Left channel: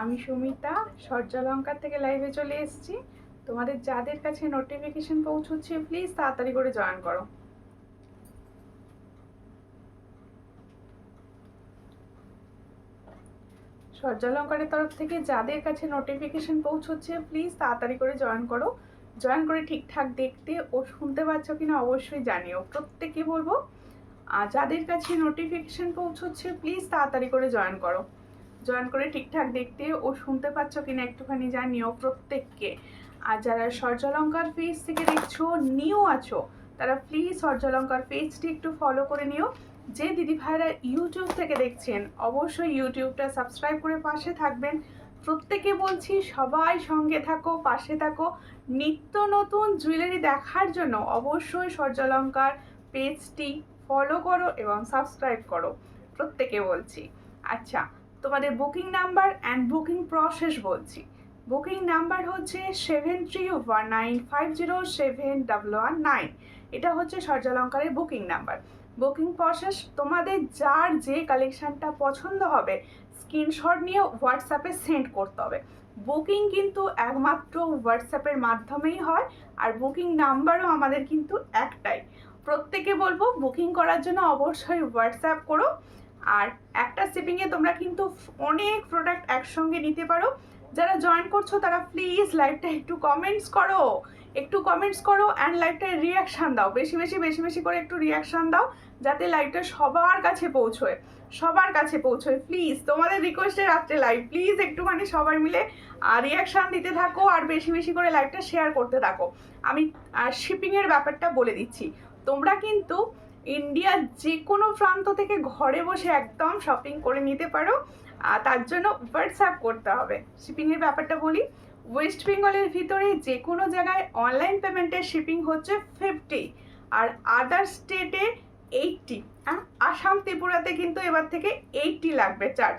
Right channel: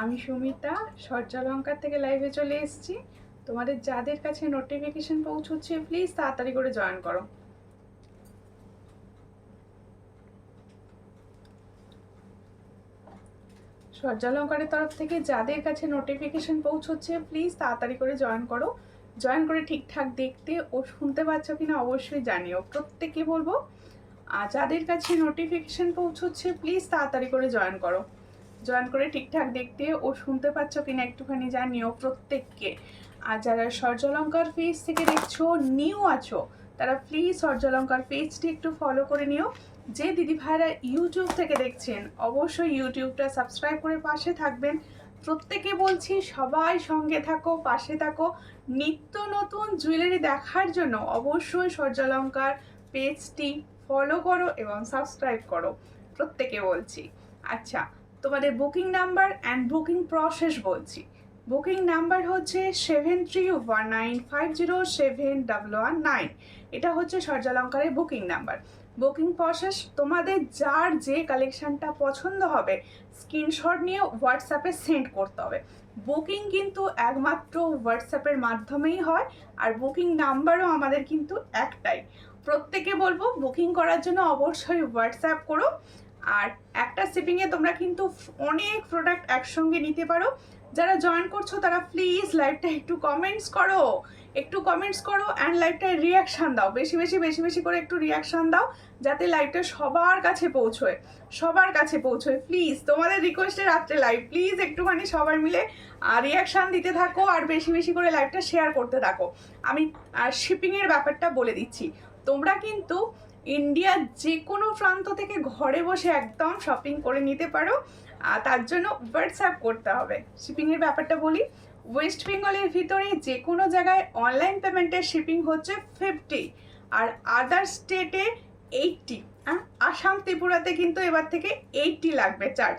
আমি সুমিতা সূর্যালঙ্কার থেকে লাইভে চলে এসেছি। তোমাদের যাদের কাছে নোটিফিকেশন পৌঁছচ্ছে প্লিজ তাড়াতাড়ি করে জয়েন করো। সূর্যালঙ্কারের তরফ থেকে যাদের কাছে নোটিফিকেশন পৌঁছচ্ছে প্লিজ তাড়াতাড়ি করে জয়েন করো। জয়েন করে ঠিকঠাক দেখতে ও শুনতে পাচ্ছ কিনা অবশ্যই জানিও। প্রত্যেকে বলবো যাদের কাছে নোটিফিকেশন পৌঁছচ্ছে প্লিজ তাড়াতাড়ি করে জয়েন করো। জয়েন করে ঠিকঠাক দেখতে ও শুনতে পাচ্ছ কিনা একটুখানি জানিও প্রত্যেককে। আর যারা সূর্যালঙ্কার পেজ থেকে দেখছো, নিউ আছো, তারা প্লিজ সূর্যালঙ্কার পেজটি একটু ফলো করে নিও। যে দিদি ভাইরা ইউটিউব থেকে দেখছেন অবশ্যই ইউটিউবটা সাবস্ক্রাইব করে পাশে থাকবেন। প্রত্যেকে বলছি সবাই সঙ্গে থাকো, পাশে থাকো। নিত্য নতুন জুয়েলারি দেখার জন্য অবশ্যই সূর্যালঙ্কার পেজটি ফলো করো এবং সাবস্ক্রাইব করো, প্রত্যেকে বলছি। আচ্ছা, তোমাদের booking number and booking process বলছি। বুকিং নাম্বার হচ্ছে 7319507119। এটা হচ্ছে সূর্যালঙ্কারের বুকিং নাম্বার। বুকিং প্রসেস, তোমাদের যার যে কালেকশানটা পছন্দ হবে স্ক্রিনশট নিয়ে হোয়াটসঅ্যাপে সেন্ড করতে হবে। বুকিং কিন্তু একমাত্র হোয়াটসঅ্যাপের মাধ্যমেই হয়, আর বুকিং নাম্বারও আমাদের কিন্তু একটাই। প্রত্যেকে বলবো বুকিং করার জন্য অবশ্যই হোয়াটসঅ্যাপ করো। আর একটা শিপিংয়ে তোমরা কিন্তু অনেক প্রোডাক্ট একসঙ্গে নিতে পারো। যারা জয়েন করছো তারা প্লিজ লাইভটা একটু কমেন্টস করো, অ্যান্ড লাইভটায় রিয়াকশান দাও। বেশি বেশি করে একটু রিয়াকশান দাও যাতে লাইভটা সবার কাছে পৌঁছয়। প্লিজ তোমাদের রিকোয়েস্টে রাত্রে লাইভ, প্লিজ একটুখানি সবাই মিলে রিয়াকশান দিতে থাকো আর বেশি করে লাইভটা শেয়ার করতে থাকো। আমি শিপিংয়ের ব্যাপারটা বলে দিচ্ছি। তোমরা কিন্তু ইন্ডিয়ার যে কোনো প্রান্ত থেকে ঘরে বসে একদম শপিং করে নিতে পারো। তার জন্য হোয়াটসঅ্যাপ করতে হবে। শিপিংয়ের ব্যাপারটা বলি, ওয়েস্ট বেঙ্গলের ভিতরে যে কোনো জায়গায় অনলাইন পেমেন্টের শিপিং হচ্ছে 50, আর আদার স্টেটে 80। আসাম ত্রিপুরাতে কিন্তু এবার থেকে 80 লাগবে চার্জ।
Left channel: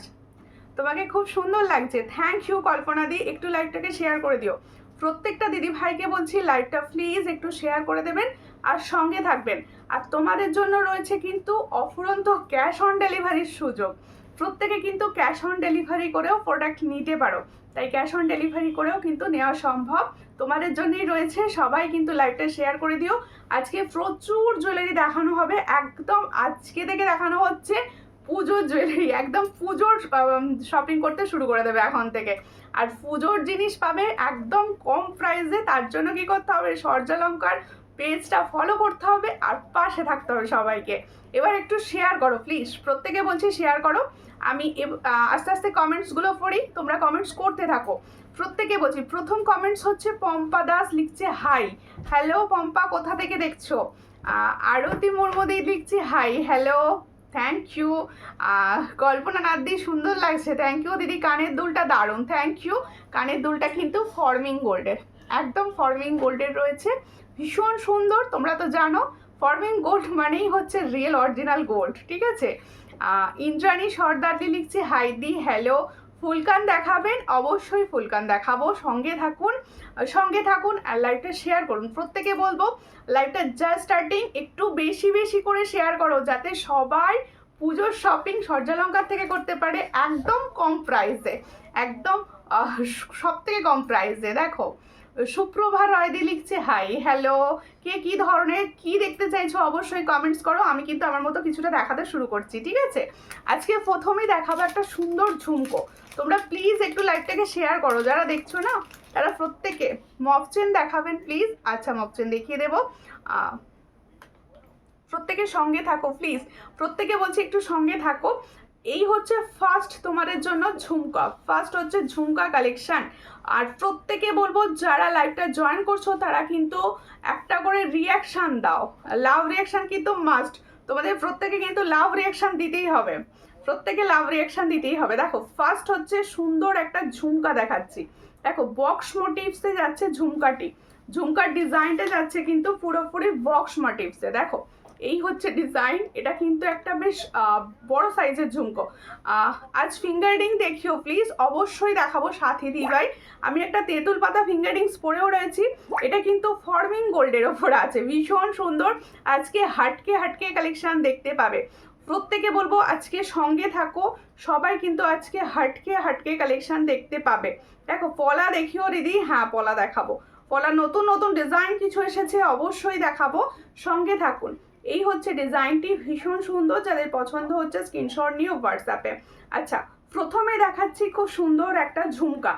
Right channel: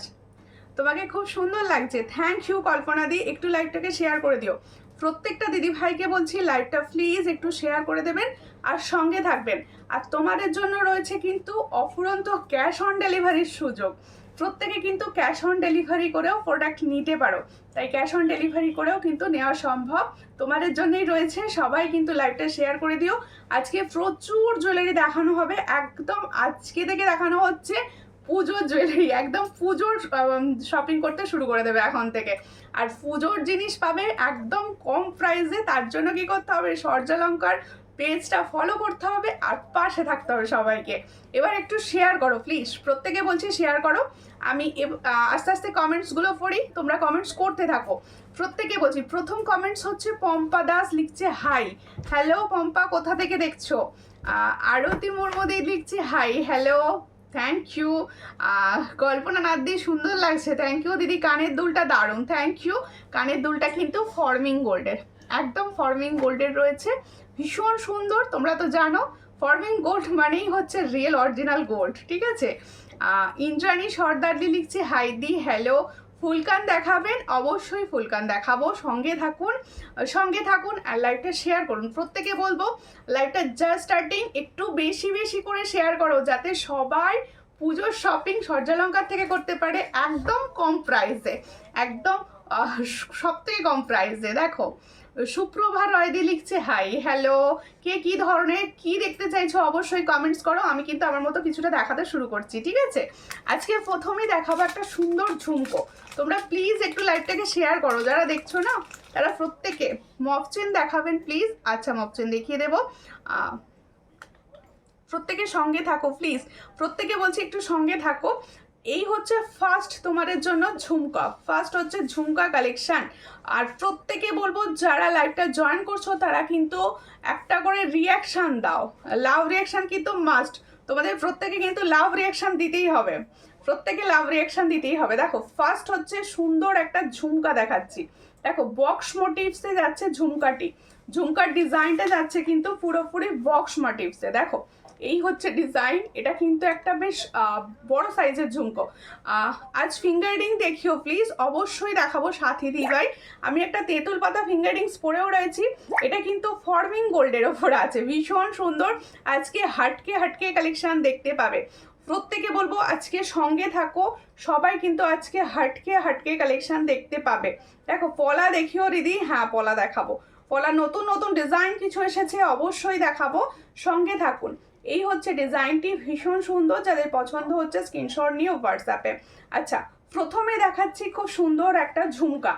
তোমাকে খুব সুন্দর লাগছে, থ্যাংক ইউ কল্পনা দি। একটু লাইভটাকে শেয়ার করে দিও। প্রত্যেকটা দিদি ভাইকে বলছি লাইভটা প্লিজ একটু শেয়ার করে দেবেন আর সঙ্গে থাকবেন। আর তোমাদের জন্য রয়েছে কিন্তু অফুরন্ত ক্যাশ অন ডেলিভারির সুযোগ। প্রত্যেকে কিন্তু ক্যাশ অন ডেলিভারি করেও প্রোডাক্ট নিতে পারো, তাই ক্যাশ অন ডেলিভারি করেও কিন্তু নেওয়া সম্ভব। তোমাদের জন্যই রয়েছে, সবাই কিন্তু লাইভটা শেয়ার করে দিও। আজকে প্রচুর জুয়েলারি দেখানো হবে, একদম আজকে থেকে দেখানো হচ্ছে পুজোর জুয়েলারি। একদম পুজোর শপিং করতে শুরু করে দেবে এখন থেকে। আর পুজোর জিনিস পাবে একদম কম প্রাইসে। তার জন্য কি করতে হবে, সূর্যালঙ্কার পেজটা ফলো করতে হবে আর পাশে থাকতে হবে সবাইকে। এবার একটু শেয়ার করো প্লিজ, প্রত্যেকে বলছি শেয়ার করো। আমি আস্তে আস্তে কমেন্টসগুলো পড়ি, তোমরা কমেন্টস করতে থাকো। প্রত্যেকে বলছি, প্রথম কমেন্টস হচ্ছে পম্পা দাস লিখছে হাই। হ্যালো পম্পা, কোথা থেকে দেখছো? আরতি মুর্মুদি লিখছে হাই, হ্যালো, থ্যাংক ইউ। কল্পনা নাদ্দি, সুন্দর লাগছে, থ্যাংক ইউ দিদি। কানের দুলটা দারুণ, থ্যাংক ইউ। কানের দুলটা কিন্তু ফর্মিং গোল্ডের, একদম ফর্মিং গোল্ডের রয়েছে, ভীষণ সুন্দর। তোমরা তো জানো ফর্মিং গোল্ড মানেই হচ্ছে রিয়েল অরিজিনাল গোল্ড, ঠিক আছে। ইন্দ্রাণী সর্দারলি লিখছে হাই দি, হ্যালো। ফুলকান দেখাবেন? অবশ্যই ফুলকান দেখাবো, সঙ্গে থাকুন আর লাইভটা শেয়ার করুন। প্রত্যেকে বলবো লাইভটা জাস্ট স্টার্টিং, একটু বেশি করে শেয়ার করো যাতে সবাই পুজোর শপিং সূর্যালঙ্কার থেকে করতে পারে একদম কম প্রাইসে, একদম সব থেকে কম প্রাইসে। দেখো সুপ্রভা রয়দি লিখছে হাই, হ্যালো। কে কি ধরনের কি দেখতে চাইছো অবশ্যই কমেন্টস করো। আমি কিন্তু আমার মতো কিছুটা দেখাতে শুরু করছি, ঠিক আছে। আজকে প্রথমেই দেখাবো একটা সুন্দর ঝুমকো। তোমরা প্লিজ একটু লাইভটাকে শেয়ার করো, যারা দেখছো না তারা প্রত্যেকে। মফচেন দেখাবেন প্লিজ? আচ্ছা মফচেন দেখিয়ে দেবো। প্রত্যেকে সঙ্গে থাকো প্লিজ, প্রত্যেকে বলছি একটু সঙ্গে থাকো। এই হচ্ছে ফার্স্ট তোমাদের জন্য ঝুমকা, ফার্স্ট হচ্ছে ঝুমকা কালেকশন। আর প্রত্যেকে বলবো যারা লাইভটা জয়েন করছো তারা কিন্তু একটা করে রিয়াকশান দাও, লাভ রিয়াকশান কিন্তু মাস্ট। তোমাদের প্রত্যেকে কিন্তু লাভ রিয়াকশান দিতেই হবে, প্রত্যেকে লাভ রিয়াকশান দিতেই হবে। দেখো ফার্স্ট হচ্ছে সুন্দর একটা ঝুমকা দেখাচ্ছি। দেখো বক্স মোটিভসে যাচ্ছে ঝুমকাটি, ঝুমকার ডিজাইনটা যাচ্ছে কিন্তু পুরোপুরি বক্স মোটিভসে। দেখো এই হচ্ছে ডিজাইন, এটা কিন্তু একটা বেশ বড় সাইজের ঝুমকো। আজ ফিঙ্গারিং দেখিও প্লিজ, অবশ্যই দেখাবো সাথী দিভাই। আমি একটা তেঁতুল পাতা ফিঙ্গারিংস পরেও রয়েছি, এটা কিন্তু ফর্মিং গোল্ডের ওপর আছে, ভীষণ সুন্দর। আজকে হাটকে কালেকশন দেখতে পাবে। প্রত্যেকে বলবো আজকে সঙ্গে থাকো, সবাই কিন্তু আজকে হাটকে হাটকে কালেকশন দেখতে পাবে। দেখো পলা দেখিও দিদি, হ্যাঁ পলা দেখাবো, পলা নতুন নতুন ডিজাইন কিছু এসেছে, অবশ্যই দেখাবো, সঙ্গে থাকুন। এই হচ্ছে ডিজাইনটি, ভীষণ সুন্দর, যাদের পছন্দ হচ্ছে স্ক্রিনশট নিয়ে হোয়াটসঅ্যাপে। আচ্ছা প্রথমে দেখাচ্ছি খুব সুন্দর একটা ঝুমকা।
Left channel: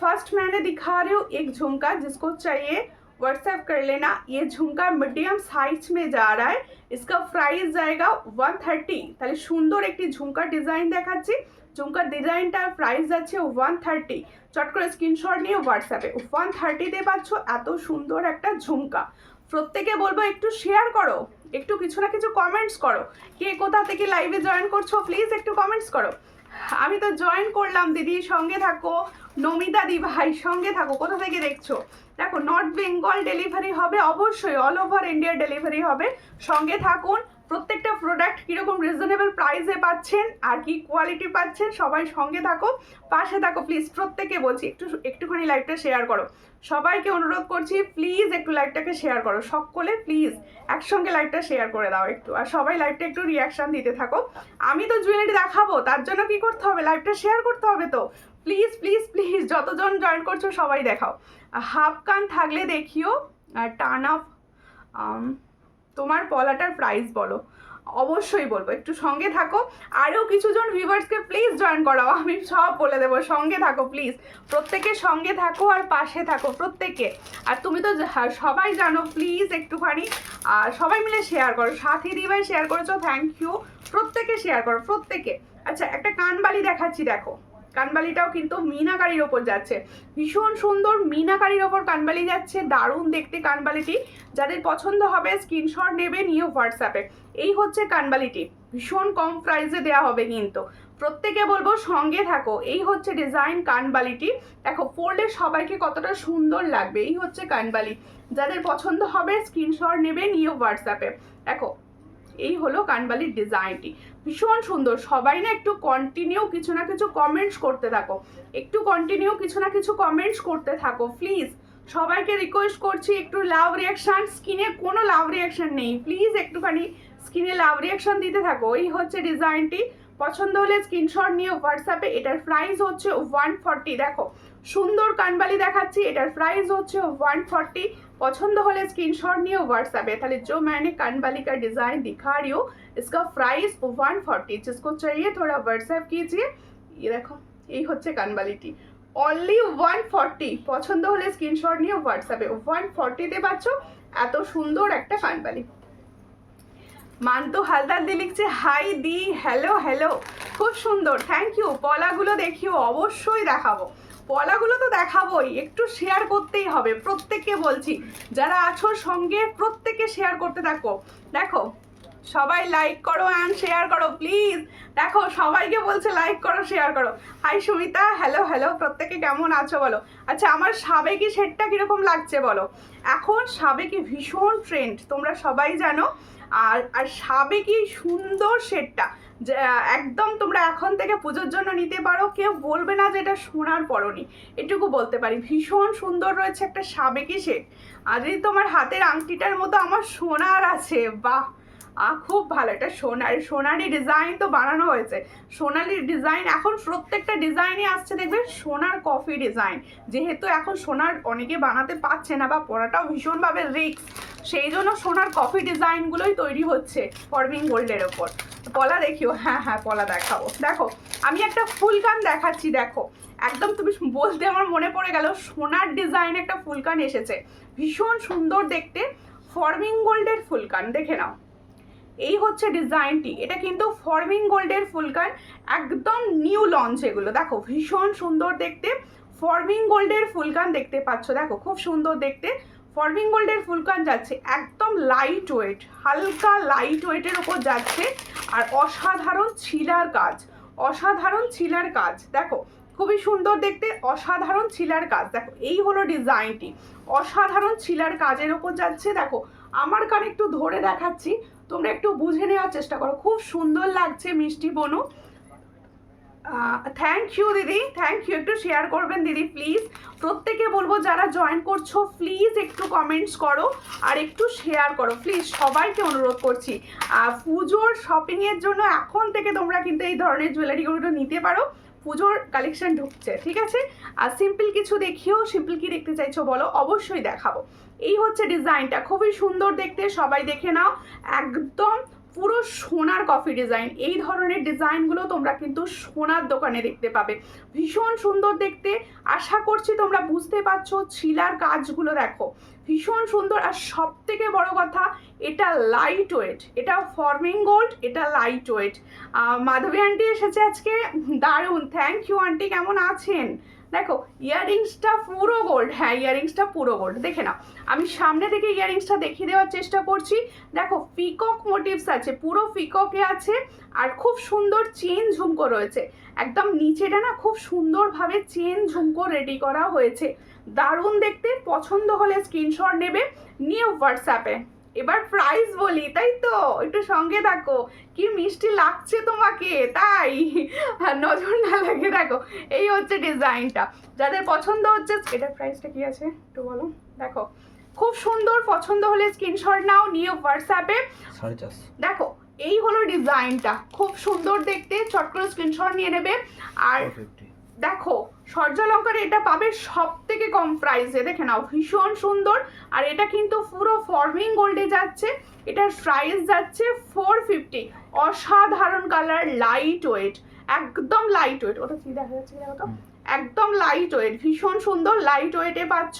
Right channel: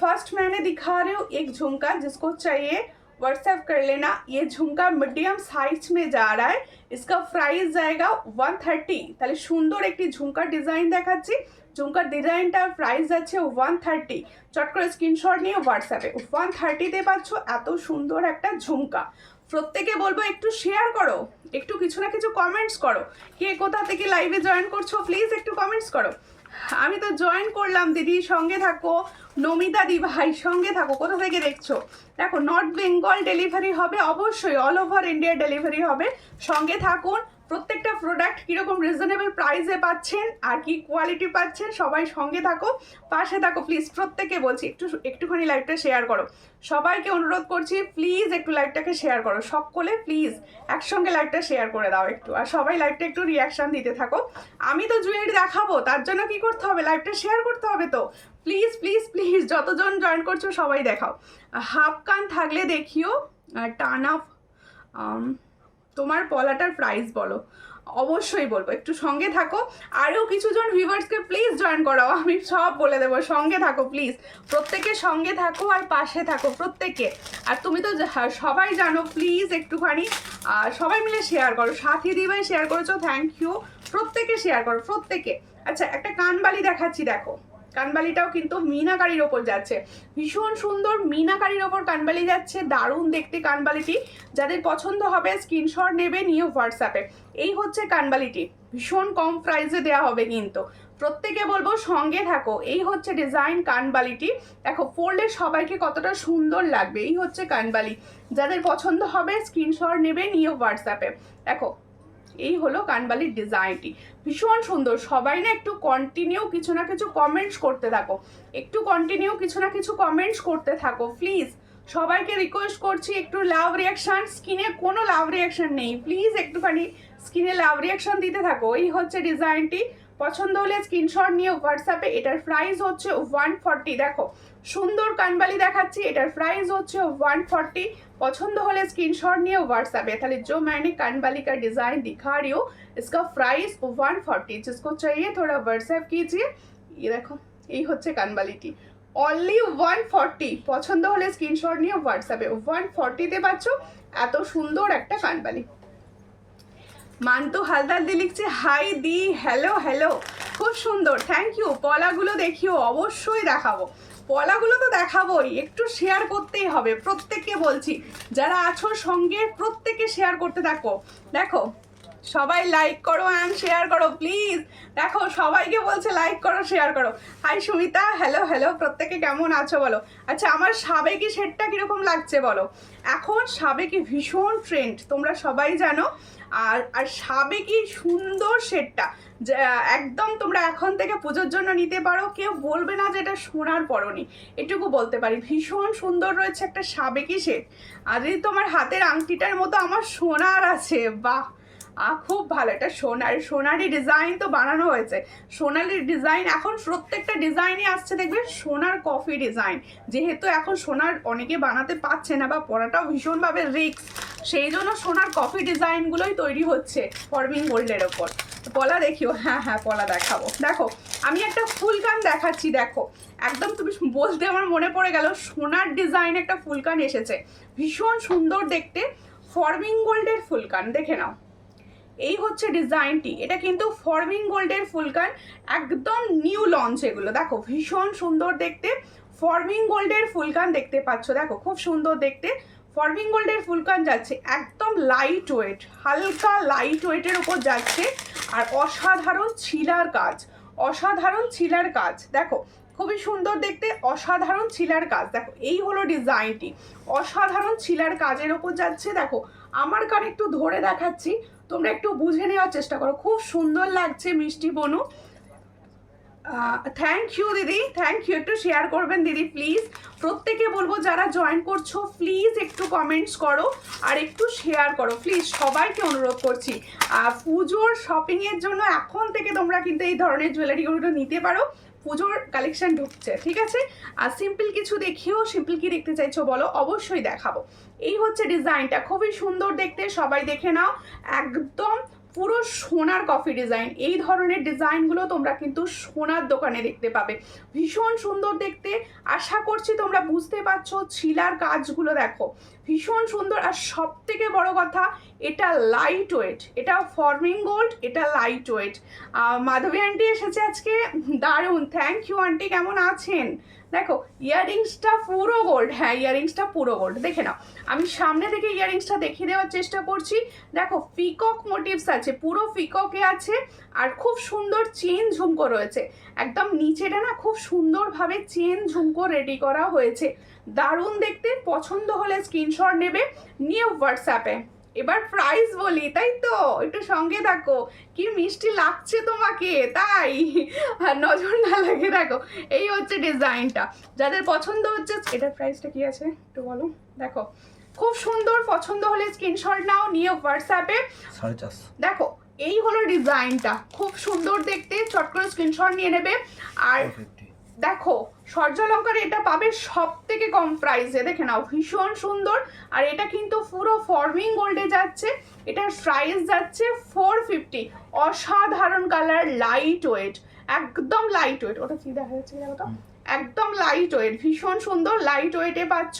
फर्स्ट मैंने दिखा रही हूँ एक झुमका, जिसको चाहिए व्हाट्सएप कर लेना। ये झुमका मीडियम साइज में जा रहा है, इसका प्राइस जाएगा 130। তাহলে সুন্দর একটি ঝুমকার ডিজাইন দেখাচ্ছি, ঝুমকার ডিজাইনটার প্রাইস আছে 130। চট করে স্ক্রিনশট নিয়ে হোয়াটসঅ্যাপে 130-তে পাচ্ছ এত সুন্দর একটা ঝুমকা। প্রত্যেকে বলবো একটু শেয়ার করো, একটু কিছু না কিছু কমেন্টস করো, কে কোথা থেকে লাইভে জয়েন করছো প্লিজ একটু কমেন্টস করো। আমি তো জয়েন করলাম দিদি, সঙ্গে থাকো। নমিতা দি ভাই সঙ্গে থাকো, কোথা থেকে দেখছো? দেখো নর্থ বেঙ্গল ডেলিভারি হবে, অবশ্যই অল ওভার ইন্ডিয়া ডেলিভারি হবে, সঙ্গে থাকুন। প্রত্যেকটা প্রোডাক্ট কীরকম রিজনেবল প্রাইসে পাচ্ছেন আর কি কোয়ালিটি পাচ্ছেন, সবাই সঙ্গে থাকো, পাশে থাকো প্লিজ। প্রত্যেকে বলছি একটুখানি লাইভটা শেয়ার করো, সবাইকে অনুরোধ করছি প্লিজ একটু লাইভটাকে শেয়ার করো, সকলে প্লিজ একসঙ্গে লাইভটা শেয়ার করে দাও একটু, আর সবাই লাইভটা একটু রিয়াকশান দিতে থাকো। আমি তো জুয়েলারি দেখাবো, তার জন্য কি করতে হবে, লাইভটা শেয়ার করতে হবে। তো প্লিজ প্লিজ প্লিজ যতজন জয়েন করছো সবাই দেখাও। হাফ কান থাকলে দেখিও, টান আপ। তোমার পলাটার প্রাইস বলো, অবশ্যই বলবো, একটু সঙ্গে থাকো। আরও কিছুজন ভিউয়ার্সকে প্লিজ জয়েন করাও, আমি সব বলে দেবো, সঙ্গে থাকো প্লিজ, প্রত্যেকে সঙ্গে থাকো আর পাশে থাকো প্রত্যেকে। আর তুমি তো সবাই জানো, প্লিজ একটুখানি সবাই মিলে শেয়ার করো। সাথী দিবাই শেয়ার করেছো, থ্যাংক ইউ, প্রত্যেকে শেয়ার করো প্রত্যেকে। আচ্ছা একটা কানবালি দেখাচ্ছি, দেখো কানবালিটাও কিন্তু মিনাকারির ওপর যাচ্ছে, ভীষণ সুন্দর মিনাকারির ওপর কানবালি যাচ্ছে, দারুণ দেখতে কানবালিটি। যাদের পছন্দ হবে স্ক্রিনশট নেবে নিয়ে হোয়াটসঅ্যাপে। এই হচ্ছে কানবালিটি, ভীষণ কম প্রাইসে দেওয়া হবে কিন্তু, প্রত্যেকে বলবো সঙ্গে থাকো। এই হচ্ছে ডিজাইন কানবালিটি, দেখো পরলে সবাইকে কতটা সুন্দর লাগবে। এই হচ্ছে কানবালি, যাদের পছন্দ হবে স্ক্রিনশট নেবে নিয়ে হোয়াটসঅ্যাপে। দেখো এই হলো কানবালির ডিজাইনটি, ভীষণ সুন্দর। সবাই না একটু কন্টিনিউ কিছু না কিছু কমেন্টস করতে থাকো, একটু কন্টিনিউ কিছু না কিছু কমেন্টস করতে থাকো প্লিজ, সবাইকে রিকোয়েস্ট করছি একটু লাভ রিয়াকশান। স্ক্রিনে কোনো লাভ রিয়াকশান নেই, প্লিজ একটুখানি স্ক্রিনে লাভ রিয়াকশান দিতে থাকো। এই হচ্ছে ডিজাইনটি, পছন্দ হলে স্ক্রিনশট নিয়ে হোয়াটসঅ্যাপে। এটার প্রাইস হচ্ছে 140। দেখো সুন্দর কানবালি দেখাচ্ছি, এটার প্রাইস হচ্ছে 140। पसंद होले स्क्रीनशॉट নিয়ে व्हाट्सएप। তাহলে जो मैंने कानबाली का डिज़ाइन दिखा रही हूँ इसका प्राइस 140, जिसको चाहिए थोड़ा व्हाट्सएप कीजिए। ये देखो এই হচ্ছে কানবালিটি, অনলি 140। পছন্দ হলে স্ক্রিনশট নিয়ে হোয়াটসঅ্যাপে 140-তে পাচ্ছ এত সুন্দর একটা কানবালি। মান্তু হালদার দি লিখছে হাই দি, হ্যালো হ্যালো, খুব সুন্দর, থ্যাংক ইউ। পলাগুলো দেখিও, অবশ্যই দেখাবো, পলাগুলো তো দেখাবোই, একটু শেয়ার করতেই হবে। প্রত্যেককে বলছি যারা আছো সঙ্গে প্রত্যেকে শেয়ার করতে থাকো। দেখো সবাই লাইক করো অ্যান্ড শেয়ার করো প্লিজ। দেখো সবাইকে বলছে লাইক করো শেয়ার করো। হাই সুমিতা, হ্যালো হ্যালো, প্রত্যেকে কেমন আছো বলো। আচ্ছা আমার সাবেকি সেটটা কীরকম লাগছে বলো। এখন সাবেকি ভীষণ ট্রেন্ড, তোমরা সবাই জানো। আর সাবেকি সুন্দর সেটটা একদম তোমরা এখন থেকে পুজোর জন্য নিতে পারো, কেউ বলবে না যে এটা সোনার পরনি, এটুকু বলতে পারি। ভীষণ সুন্দর রয়েছে একটা সাবেকি সেট। আর যদি তোমার হাতের আংটিটার মতো আমার সোনার আছে, বাহ খুব ভালো। এটা সোনালি ডিজাইন তো বানানো হয়েছে, সোনালি ডিজাইন। এখন প্রত্যেকটা ডিজাইনই আসছে দেখবে সোনার কফি ডিজাইন, যেহেতু এখন সোনার অনেকে বানাতে পারছে না বা পরাটাও ভীষণভাবে রিস্ক, সেই জন্য সোনার কফি ডিজাইনগুলোই তৈরি হচ্ছে ফরবিং গোল্ডের ওপর। পলা দেখিও, হ্যাঁ হ্যাঁ পলা দেখাবো। দেখো আমি একটা ফুলকান দেখাচ্ছি, দেখো একদম তুমি বলতে আমার মনে পড়ে গেল, সোনার ডিজাইন একটা ফুলকান এসেছে, ভীষণ সুন্দর দেখতে, ফরবিং গোল্ডের ফুলকান, দেখে নাও। এই হচ্ছে ডিজাইনটি, এটা কিন্তু ফরবিং গোল্ডের ফুলকান, একদম নিউ লঞ্চ এগুলো। দেখো ভীষণ সুন্দর দেখতে, ফরবিং গোল্ডের ফুলকান দেখতে পাচ্ছ, দেখো খুব সুন্দর দেখতে। ফরবিং গোল্ডের ফুলকান যাচ্ছে একদম লাইট ওয়েট, হালকা লাইট ওয়েটের ওপর যাচ্ছে। আর অসাধারণ ছিলার কাজ, অসাধারণ ছিলার কাজ, দেখো খুবই সুন্দর দেখতে, অসাধারণ ছিলার কাজ। দেখো এই হলো ডিজাইনটি, অসাধারণ ছিলার কাজের ওপর যাচ্ছে। দেখো আমার কান একটু ধরে দেখাচ্ছি, তোমরা একটু বুঝে নেওয়ার চেষ্টা করো, খুব সুন্দর লাগছে মিষ্টি বনু। থ্যাংক ইউ দিদি, থ্যাংক ইউ। একটু শেয়ার করবেন দিদি প্লিজ। প্রত্যেকে বলবো যারা জয়েন করছো প্লিজ একটু কমেন্টস করো আর একটু শেয়ার করো প্লিজ, সবাইকে অনুরোধ করছি। পুজোর শপিংয়ের জন্য এখন থেকে তোমরা কিন্তু এই ধরনের জুয়েলারিগুলো নিতে পারো, পুজোর কালেকশন ঢুকছে, ঠিক আছে। আর সিম্পল কিছু দেখিও, সিম্পল কি দেখতে চাইছো বলো, অবশ্যই দেখাবো। এই হচ্ছে ডিজাইনটা, খুবই সুন্দর দেখতে, সবাই দেখে নাও। একদম পুরো সোনার কফি ডিজাইন। এই ধরনের ডিজাইনগুলো তোমরা কিন্তু সোনার দোকানে দেখতে পাবে, ভীষণ সুন্দর দেখতে। আশা করছি তোমরা বুঝতে পারছো, ছিলার কাজগুলো দেখো ভীষণ সুন্দর। আর সব থেকে বড় কথা, এটা লাইট ওয়েট, এটা ফর্মিং গোল্ড, এটা লাইট ওয়েট। মাধবী আন্টি এসেছে আজকে, দারুণ, থ্যাংক ইউ আন্টি। কেমন আছেন? দেখো ইয়াররিংসটা পুরো গোল্ড, হ্যাঁ ইয়াররিংসটা পুরো গোল্ড। দেখে নাও, আমি সামনে থেকে ইয়াররিংসটা দেখিয়ে দেওয়ার চেষ্টা করছি। দেখো পিকক মোটিভস আছে, পুরো পিককে আছে, আর খুব সুন্দর চেন ঝুমকো রয়েছে। একদম নিচেটা না খুব সুন্দরভাবে চেন ঝুমকো রেডি করা হয়েছে, দারুণ দেখতে। পছন্দ হলে স্ক্রিনশট নেবে, নিয়ে হোয়াটসঅ্যাপে। এবার প্রাইস বলি, তাই তো? একটু সঙ্গে থাকো, কি মিষ্টি লাগছে তোমাকে, তাই নজর না লাগে। দেখো এই হচ্ছে ডিজাইনটা, যাদের পছন্দ হচ্ছে। এটার প্রাইসটা কি আছে একটু বলো। দেখো খুব সুন্দর, পছন্দ হলে স্ক্রিনশট নাও, নিয়ে হোয়াটসঅ্যাপে। 450। দেখো এই হলো ডিজাইনটা, খুব সুন্দর দেখতে, চট করে স্ক্রিনশট নিয়ে নেবে। আর দেখো সূর্যালঙ্কারে এটা পাবে সব থেকে কম প্রাইসে, দেখে নাও ভীষণ সুন্দর। আর এটা কিন্তু পুরো ফর্মিং গোল্ডে যাচ্ছে, এটার প্রাইস যাচ্ছে 450। অসাধারণ কালার, লাইট ওয়েট, একদম লাইট ওয়েট। ওটা কি দেখা যাচ্ছে দেখো তো, একদম লাইট ওয়েট, ভীষণ সুন্দর লাইট ওয়েটে পাচ্ছ।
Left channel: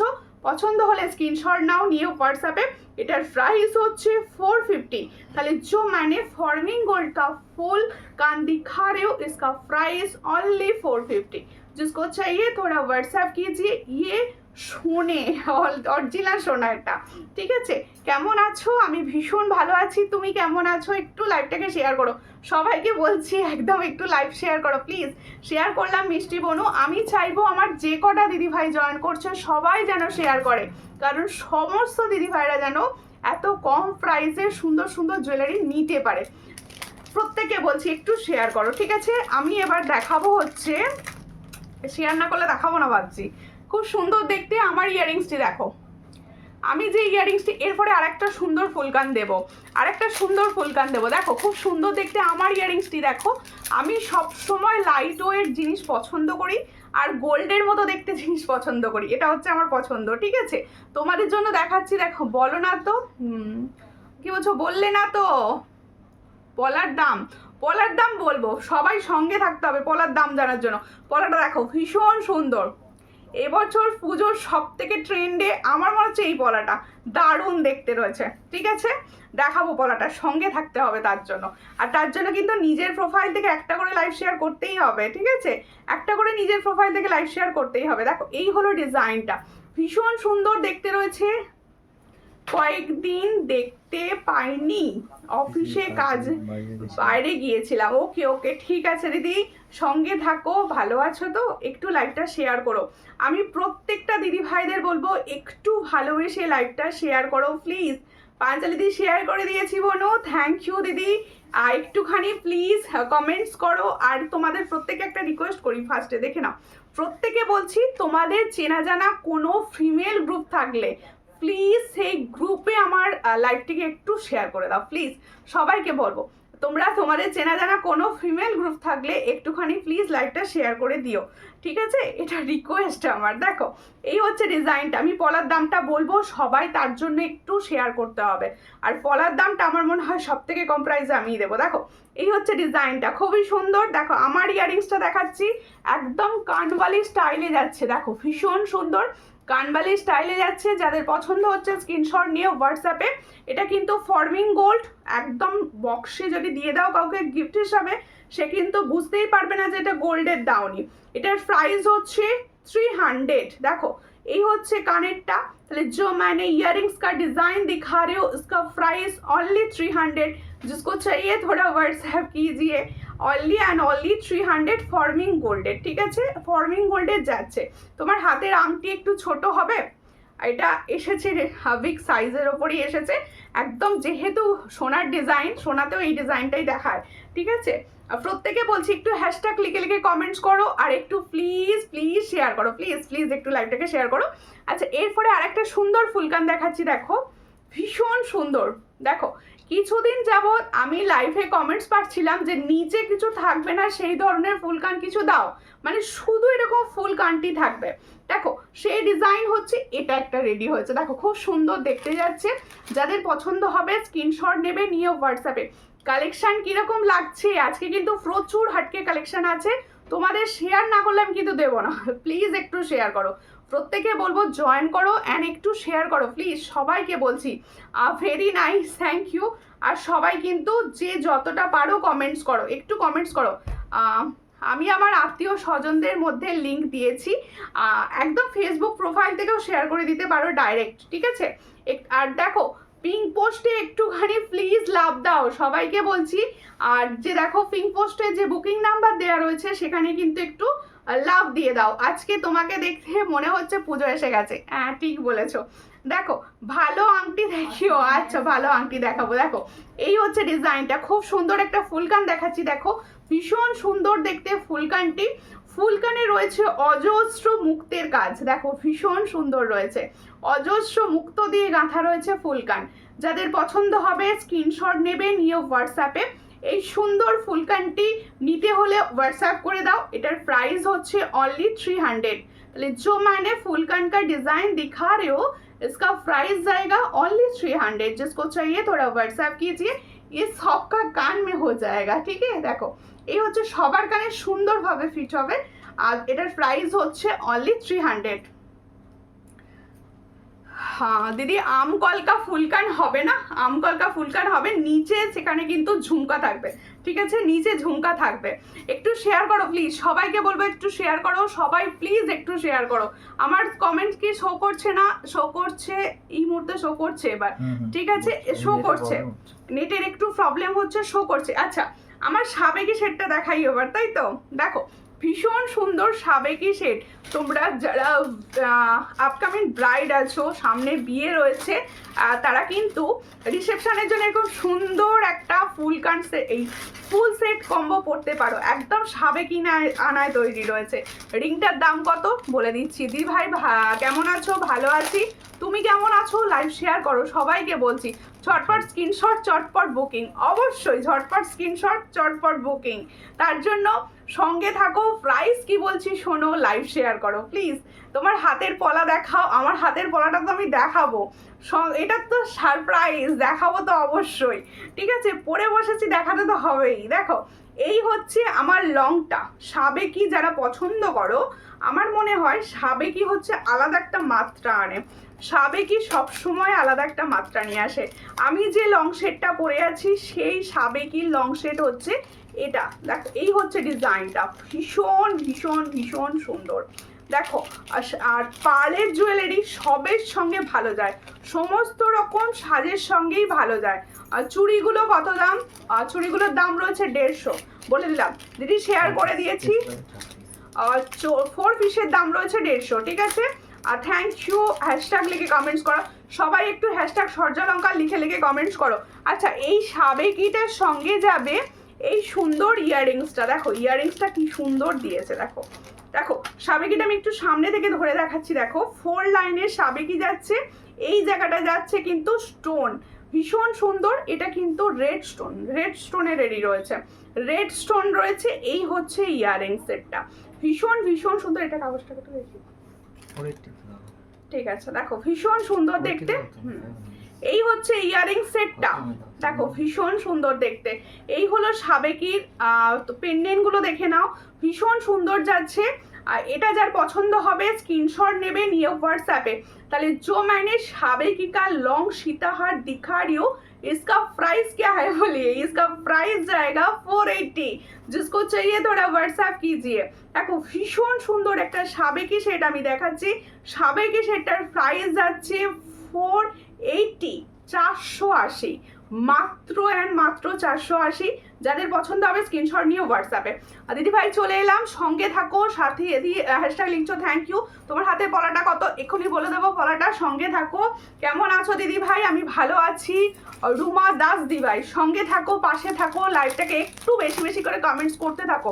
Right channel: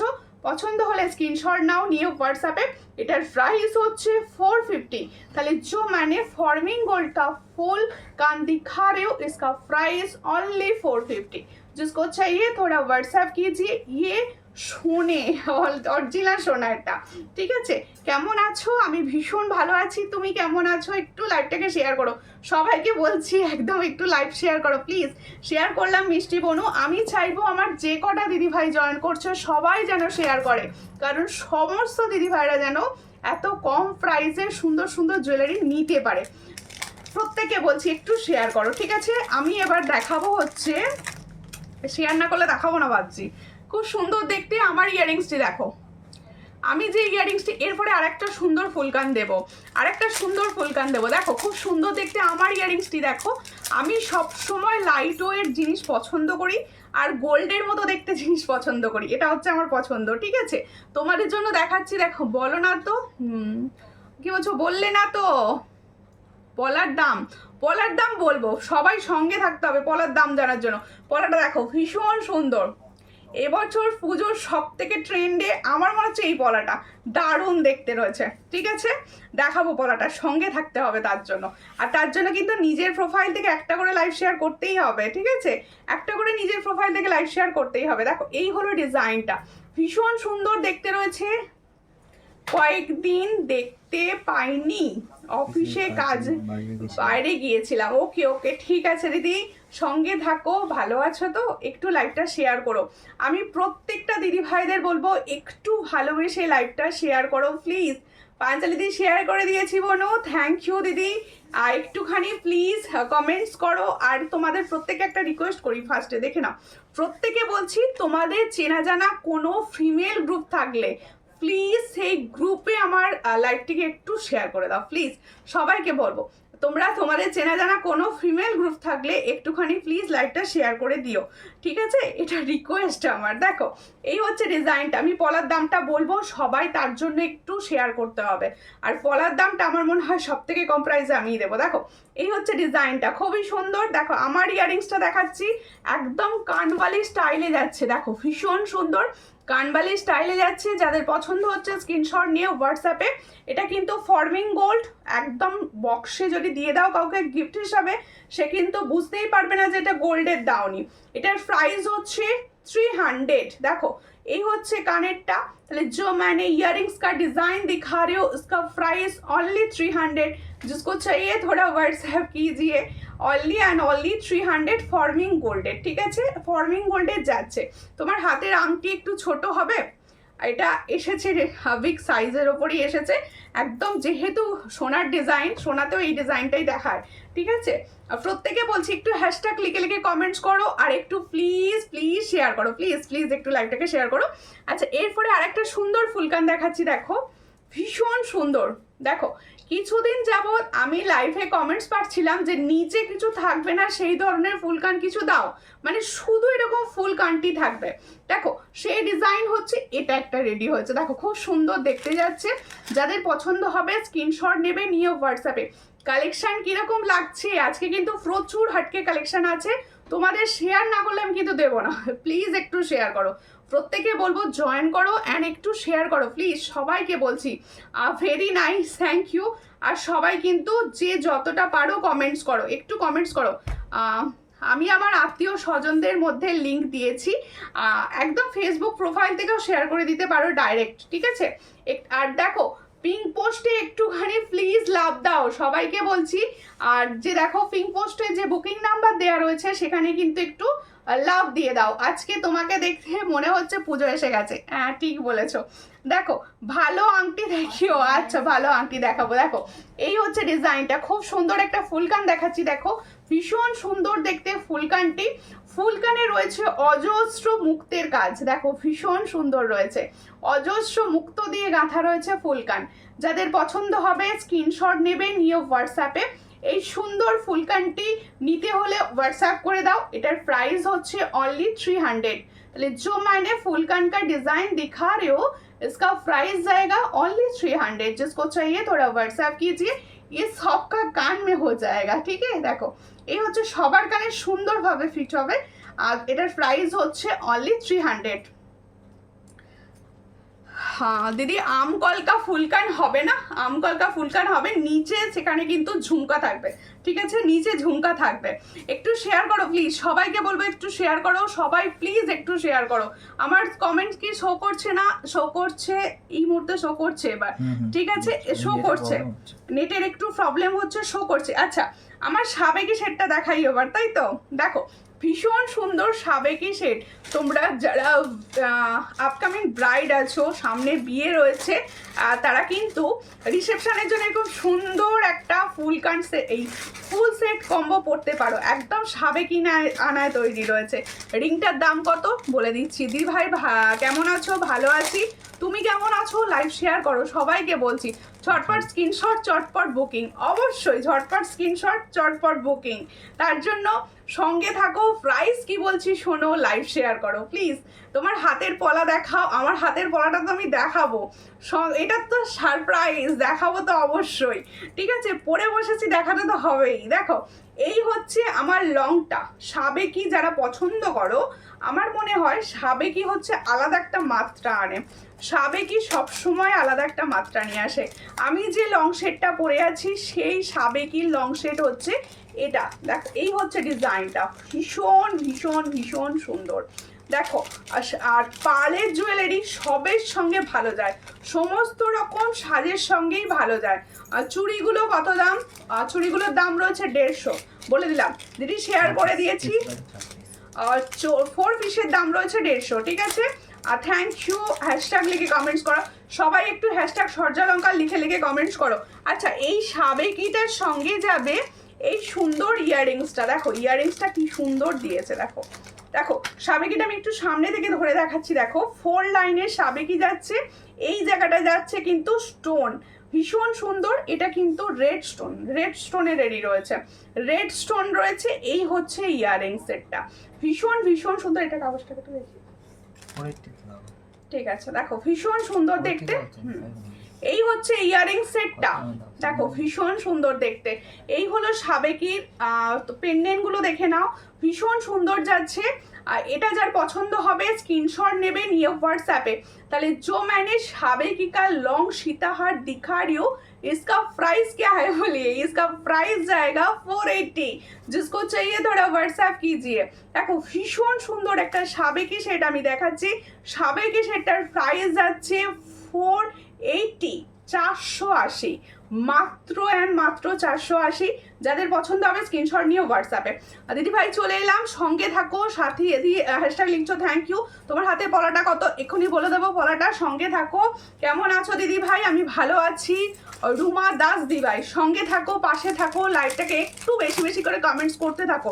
পছন্দ হলে স্ক্রিনশট নাও, নিয়ে হোয়াটসঅ্যাপে। এটার প্রাইস হচ্ছে 450। তাহলে जो मैंने फॉर्मिंग गोल्ड का फुल कान दिखा रहे हो, इसका प्राइस ओनली 450। जिसको चाहिए थोड़ा व्हाट्सएप कीजिए। ये সোনে, অরিজিনাল সোনা এটা, ঠিক আছে। কেমন আছো? আমি ভীষণ ভালো আছি, তুমি কেমন আছো? একটু লাইভটাকে শেয়ার করো, সবাইকে বলছি একদম একটু লাইভ শেয়ার করো প্লিজ। শেয়ার করলাম মিষ্টি বনু, আমি চাইবো আমার যে কটা দিদিভাই জয়েন করছে সবাই যেন শেয়ার করে, কারণ সমস্ত দিদিভাইরা যেন এত কম প্রাইসে সুন্দর সুন্দর জুয়েলারি নিতে পারে। প্রত্যেকে বলছি একটু শেয়ার করো, ঠিক আছে। আমি এবার দেখাবো হচ্ছে, শেয়ার না করলে দেখাবো না ভাবছি। খুব সুন্দর দেখতে আমার ইয়াররিংসটি দেখো, আমি যে ইয়াররিংসটি, এরপরে আরেকটা সুন্দর ফুলকান দেবো, আরেকটা সুন্দর ফুলকান দেবো। দেখো খুব সুন্দর দেখতে আমার ইয়াররিংসটি দেখো। আমি সব সময় লাইট ওয়েট জিনিস পছন্দ করি, আর গোল্ডের মতো দেখতে জিনিস পছন্দ করি, এটা হচ্ছে আমার পছন্দ, ঠিক আছে। তোমাদের জন্য দেখাচ্ছি, দেখো। বলো না তো, কি বলছো? বললে না তো পলার দাম, পলার দাম বলবো, সবাই সঙ্গে থাকতে হবে পলার দাম জানার জন্য। পলাটা দেখো ভীষণ সুন্দর, এবছর পুজোর সব থেকে ট্রেন্ডে আমার মনে হচ্ছে এই পলাটা, দারুণ দেখতে রয়েছে, ঠিক আছে। দেখাবো পলাটা, সঙ্গে থাকতে হবে তার জন্য। আর তার জন্য কিন্তু নিজের প্রোফাইল থেকে একটা করে লাইভ শেয়ার করতেই হবে, ঠিক আছে। একটা করে নিজের প্রোফাইল থেকে লাইভ শেয়ার করতেই হবে। দেখো এই হলো ডিজাইনটা, ভীষণ সুন্দর দেখতে রয়েছে। কয়েকদিন দেখতে পাইনি, অফিসে কাজ, বাইরে গিয়েছিলাম। ওকে ওকে, ঠিক আছে দিদি, সঙ্গে থাকো, ভালো আছো তো? একটু লাইভটা শেয়ার করো। আমি প্রত্যেকটা দিদি ভাইদের বলবো একটু ভালোবেসে লাইভটা শেয়ার করো প্লিজ। পাঞ্চালি দিদি শেয়ার করে দিয়েছি বনু, থ্যাংক ইউ দিদি। আর একটুখানি প্লিজ কমেন্টস করো। আর তোমাদের প্রত্যেকে একটা রিকোয়েস্ট করি, ফার্স্টে দেখে নাও, প্রত্যেকে বলছি তোমাদের চেনা জানা কোনো ফিমেল গ্রুপ থাকলে প্লিজ সেই গ্রুপে আমার লাইভটিকে একটু শেয়ার করে দাও প্লিজ। সবাইকে বলবো, তোমরা তোমাদের চেনা জানা কোনো ফিমেল গ্রুপ থাকলে একটুখানি প্লিজ লাইভটা শেয়ার করে দিও, ঠিক আছে। এটা রিকোয়েস্ট আমার। দেখো এই হচ্ছে ডিজাইনটা, আমি পলার দামটা বলবো, সবাই তার জন্য একটু শেয়ার করতে হবে। আর পলার দামটা আমার মনে হয় সব থেকে কম প্রাইসে আমিই দেবো। দেখো এই হচ্ছে ডিজাইনটা, খুবই সুন্দর। দেখো আমার ইয়াররিংসটা দেখাচ্ছি, একদম কানবালি স্টাইলে যাচ্ছে, দেখো ভীষণ সুন্দর কানবালি স্টাইলে যাচ্ছে। যাদের পছন্দ হচ্ছে স্ক্রিনশট নিয়ে হোয়াটসঅ্যাপে। এটা কিন্তু ফর্মিং গোল্ড, একদম বক্সে যদি দিয়ে দাও কাউকে গিফট হিসাবে, সে কিন্তু বুঝতেই পারবে না যে এটা গোল্ডের দাওনি। এটার প্রাইস হচ্ছে 300। দেখো এই হচ্ছে কানেরটা। তাহলে जो मैंने इयररिंग्स का डिजाइन दिखा रही हूँ, इसका प्राइस ओनली 300। जिसको चाहिए थोड़ा व्हाट्सएप कीजिए। অনলি অ্যান্ড অনলি 300 ফর্মিং গোল্ডের, ঠিক আছে। ফর্মিং গোল্ডের যাচ্ছে। তোমার হাতের আংটি একটু ছোট হবে, এটা এসেছে বিগ সাইজের ওপরই এসেছে একদম, যেহেতু সোনার ডিজাইন, সোনাতেও এই ডিজাইনটাই দেখায়, ঠিক আছে? আর প্রত্যেকে বলছি একটু হ্যাশট্যাগ লিখে লিখে কমেন্টস করো, আর একটু প্লিজ প্লিজ শেয়ার করো, প্লিজ প্লিজ একটু লাইভটাকে শেয়ার করো। আচ্ছা, এরপরে আরেকটা সুন্দর ফুলকান দেখাচ্ছি, দেখো ভীষণ সুন্দর। দেখো কিছুদিন যাবৎ আমি লাইভে কমেন্টস পাচ্ছিলাম যে নিচে কিছু থাকবে না, সেই ধরনের ফুলকান কিছু দাও, মানে শুধু এরকম ফুলকানটি থাকবে। দেখো সেই ডিজাইন হচ্ছে এটা একটা রেডি হয়েছে, দেখো খুব সুন্দর দেখতে যাচ্ছে। যাদের পছন্দ হবে স্ক্রিনশট নেবে, নিয়ে হোয়াটসঅ্যাপে। কালেকশন কিরকম লাগছে, আজকে কিন্তু প্রচুর হাটকে কালেকশন আছে, তোমাদের শেয়ার না করলে আমি কিন্তু দেবো না। প্লিজ একটু শেয়ার করো, প্রত্যেকে বলবো জয়েন করো অ্যান্ড একটু শেয়ার করো প্লিজ, সবাইকে বলছি। Very nice, thank you. আর সবাই কিন্তু যে যতটা পারো কমেন্টস করো, একটু কমেন্টস করো। আমি আমার আত্মীয় স্বজনদের মধ্যে লিঙ্ক দিয়েছি, একদম ফেসবুক প্রোফাইল থেকেও শেয়ার করে দিতে পারো ডাইরেক্ট, ঠিক আছে? আর দেখো পিঙ্ক পোস্টে একটুখানি প্লিজ লাভ দাও, সবাইকে বলছি। আর যে দেখো পিঙ্ক পোস্টে যে বুকিং নাম্বার দেওয়া রয়েছে সেখানে কিন্তু একটু লাভ দিয়ে দাও। আজকে তোমাকে দেখতে মনে হচ্ছে পুজো এসে গেছে, হ্যাঁ ঠিক বলেছো। দেখো ভালো আংটি দেখিও, আচ্ছা ভালো আংটি দেখাবো। দেখো এই হচ্ছে ডিজাইনটা, খুব সুন্দর একটা ফুলকান দেখাচ্ছি, দেখো ভীষণ সুন্দর দেখতে ফুলকানটি। ফুলকানে রয়েছে অজস্র মুক্তের কাজ, দেখো ভীষণ সুন্দর রয়েছে, অজস্র মুক্ত দিয়ে গাঁথা রয়েছে ফুলকান। যাদের পছন্দ হবে স্ক্রিনশট নেবে, নিয়ে হোয়াটসঅ্যাপে। এই সুন্দর ফুলকানটি নিতে হলে হোয়াটসঅ্যাপ করে দাও। এটার প্রাইস হচ্ছে অনলি 300। তাহলে जो मैंने फुलकान का डिजाइन दिखा रहे हो इसका प्राइस जाएगा ओनली 300। जिसको चाहिए थोड़ा व्हाट्सएप कीजिए, ये सबका कान में हो जाएगा, ठीक है? দেখো এই হচ্ছে সবার কানে সুন্দরভাবে ফিট হবে, আর এটার প্রাইস হচ্ছে অনলি 300। হ্যাঁ দিদি, আম কলকা ফুলকান হবে না, আম কলকা ফুলকান হবে নিচে, সেখানে কিন্তু ঝুমকা থাকবে, ঠিক আছে? নিচে ঝুমকা থাকবে। একটু শেয়ার করো প্লিজ, সবাইকে বলবো একটু শেয়ার করো, সবাই প্লিজ একটু শেয়ার করো। আমার কমেন্টস কি শো করছে না? শো করছে, এই মুহূর্তে শো করছে এবার, ঠিক আছে? শো করছে, নেটের একটু প্রবলেম হচ্ছে, শো করছে। আচ্ছা আমার সাবেকি সেটটা দেখাই এবার, তাই তো? দেখো ভীষণ সুন্দর সাবেকি সেট। তোমরা যারা আপকামিং ব্রাইড আছো, সামনে বিয়ে রয়েছে, তারা কিন্তু রিসেপশনের জন্য এরকম সুন্দর একটা ফুলকান এই ফুল সেট কম্বো পড়তে পারো, একদম সাবেকি আনায় তৈরি রয়েছে। রিংটার দাম কত বলে দিচ্ছি। দি ভাই কেমন আছো? ভালো আছি, তুমি কেমন আছো? লাইভ শেয়ার করো, সবাইকে বলছি। ঝটপট স্ক্রিনশট, চটপট বুকিং, অবশ্যই ঝটপট স্ক্রিনশট, চটপট বুকিং। তার জন্য সঙ্গে থাকো। প্রাইস কি বলছি শোনো, লাইভ শেয়ার করো প্লিজ। তোমার হাতের পলা দেখাও, আমার হাতের পলাটা তো আমি দেখাবো, এটা তো সারপ্রাইজ, দেখাবো তো অবশ্যই, ঠিক আছে? পরে বসেছি, দেখাতে তো হবেই। দেখো এই হচ্ছে আমার লংটা। সাবেকি যারা পছন্দ করো, আমার মনে হয় সাবেকি হচ্ছে আলাদা একটা মাত্রা আনে, সাবেকি সবসময় আলাদা একটা মাত্রা নিয়ে আসে। আমি যে লং শেডটা পরে আছি সেই সাবেকির লং শেড হচ্ছে এটা। দেখো এই হচ্ছে ডিজাইনটা, ভীষণ ভীষণ ভীষণ সুন্দর। দেখো আর পার্লের জুয়েলারি সবের সঙ্গে ভালো যায়, সমস্ত রকম সাজের সঙ্গেই ভালো যায়। আর চুড়িগুলো কত দাম? চুড়িগুলোর দাম রয়েছে 150, বলে দিলাম দিদি, শেয়ার করে দিয়েছি। 4 পিসের দাম রয়েছে 150, ঠিক আছে? আর থ্যাংক ইউ, হ্যাশট্যাগ লিখে কমেন্টস করো, সবাই একটু হ্যাশট্যাগ সূর্যালঙ্কা লিখে লিখে কমেন্টস করো। আচ্ছা এই সাবেকিটার সঙ্গে যাবে এই সুন্দর ইয়াররিংসটা, দেখো ইয়াররিংসটা কি সুন্দর দিয়েছে। দেখো দেখো সাবেকিটা আমি একটু সামনে থেকে ধরে দেখাচ্ছি, দেখো 4 লাইনের সাবেকি যাচ্ছে, এই জায়গাটা যাচ্ছে কিন্তু স্টোন, ভীষণ সুন্দর। এটা কিন্তু রেড স্টোনে রেডি রয়েছে, রেড স্টোন রয়েছে। এই হচ্ছে ইয়াররিং সেটটা, ভীষণ ভীষণ সুন্দর। এটা কাগজটাকে একটু দেখি, ঠিক আছে? দেখো ভীষণ সুন্দর দেখতে। এই হচ্ছে ইয়াররিং সেটটা, দেখো ভীষণ সুন্দর দেখতে। এই হলো সাবেকির পেন্ডেন্ট গুলো, দেখে নাও ভীষণ সুন্দর যাচ্ছে। এটা যার পছন্দ হবে স্ক্রিনশট নেবে, নিয়ে হোয়াটসঅ্যাপে। তাহলে जो मैंने साबेकी का लॉन्ग सीताहार दिखा रही हूँ, इसका प्राइस क्या है बोलिए? इसका प्राइस जाएगा 480। जिसको चाहिए थोड़ा व्हाट्सएप कीजिए। দেখো ভীষণ সুন্দর একটা সাবেকি সেট আমি দেখাচ্ছি, সাবেকি সেটটার প্রাইস যাচ্ছে 480, 480 মাত্র, অ্যান্ড মাত্র 480। যাদের পছন্দ হবে স্ক্রিনশট নিয়ে হোয়াটসঅ্যাপে। আর দিদি ভাই চলে এলাম, সঙ্গে থাকো, সাথে এদি হ্যাশট্যাগ লিখছো, থ্যাংক ইউ। তোমার হাতে পলাটা কত এক্ষুনি বলে দেবো, পলাটা সঙ্গে থাকো। কেমন আছো দিদি ভাই? আমি ভালো আছি। রুমা দাস দি ভাই সঙ্গে থাকো, পাশে থাকো, লাইভটাকে একটু বেশি বেশি করে কমেন্টস করতে থাকো,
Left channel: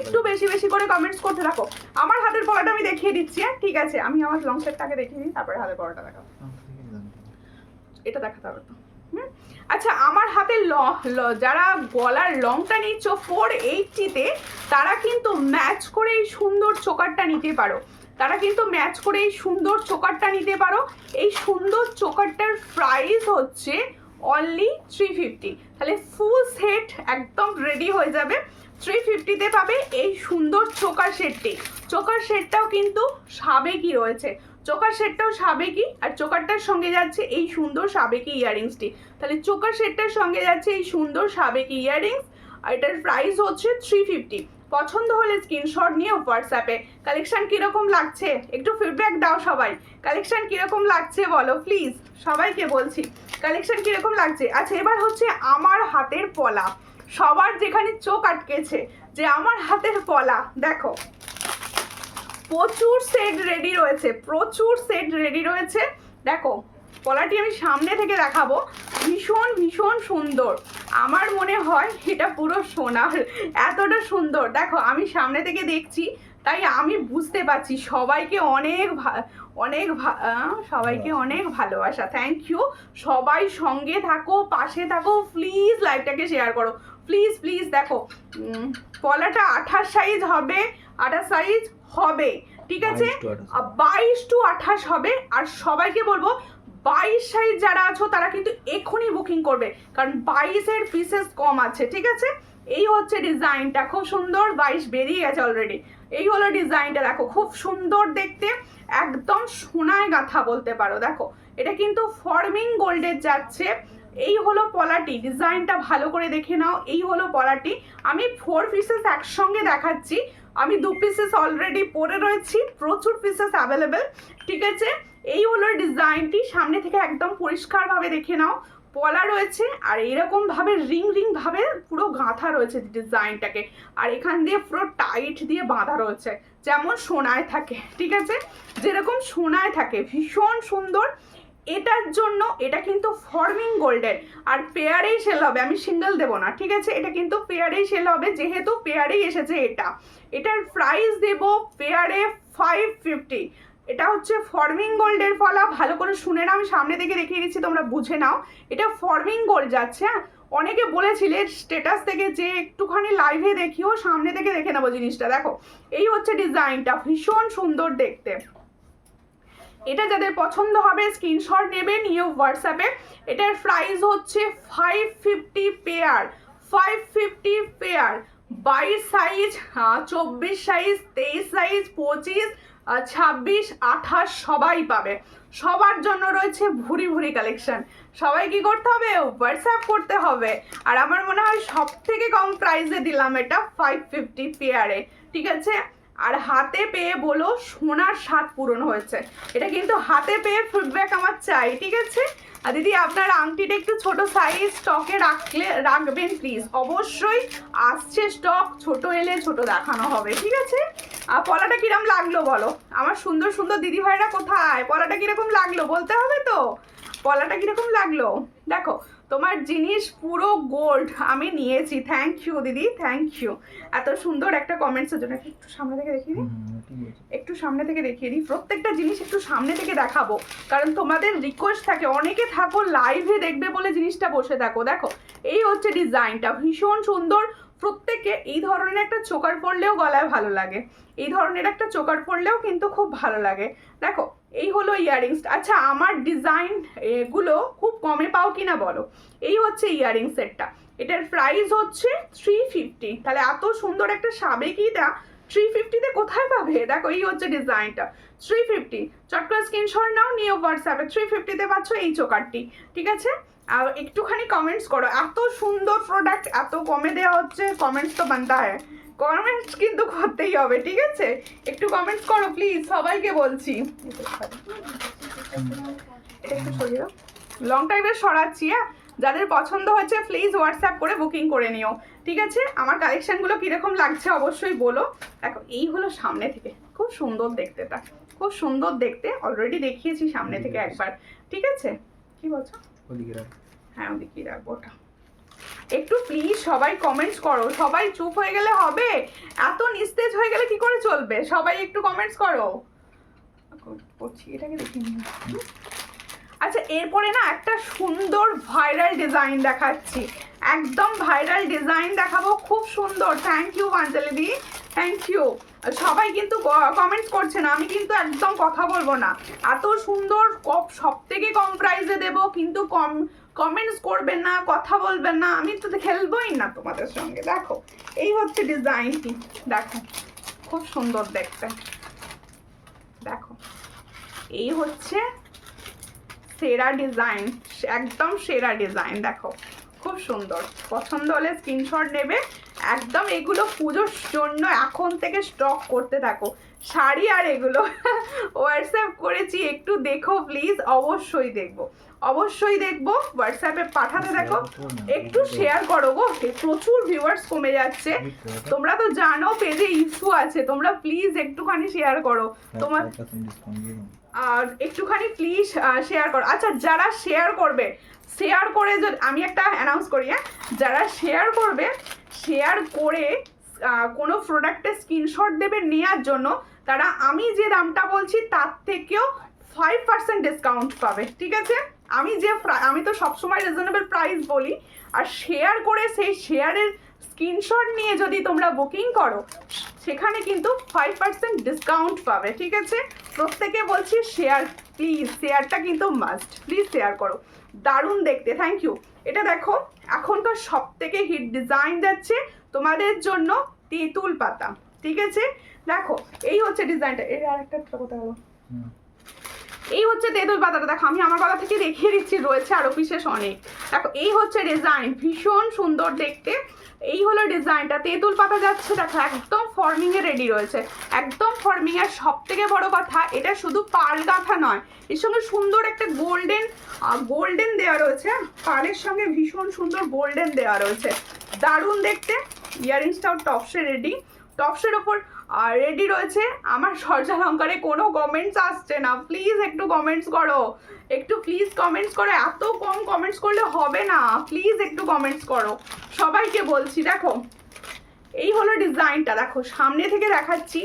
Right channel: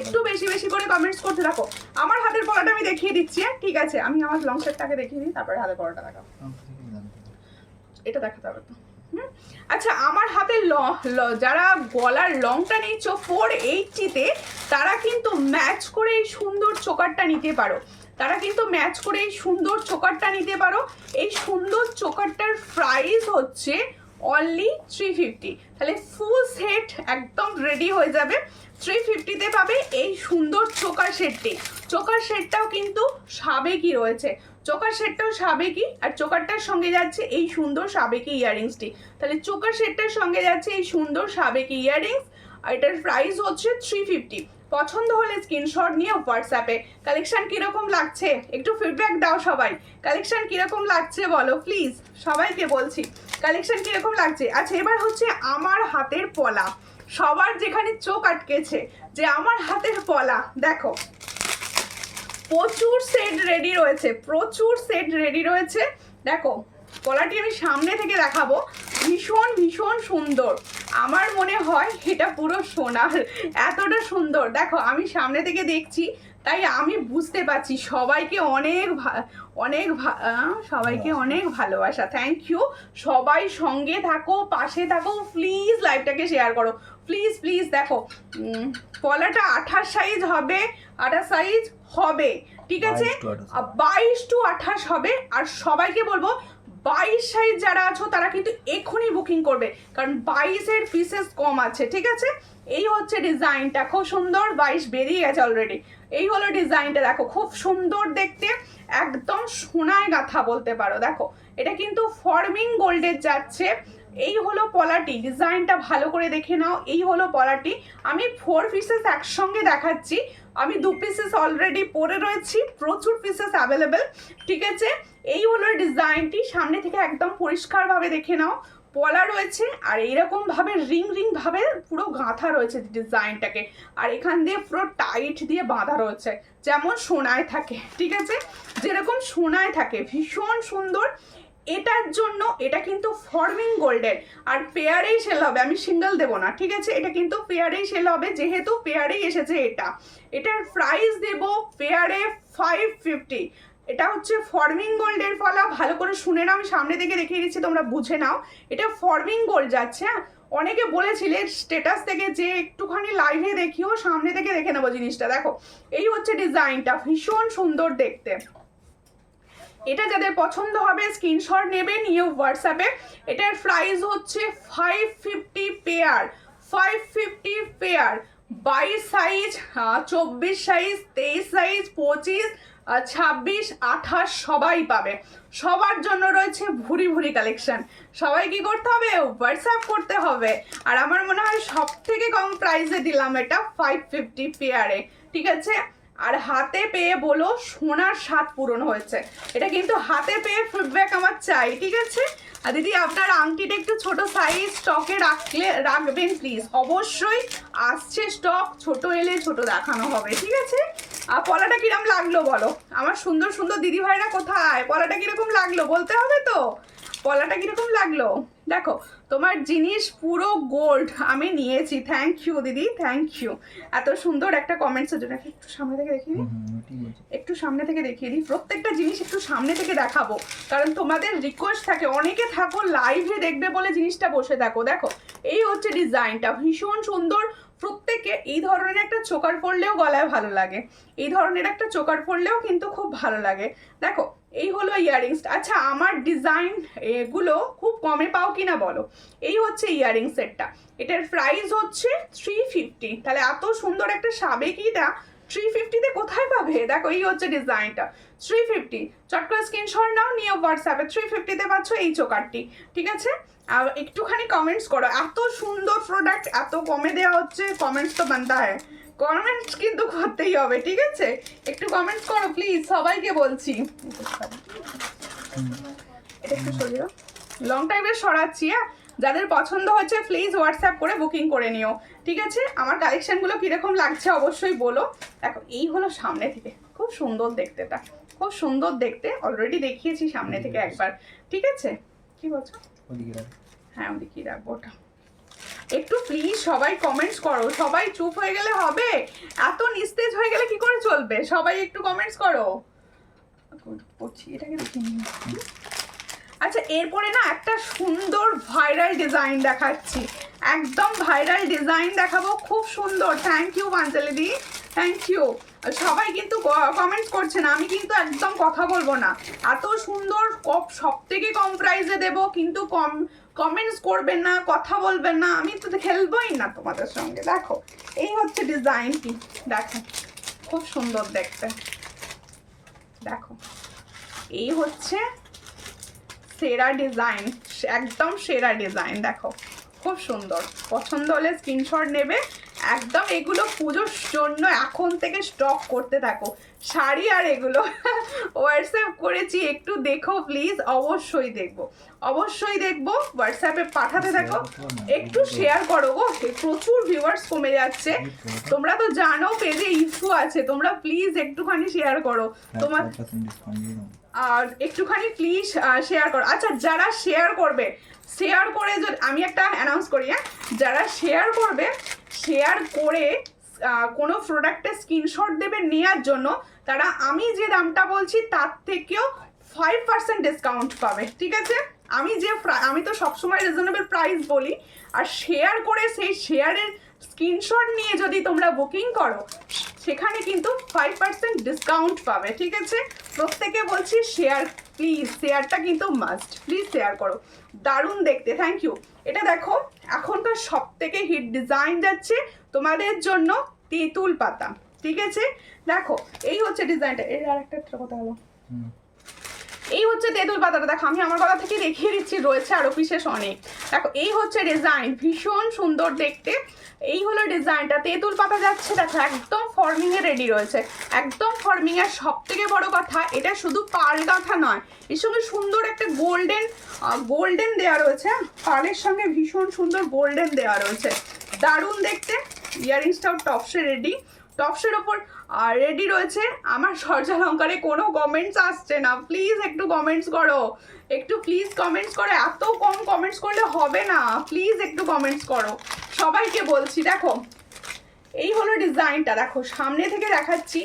একটু বেশি বেশি করে কমেন্টস করতে থাকো। আমার হাতের পলাটা আমি দেখিয়ে দিচ্ছি, ঠিক আছে? আমি আমার লং সেটটাকে দেখিয়ে দিই, তারপরে হাতের পলাটা দেখাবো। এটা দেখাতে হবে তো। আচ্ছা, আমার হাতে যারা গলার লংটা নিচ্ছ 480-তে, তারা কিন্তু ম্যাচ করে এই সুন্দর চোকারটা নিতে পারো। তারা কিন্তু ম্যাচ করে এই সুন্দর চোকারটা নিতে পারো। এই সুন্দর চোকারটার প্রাইস হচ্ছে অনলি 350। তাহলে ফুল সেট একদম রেডি হয়ে যাবে, 350-তে পাবে এই সুন্দর চোকার সেটটি। চোকার সেটটাও কিন্তু সাবেকি রয়েছে, চোকার সেটটাও সাবেকি, আর চোকারটার সঙ্গে যাচ্ছে এই সুন্দর সাবেকি ইয়াররিংসটি। তাহলে চোকার সেটটার সঙ্গে যাচ্ছে এই সুন্দর সাবেকি ইয়াররিংস, আর এটার প্রাইস হচ্ছে 350। পছন্দ হলে স্ক্রিনশট নিয়ে হোয়াটসঅ্যাপে। কালেকশন কিরকম লাগছে একটু ফিডব্যাক দাও সবাই, কালেকশন কিরকম লাগছে বলো প্লিজ, সবাইকে বলছি কালেকশন কিরকম লাগছে। আচ্ছা, এবার হচ্ছে আমার হাতের পলা। সবার যেখানে চোখ আটকেছে যে আমার হাতের পলা, দেখো প্রচুর সেট রেডি রয়েছে, প্রচুর সেট রেডি রয়েছে। দেখো পলাটি আমি সামনে থেকে দেখাবো, ভীষণ ভীষণ সুন্দর। আমার মনে হয় এটা পুরো সোনার, এতটা সুন্দর। দেখো আমি সামনে থেকে দেখছি, তাই আমি বুঝতে পারছি। সবাইকে সবাইকে অনেক ভালোবাসা, থ্যাংক ইউ। সবাই সঙ্গে থাকো, পাশে থাকো, প্লিজ লাইভটাকে শেয়ার করো, প্লিজ প্লিজ। দেখো পলাটা 28 সাইজ হবে, 28 সাইজ হবে, ঠিক আছে? 22 to 28 হবে। আর সবাইকে বলবো 22 সাইজ যারা আছো তারা কিন্তু এক্ষুনি বুকিং করবে, কারণ 22-এর পিসেস কম আছে, ঠিক আছে? এই হচ্ছে ডিজাইনটা, খুব সুন্দর। 22 বেরিয়ে গেছে অলরেডি। এই হলো ডিজাইনটা, দেখো খুব সুন্দর দেখতে, একদম সোনায় গাঁথা বলতে পারো। দেখো এটা কিন্তু ফর্মিং গোল্ডের যাচ্ছে। এই হলো পলাটি, ডিজাইনটা ভালো করে দেখে নাও। এই হলো পলাটি। আমি 4 পিসেস একসঙ্গে দেখাচ্ছি, আমি 2 পিসেস অলরেডি পরে রয়েছি, প্রচুর পিসেস অ্যাভেলেবেল, ঠিক আছে? এই হলো ডিজাইনটি, সামনে থেকে একদম পরিষ্কারভাবে দেখে নাও। পলা রয়েছে, আর এইরকম ভাবে রিং রিং ভাবে পুরো গাঁথা রয়েছে ডিজাইনটাকে, আর এখান দিয়ে পুরো টাইট দিয়ে বাঁধা রয়েছে, যেমন সোনায় থাকে, ঠিক আছে? যেরকম সোনায় থাকে, ভীষণ সুন্দর। এটার জন্য এটা কিন্তু ফর্মিং গোল্ডের, আর পেয়ারেই সেল হবে, আমি সিঙ্গেল দেবো না, ঠিক আছে? এটা কিন্তু পেয়ারেই সেল হবে, যেহেতু পেয়ারেই এসেছে এটা। এটার প্রাইস দেব পেয়ারে 550। এটা হচ্ছে ফর্মিং গোল্ডের পলা, ভালো করে শুনে নাও, আমি সামনে থেকে দেখিয়ে দিচ্ছি, তোমরা বুঝে নাও। এটা ফর্মিং গোল্ড যাচ্ছে। হ্যাঁ, অনেকে বলেছিলে স্ট্যাটাস থেকে যে একটুখানি লাইভে দেখিও, সামনে থেকে দেখে নেবো জিনিসটা। দেখো এই হচ্ছে ডিজাইনটা, ভীষণ সুন্দর দেখতে। এটা যাদের পছন্দ হবে স্ক্রিনশট নেবে, নিয়ে হোয়াটসঅ্যাপে। এটার প্রাইস হচ্ছে 550 pair, 550 pair. 22 size, 24 size, 23 size, 25, 26, 28 সবাই পাবে। সবার জন্য রয়েছে ভুরি ভুরি কালেকশন। সবাই কি করতে হবে? হোয়াটসঅ্যাপ করতে হবে। আর আমার মনে হয় সব থেকে কম প্রাইসে দিলাম এটা 550 পেয়ারে, ঠিক আছে? আর হাতে পেয়ে বলো সোনার স্বাদ পূরণ হয়েছে। এটা কিন্তু হাতে পেয়ে ফিডব্যাক আমার চাই, ঠিক আছে? আর দিদি আপনার আংটিটা একটু ছোট সাইজ স্টকে রাখবেন প্লিজ। অবশ্যই আসছে স্টক, ছোট এলে ছোট দেখানো হবে, ঠিক আছে? আর পলাটা কিরম লাগলো বলো? আমার সুন্দর সুন্দর দিদি ভাইরা কোথায়? পলাটা কিরকম লাগলো বলতে হবে তো, পলাটা কিরকম লাগলো? দেখো তোমার জিনিস পুরো গোল্ড আমি নিয়েছি, থ্যাংক ইউ দিদি, থ্যাংক ইউ। এত সুন্দর একটা কমেন্টসের জন্য। একটু সামনে থেকে দেখিয়ে দিই, একটু সামনে থেকে দেখিয়ে দিই, প্রত্যেকটা জিনিস একটু সামনে থেকে দেখাবো, কারণ তোমাদের রিকোয়েস্ট থাকে, অনেকে থাকো লাইভে দেখবে বলে জিনিসটা বসে থাকো। দেখো এই হচ্ছে ডিজাইনটা, ভীষণ সুন্দর। প্রত্যেকে এই ধরনের একটা চোকার পরলেও গলায় ভালো লাগে, এই ধরনের একটা চোকার পরলেও কিন্তু খুব ভালো লাগে। দেখো এই হলো ইয়াররিংস। আচ্ছা, আমার ডিজাইন এগুলো খুব কমে পাও কিনা বলো? এই হচ্ছে ইয়াররিং সেটটা, এটার প্রাইস হচ্ছে 350। তাহলে এত সুন্দর একটা সাবেকিটা 350-তে কোথায় পাবে? দেখো এই হচ্ছে ডিজাইনটা, 350। চট করে স্ক্রিনশট নাও, নিয়ে হোয়াটসঅ্যাপে। 350-তে পাচ্ছ এই চোকারটি, ঠিক আছে? আর একটুখানি কমেন্টস করো, এত সুন্দর প্রোডাক্ট এত কমে দেওয়া হচ্ছে, কমেন্টস তো বানতা হয়, কমেন্টস কিন্তু করতেই হবে, ঠিক আছে? একটু কমেন্টস করো প্লিজ, সবাইকে বলছি। এটা একটু সরিয়ে দাও, লং টাইমের সরাচ্ছি। হ্যাঁ, যাদের পছন্দ হচ্ছে প্লিজ হোয়াটসঅ্যাপ করে বুকিং করে নিও। ঠিক আছে, আমার কালেকশনগুলো কীরকম লাগছে অবশ্যই বলো। দেখো এই হলো সামনে থেকে, খুব সুন্দর দেখতে, এটা খুব সুন্দর দেখতে, অলরেডি দেখিয়েছি সামনে থেকে একবার। ঠিক আছে, কি বলছো? হ্যাঁ ওদিকে রাখবো ওটা। একটু প্লিজ সবাই কমেন্টস করো, সবাই চুপ হয়ে গেলে হবে? এত নিস্তেজ হয়ে গেলে কি করে চলবে? সবাই একটু কমেন্টস করো। করছি, এটাকে দেখে নিন। আচ্ছা, এরপরে না একটা সুন্দর ভাইরাল ডিজাইন দেখাচ্ছি, একদম ভাইরাল ডিজাইন দেখাবো, খুব সুন্দর। থ্যাংক ইউ পাঞ্চালি দি, থ্যাংক ইউ। সবাই কিন্তু কমেন্টস করছে না, আমি কিন্তু একদম কথা বলবো না। এত সুন্দর, সব থেকে কম প্রাইসে দেবো, কিন্তু কমেন্টস করবেন না, কথা বলবেন না, আমি তো খেলবোই না তোমাদের সঙ্গে। দেখো এই হচ্ছে ডিজাইনটি, দেখো খুব সুন্দর দেখতে। দেখো এই হচ্ছে সেরা ডিজাইন, একদম সেরা ডিজাইন। দেখো খুব সুন্দর, পছন্দ হলে স্ক্রিনশট নেবে একদম। এগুলো পুজোর জন্য এখন থেকে স্টক করতে থাকো, শাড়ি আর এগুলো হোয়াটসঅ্যাপ করেছি, একটু দেখো প্লিজ। অবশ্যই দেখবো, অবশ্যই দেখবো, হোয়াটসঅ্যাপে পাঠাতে থাকো, একটু শেয়ার করো গো। প্রচুর ভিউয়ার্স কমে যাচ্ছে, তোমরা তো জানো পেজে ইস্যু আছে, তোমরা প্লিজ একটুখানি শেয়ার করো। তোমার আর একটুখানি প্লিজ শেয়ার করো। আচ্ছা, যারা শেয়ার করবে, শেয়ার করে আমি একটা অ্যানাউন্স করি, হ্যাঁ, যারা শেয়ার করবে, শেয়ার করে কোনো প্রোডাক্টের স্ক্রিনশট দেবে নেওয়ার জন্য, তারা আমি যে দামটা বলছি তার থেকেও 5% ডিসকাউন্ট পাবে। ঠিক আছে, আমি তো সবসময় রিজনেবল প্রাইস বলি, আর শেয়ার করে সেই শেয়ারের স্ক্রিনশট নিয়ে যদি তোমরা বুকিং করো, সেখানে কিন্তু 5% ডিসকাউন্ট পাবে। ঠিক আছে, প্রত্যেকে বলছি শেয়ার প্লিজ, শেয়ারটা কিন্তু মাস্ট, প্লিজ শেয়ার করো। দারুণ দেখতে, থ্যাংক ইউ। এটা দেখো এখনকার সব থেকে হিট ডিজাইন যাচ্ছে তোমাদের জন্য, তেঁতুল পাতা। ঠিক আছে, দেখো এই হচ্ছে ডিজাইনটা। এর আর একটা কথা হলো, এই হচ্ছে তেঁতুল পাতাটা। দেখো আমি আমার গলা থেকে দেখিয়ে দিচ্ছি, রয়েছে আরো বিশেষ অনেক। দেখো এই হচ্ছে ডিজাইন, ভীষণ সুন্দর দেখতে। এই হলো ডিজাইনটা, তেঁতুল পাতা যাচ্ছে। দেখো একদম ফর্মিং এ রেডি রয়েছে, একদম ফর্মিং। এর সব থেকে বড় কথা, এটা শুধু পাল গাঁথা নয়, এর সঙ্গে সুন্দর একটা গোল্ডেন দেওয়া রয়েছে, পালের সঙ্গে ভীষণ সুন্দর গোল্ডেন দেওয়া রয়েছে, দারুণ দেখতে। ইয়ারিংসটাও টপসে রেডি, টপসের ওপর রেডি রয়েছে। আমার সর্যালঙ্কারে কোনো কমেন্টস আসছে না, প্লিজ একটু কমেন্টস করো, একটু প্লিজ কমেন্টস করো। এত কম কমেন্টস করলে হবে না, প্লিজ একটু কমেন্টস করো, সবাইকে বলছি। দেখো এই হলো ডিজাইনটা, দেখো সামনে থেকে দেখাচ্ছি,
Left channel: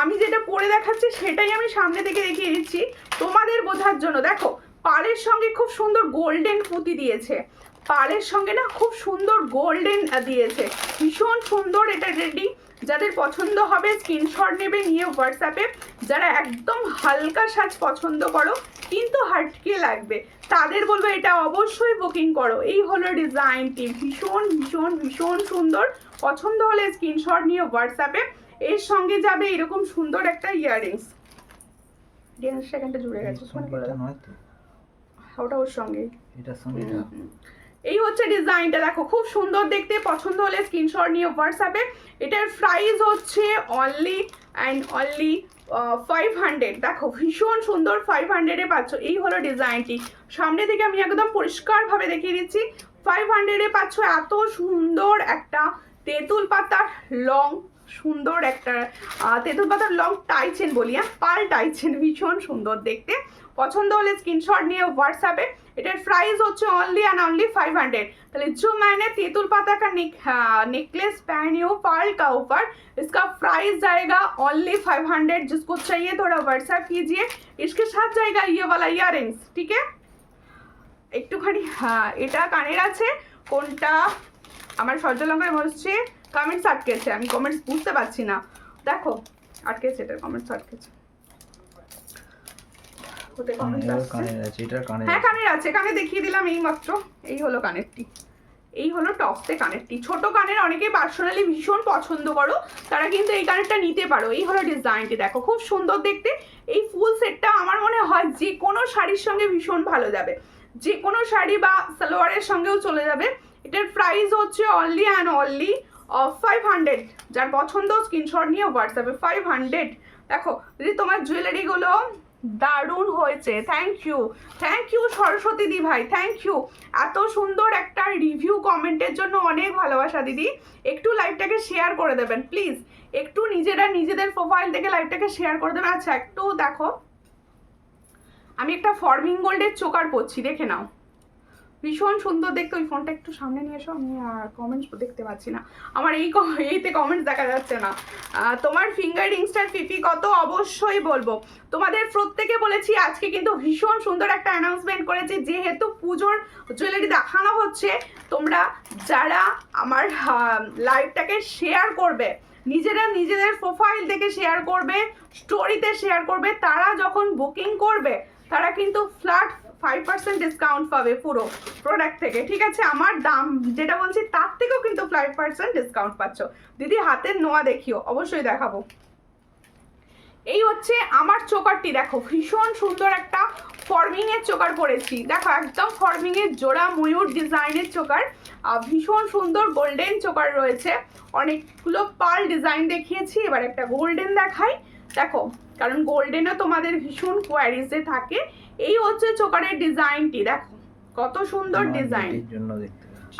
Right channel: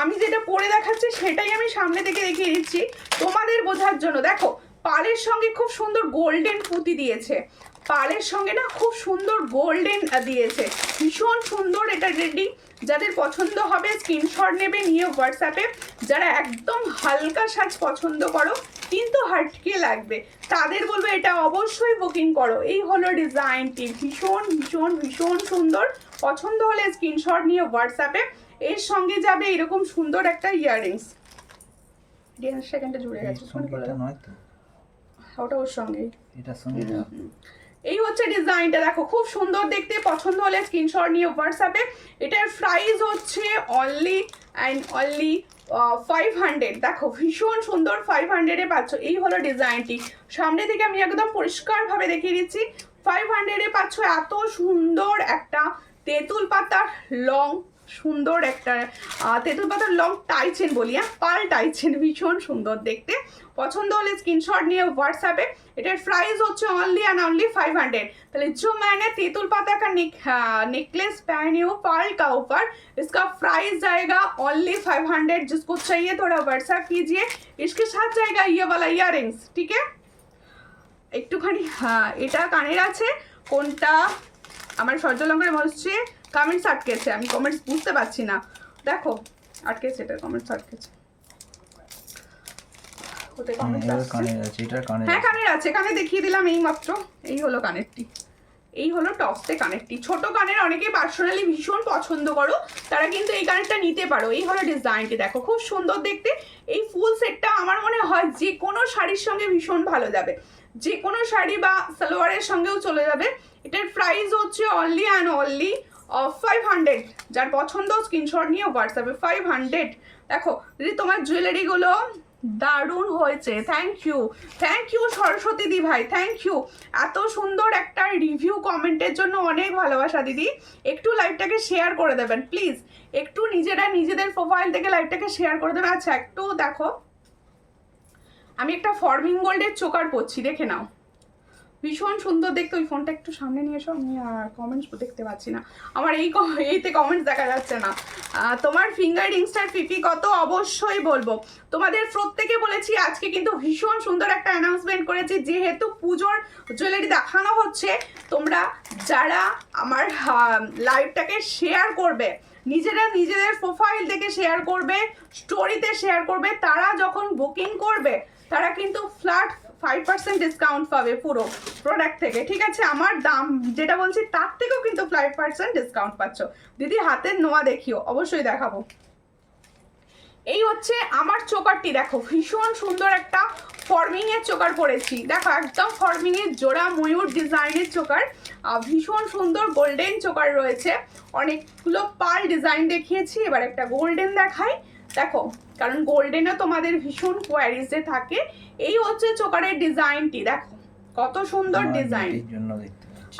আমি যেটা পরে দেখাচ্ছি সেটাই আমি সামনে থেকে দেখিয়ে দিচ্ছি তোমাদের বোঝার জন্য। দেখো পাড়ের সঙ্গে খুব সুন্দর গোল্ডেন পুঁতি দিয়েছে, পাড়ের সঙ্গে না খুব সুন্দর গোল্ডেন দিয়েছে, ভীষণ সুন্দর। এটা রেডি, যাদের পছন্দ হবে স্ক্রিনশট নেবে নিয়ে হোয়াটসঅ্যাপে। যারা একদম হালকা সাজ পছন্দ করো কিন্তু হাটকে লাগবে, তাদের বলবো এটা অবশ্যই বুকিং করো। এই হলো ডিজাইনটি, ভীষণ ভীষণ ভীষণ সুন্দর। পছন্দ হলে স্ক্রিনশট নিয়ে হোয়াটসঅ্যাপে। এর সঙ্গে যাবে এরকম সুন্দর একটা ইয়াররিংস। সেকেন্ডটা জুড়ে গেছে, ওটা ওর সঙ্গে, এটার সঙ্গে। এই হচ্ছে ডিজাইনটা, দেখো খুব সুন্দর দেখতে। পছন্দ হলে স্ক্রিনশট নিয়ে হোয়াটসঅ্যাপে। এটার প্রাইস হচ্ছে অনলি 500। দেখো ভীষণ সুন্দর, 500-এ পাচ্ছ। এই হলো ডিজাইনটি, সামনে থেকে আমি একদম পরিষ্কারভাবে দেখিয়ে দিচ্ছি। 500-এ পাচ্ছ এত সুন্দর একটা তেঁতুল পাতার লং, সুন্দর একটা তেঁতুল পাতার লং টাইচেন বলি, হ্যাঁ, পাল টাইচেন, ভীষণ সুন্দর দেখতে। পছন্দ হলে স্ক্রিনশট নিয়ে হোয়াটসঅ্যাপে। এটার প্রাইস হচ্ছে অনলি एंड ओनली 500। তাহলে जो मैंने तेतुल पाता का नेकलेस पहनी हो पर्ल का ऊपर, इसका प्राइस जाएगा ओनली 500। जिसको चाहिए थोड़ा व्हाट्सएप कीजिए, इसके साथ जाएगा ये वाला ইয়াররিংস। ঠিক है, একটুখানি এটা কানের আছে, কোনটা আমার সর্যালঙ্কারে বসছে, কমেন্টস আটকেছে, আমি কমেন্টস বুঝতে পারছি না। দেখো আটকেছে, এটা কমেন্টস আটকেছে। হ্যাঁ কানের আছে, কানে দেখিয়ে দিলাম এই মাত্র। এই হলো কানেরটি, এই হলো টপসে কানেরটি। ছোট কানের অনেকে পার্সোনালি ভীষণ পছন্দ করো, তারা কিন্তু এই কানেরটা নিতে পারো। এই হলো ডিজাইনটি, দেখো খুব সুন্দর দেখতে। এই ফুল সেটটা আমার মনে হয় যে কোনো শাড়ির সঙ্গে ভীষণ ভালো যাবে, যে কোনো শাড়ি বা সালোয়ারের সঙ্গেও চলে যাবে। এটার প্রাইস হচ্ছে অনলি অ্যান্ড অনলি 500। যার পছন্দ স্ক্রিনশট নিয়ে হোয়াটসঅ্যাপে 500। দেখো যদি তোমার জুয়েলারিগুলো দারুণ হয়েছে, থ্যাংক ইউ সরস্বতী দি ভাই, থ্যাংক ইউ এত সুন্দর একটা রিভিউ কমেন্টের জন্য, অনেক ভালোবাসা দিদি। একটু লাইভটাকে শেয়ার করে দেবেন প্লিজ, একটু নিজেদের প্রোফাইল থেকে লাইভটাকে শেয়ার করে দেবেন। আচ্ছা একটু দেখো, আমি একটা ফর্মিং গোল্ডের চোকার পরছি, দেখে নাও, ভীষণ সুন্দর দেখতে। ওই ফোনটা একটু সামনে নিয়ে এসো, আমি কমেন্টস দেখতে পাচ্ছি না, আমার এইতে কমেন্টস দেখা যাচ্ছে না। তোমার ফিঙ্গার রিংসটার ফিফি কত অবশ্যই বলবো। তোমাদের প্রত্যেকে বলেছি আজকে কিন্তু ভীষণ সুন্দর একটা অ্যানাউন্সমেন্ট করেছি, যেহেতু পুজোর জুয়েলারি দেখানো হচ্ছে, তোমরা যারা আমার লাইভটাকে শেয়ার করবে, নিজেদের প্রোফাইল থেকে শেয়ার করবে, স্টোরিতে শেয়ার করবে, তারা যখন বুকিং করবে তারা কিন্তু ফ্ল্যাট 5% ডিসকাউন্ট পাবে পুরো প্রোডাক্ট থেকে, ঠিক আছে? আমার দাম যেটা বলছি তার থেকেও কিন্তু 5% ডিসকাউন্ট পাচ্ছ। দিদি হাতের নোয়া দেখিও, অবশ্যই দেখাবো। এই হচ্ছে আমার চোকারটি, দেখো ভীষণ সুন্দর একটা ফর্মিং এর চোকার পরেছি, দেখো একদম ফর্মিং এর জোড়া ময়ূর ডিজাইনের চোকার, ভীষণ সুন্দর গোল্ডেন চোকার রয়েছে, অনেকগুলো পার্ল ডিজাইন দেখিয়েছি, এবার একটা গোল্ডেন দেখাই। দেখো, কারণ গোল্ডেনও তোমাদের ভীষণ কোয়ারিজে থাকে। এই হচ্ছে চোকারের ডিজাইনটি, দেখো কত সুন্দর ডিজাইন।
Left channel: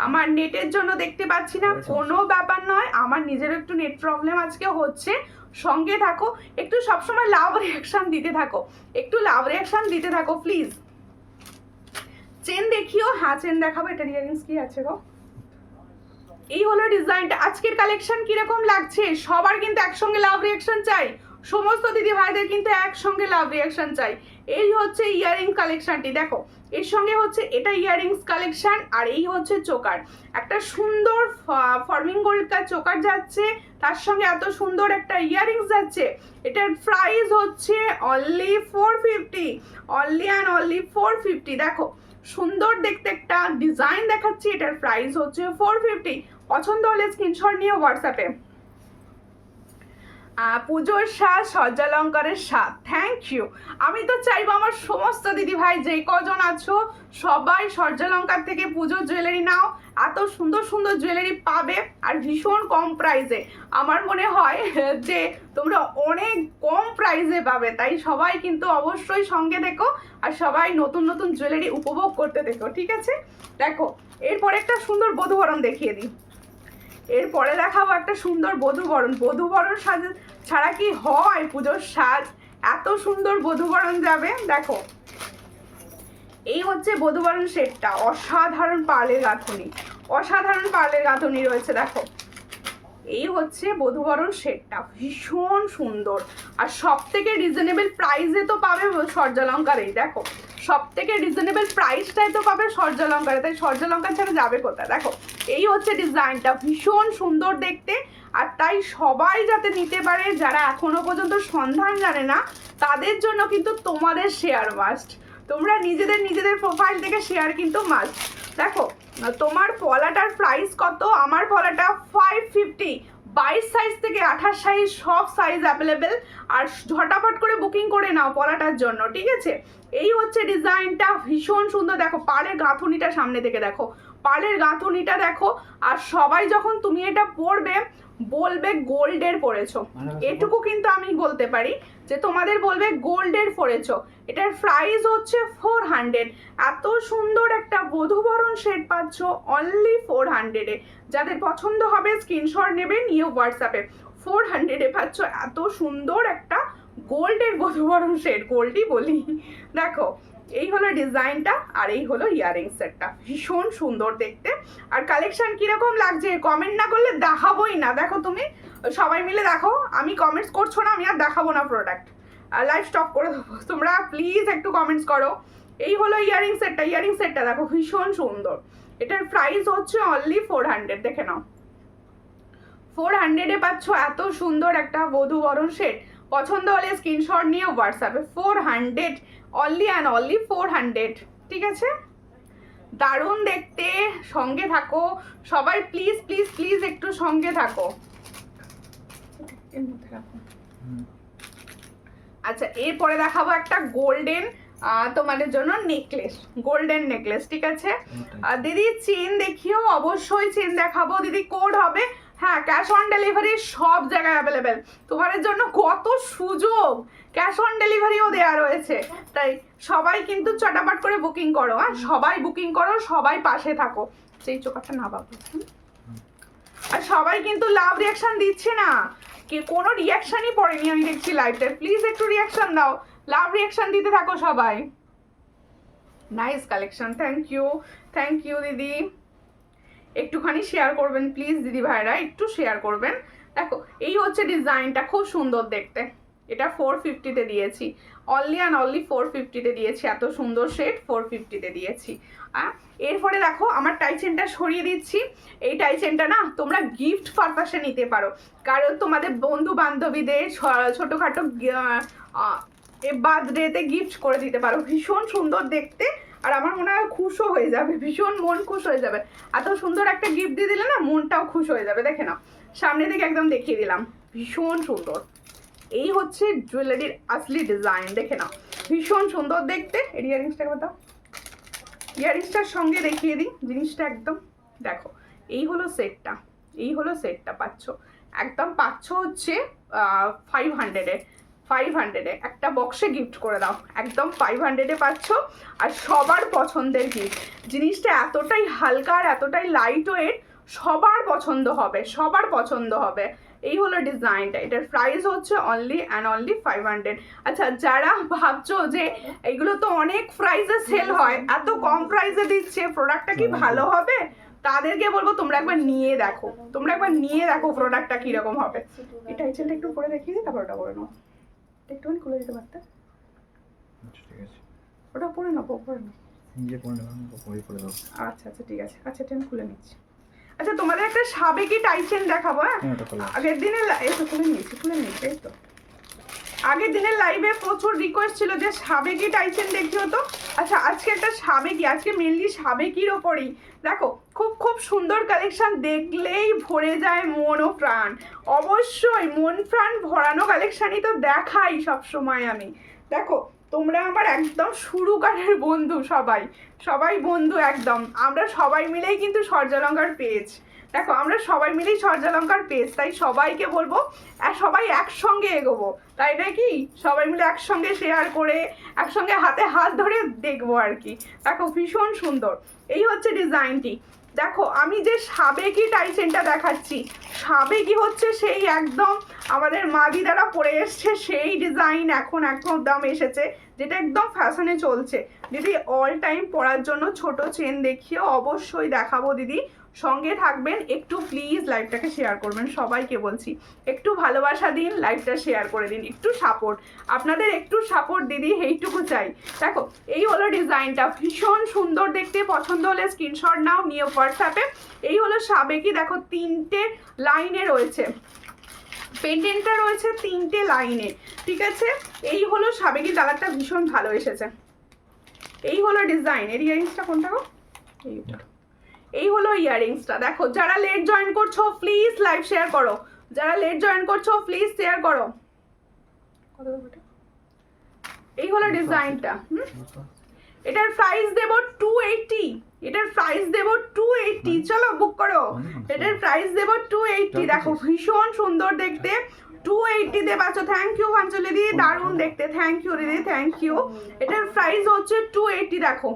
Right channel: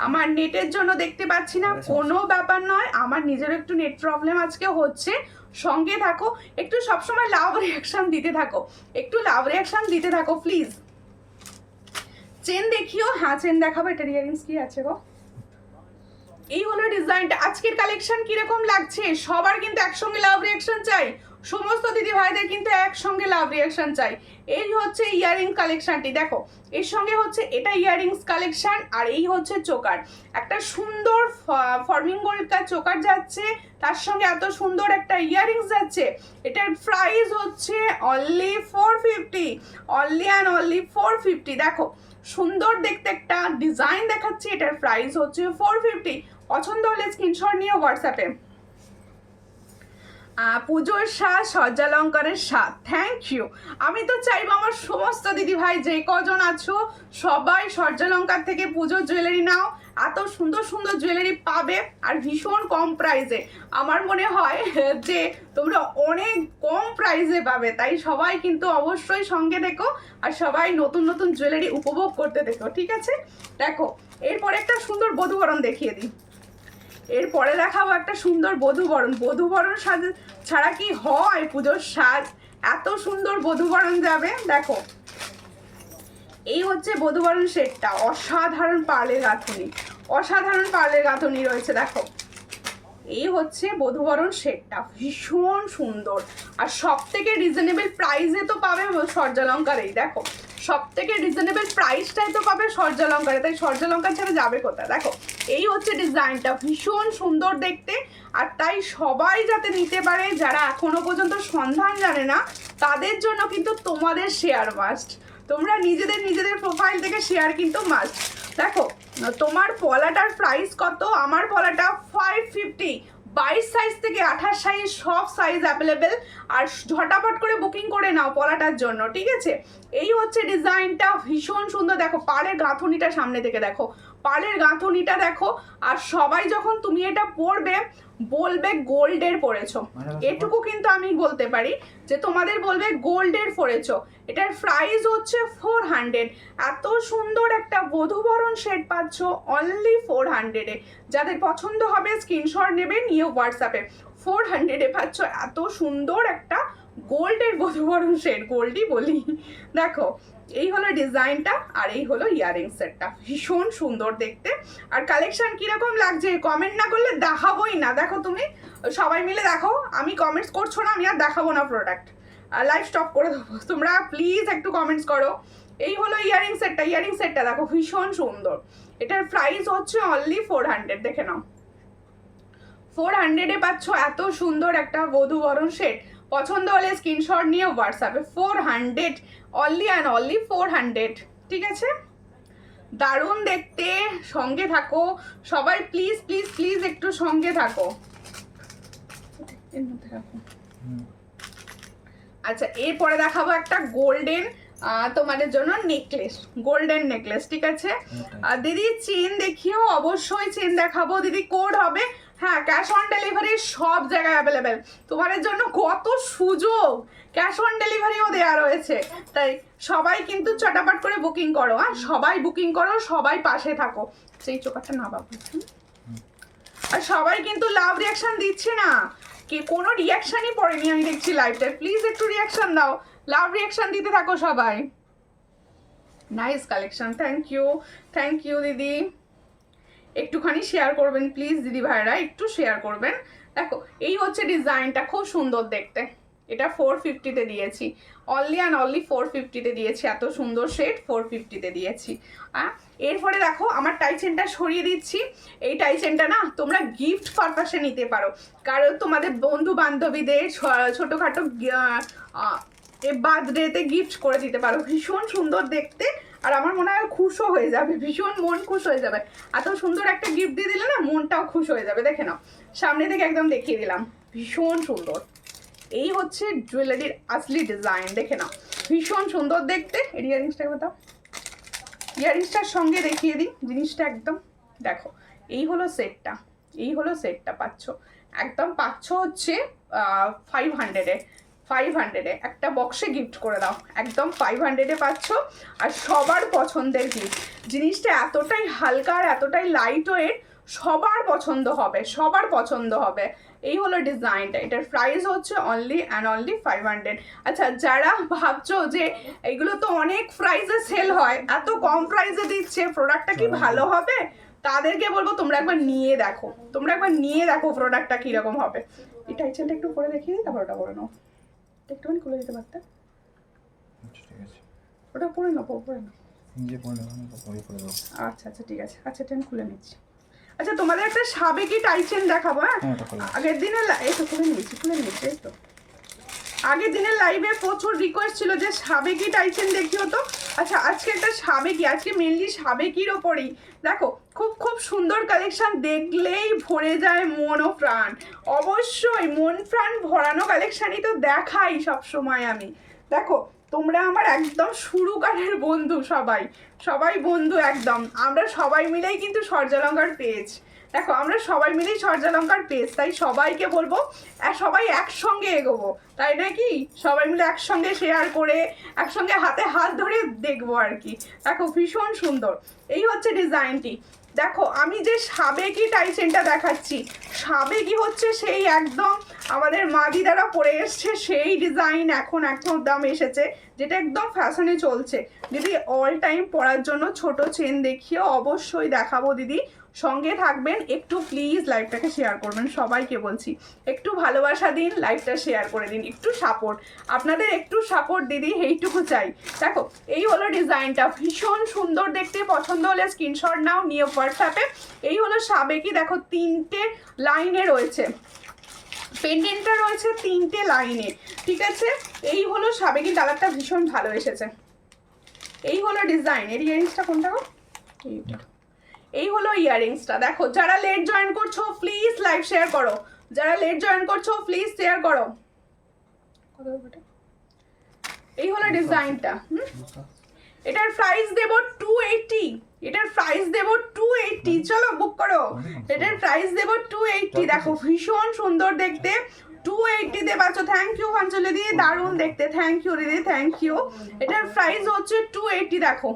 আমার নেটের জন্য দেখতে পাচ্ছি না, কোনো ব্যাপার নয়, আমার নিজের একটু নেট প্রবলেম আজকে হচ্ছে, সঙ্গে থাকো, একটু সবসময় লাভ রিয়াকশন দিতে থাকো, একটু লাভ রিয়াকশন দিতে থাকো প্লিজ। চেন দেখিও, হ্যাঁ চেন দেখাবো। এটার ইয়ারিংস কি আছে গো? এই হলো ডিজাইনটা। আজকের কালেকশন কিরকম লাগছে? সবার কিন্তু একসঙ্গে লাভ রিয়াকশন চাই, সমস্ত দিদি ভাইদের কিন্তু একসঙ্গে লাভ রিয়াকশন চাই। এই হচ্ছে ইয়ারিং কালেকশনটি, দেখো এর সঙ্গে হচ্ছে এটা ইয়ারিংস কালেকশন, আর এই হচ্ছে চোকার, একটা সুন্দর ফর্মিং গোল্ডকার চোকার যাচ্ছে, তার সঙ্গে এত সুন্দর একটা ইয়ারিংস যাচ্ছে। এটার প্রাইস হচ্ছে অনলি 450, অনলি অ্যান্ড অনলি 450। দেখো সুন্দর দেখতে একটা ডিজাইন দেখাচ্ছি, এটার প্রাইস হচ্ছে 450। পছন্দ হলে স্ক্রিনশট নিয়ে হোয়াটসঅ্যাপে। পুজোর স্বাদ সজ্জালঙ্কারের স্বাদ, থ্যাংক ইউ। আমি তো চাইবো আমার সমস্ত দিদি ভাই যে কজন আছো সবাই সজ্জালঙ্কার থেকে পুজোর জুয়েলারি নাও, এত সুন্দর সুন্দর জুয়েলারি পাবে আর ভীষণ কম প্রাইসে। আমার মনে হয় যে তোমরা অনেক কম প্রাইসে পাবে, তাই সবাই কিন্তু অবশ্যই সঙ্গে দেখো আর সবাই নতুন নতুন জুয়েলারি উপভোগ করতে দেখো, ঠিক আছে? দেখো এরপর একটা সুন্দর বধূবরণ দেখিয়ে দিই, এরপরে দেখাবো একটা সুন্দর বধূবরণ। বধূবরণ সাজ ছাড়া কি হয় পুজোর সাজ? এত সুন্দর বধূবরণ যাবে, দেখো এই হচ্ছে বধূবরণ সেটটা, অসাধারণ পার্লের গাঁথনি, অসাধারণ পার্লের গাঁথনি রয়েছে, দেখো এই হচ্ছে বধূবরণ সেটটা, ভীষণ সুন্দর আর সব থেকে রিজনেবল প্রাইসে তো পাবে সজ্জালঙ্কারেই। দেখো সব থেকে রিজনেবল প্রাইসটাই তো পাবে সজ্জালঙ্কারে, তাই সজ্জালঙ্কার ছাড়া যাবে কোথায়? দেখো এই হচ্ছে ডিজাইনটা, ভীষণ সুন্দর দেখতে, আর তাই সবাই যাতে নিতে পারে, যারা এখনো পর্যন্ত সন্ধান জানে না তাদের জন্য কিন্তু তোমাদের শেয়ার মাস্ট, তোমরা নিজেদের প্রোফাইল থেকে শেয়ার কিন্তু মাস্ট। দেখো তোমার পলাটার প্রাইস কত? আমার পলাটা 550, 22 সাইজ থেকে 28 সাইজ সব সাইজ অ্যাভেলেবেল, আর ঝটাপট করে বুকিং করে নাও পলাটার জন্য, ঠিক আছে? এই হচ্ছে ডিজাইনটা, ভীষণ সুন্দর। দেখো পাড়ের গাঁথনিটা সামনে থেকে দেখো, পাড়ের গাঁথনিটা দেখো, আর সবাই যখন তুমি এটা পরবে বলবে গোল্ডের পরেছো, এটুকু কিন্তু আমি বলতে পারি যে তোমাদের বলবে গোল্ডের পরেছো। এটার প্রাইস হচ্ছে 400, এত সুন্দর একটা বধূবরণ সেট পাচ্ছ অনলি 400-এ। যাদের পছন্দ হবে স্ক্রিনশট নেবে, নিয়ে হোয়াটসঅ্যাপে 400-এ পাচ্ছ এত সুন্দর একটা গোল্ডের বধূবরণ সেট, গোল্ডই বলি। দেখো এই হলো ডিজাইনটা, আর এই হলো ইয়ারিং সেটটা, ভীষণ সুন্দর দেখতে। আর কালেকশন কিরকম লাগছে কমেন্ট না করলে দেখাবোই না। দেখো তুমি সবাই মিলে দেখো, আমি কমেন্টস করছো না, আমি আর দেখাবো না প্রোডাক্ট, লাইভ স্টপ করে দেবো, তোমরা প্লিজ একটু কমেন্টস করো। এই হলো ইয়ারিং সেটটা, ইয়ারিং সেটটা দেখো ভীষণ সুন্দর, এটার প্রাইস হচ্ছে অনলি 400, দেখে নাও 400-এ পাচ্ছ এত সুন্দর একটা বধূবরণ সেট। পছন্দ হলে স্ক্রিনশট নিয়ে হোয়াটসঅ্যাপে 400, অনলি অ্যান্ড অনলি 400, ঠিক আছে? দারুণ দেখতে, সঙ্গে থাকো সবাই, প্লিজ প্লিজ প্লিজ একটু সঙ্গে থাকো। আচ্ছা এরপরে দেখাবো একটা গোল্ডেন তোমাদের জন্য নেকলেস, গোল্ডেন নেকলেস, ঠিক আছে? দিদি চেন দেখিও, অবশ্যই চেন দেখাবো দিদি, কোড হবে হ্যাঁ, ক্যাশ অন ডেলিভারি সব জায়গায় অ্যাভেলেবেল। তোমাদের জন্য কত সুযোগ, ক্যাশ অন ডেলিভারিও দেওয়া রয়েছে। তাই সবাই কিন্তু চটাপট করে বুকিং করো, হ্যাঁ সবাই বুকিং করো, সবাই পাশে থাকো। সেই চোখাটা না বাবু। আর সবাই কিন্তু লাভ রিয়াকশন দিচ্ছে না, কে কোনো রিয়াকশনই পড়েনি আমি দেখছি লাইভটা। প্লিজ একটু রিয়াকশন দাও, লাভ রিয়াকশন দিতে থাকো সবাই। নাইস কালেকশন, থ্যাংক ইউ দিদি। একটুখানি শেয়ার করবেন প্লিজ দিদি ভাইরা, একটু শেয়ার করবেন। দেখো এই হচ্ছে ডিজাইনটা, খুব সুন্দর দেখতে। এটা 450-তে দিয়েছি, অনলি অ্যান্ড অনলি 450-তে দিয়েছি। এত সুন্দর শেড 450-তে দিয়েছি। এরপরে দেখো আমার টাই চেনটা সরিয়ে দিচ্ছি। এই টাই চেনটা না তোমরা গিফট পারপাসে নিতে পারো, কারণ তোমাদের বন্ধু বান্ধবীদের ছোটোখাটো বার্থডেতে গিফট করে দিতে পারো। ভীষণ সুন্দর দেখতে, আর আমার মনে হয় খুশও হয়ে যাবে, ভীষণ মন খুশ হয়ে যাবে। এত সুন্দর একটা গিফট দিয়ে দিলে না মনটাও খুশ হয়ে যাবে। দেখে নাও, সামনে থেকে একদম দেখিয়ে দিলাম, ভীষণ সুন্দর। এই হচ্ছে জুয়েলারির আসলি ডিজাইন, দেখে নাও ভীষণ সুন্দর দেখতে। এর ইয়ারিংসটাকে বাতাও, ইয়ারিংসটার সঙ্গে দেখিয়ে দিই জিনিসটা একদম। দেখো এই হলো সেটটা, এই হলো সেটটা পাচ্ছ একদম, পাচ্ছ হচ্ছে 500-এ একটা বক্সে গিফট করে দাও, একদম 500-এ পাচ্ছ। আর সবার পছন্দের গিফট, জিনিসটা এতটাই হালকা আর এতটাই লাইট ওয়েট, সবার পছন্দ হবে, সবার পছন্দ হবে। এই হলো ডিজাইনটা, এটার প্রাইস হচ্ছে অনলি অ্যান্ড অনলি 500। আচ্ছা যারা ভাবছো যে এগুলো তো অনেক প্রাইসে সেল হয়, এত কম প্রাইসে দিচ্ছে, প্রোডাক্টটা কি ভালো হবে, তাদেরকে বলবো তোমরা একবার নিয়ে দেখো, তোমরা একবার নিয়ে দেখো প্রোডাক্টটা কীরকম হবে। এটা চেনটা একটু পরে দেখিয়ে দিই, তারপর ওটা পরে নাও, একটুখানি খুলে দিতে পারতে। ওটা পরে নাও, পরে নাও, আচ্ছা আচ্ছা ঠিক আছে। আচ্ছা এটা আমি খুলে নিচ্ছি। আচ্ছা তোমাদের একটা সাবেকি টাই চেন দেখাবো। হ্যাঁ আগের দিনের খুলে নিয়েছি এই তো। আগের দিনের লাইভে প্রচুর রিকোয়েস্ট ছিল যে সাবেকি টাই চেন দেখিও তো। আচ্ছা আজকে একটা সাবেকি, আজকে মেনলি সাবেকির ওপরেই। দেখো খুব সুন্দর কালেকশন, দেখলেই ভরে যায় মন ও প্রাণ। অবশ্যই মন প্রাণ ভরানো কালেকশনই তো দেখাই সবসময় আমি। দেখো তোমরা আমার একদম শুরুকারের বন্ধু, সবাই বন্ধু একদম। আমরা সবাই মিলেই কিন্তু সূর্যালঙ্কার পেজ, দেখো আমরা সবাই মিলেই সূর্যালঙ্কার পেজ। তাই সবাইকে বলবো সবাই একসঙ্গে এগোবো, তাই নাকি? সবাই মিলে একসঙ্গে শেয়ার করে একসঙ্গে হাতে হাত ধরে দেখবো আর কি। দেখো ভীষণ সুন্দর, এই হচ্ছে ডিজাইনটি। দেখো আমি যে সাবেকি টাই চেনটা দেখাচ্ছি, সাবেকি হচ্ছে সেই একদম আমাদের মা দিদারা পরে এসছে সেই ডিজাইন, এখন একদম এসেছে, যেটা একদম ফ্যাশনে চলছে। দিদি অল টাইম পরার জন্য ছোট চেন দেখিও, অবশ্যই দেখাবো দিদি, সঙ্গে থাকবেন। একটু প্লিজ লাইভটাকে শেয়ার করবেন, সবাইকে বলছি একটু ভালোবাসা দিন, লাইভটা শেয়ার করে দিন, একটু সাপোর্ট, আপনাদের একটু সাপোর্ট দিদি, এইটুকু চাই। দেখো এই হলো ডিজাইনটা, ভীষণ সুন্দর দেখতে। পছন্দ হলে স্ক্রিনশট নাও, নিয়ে হোয়াটসঅ্যাপে। এই হলো সাবেকি, দেখো 3টে লাইনে রয়েছে, পেন্ডেন্টটা রয়েছে 3টে লাইনে, ঠিক আছে। এই হলো সাবেকি, কালারটা ভীষণ ভালো এসেছে। এই হলো ডিজাইন। এর ইয়ারিংসটা কোনটা গো? এই হলো ইয়ারিংসটা। দেখো যারা লেট জয়েন করছো প্লিজ লাইভ শেয়ার করো, যারা লেট জয়েন করছো প্লিজ শেয়ার করো। এই হলো ডিজাইনটা। এটার প্রাইস দেব 280, এটার প্রাইস দেব 280, চলো বুক করো। এটার প্রাইস দেব 280। দেখো ভীষণ সুন্দর দেখতে, 280 তে পাচ্ছ। থ্যাংক ইউ কাঞ্চলি দিদি, দারুণ দেখতে, থ্যাংক ইউ দিদি, থ্যাংক ইউ। এটার প্রাইস হচ্ছে 280। দেখো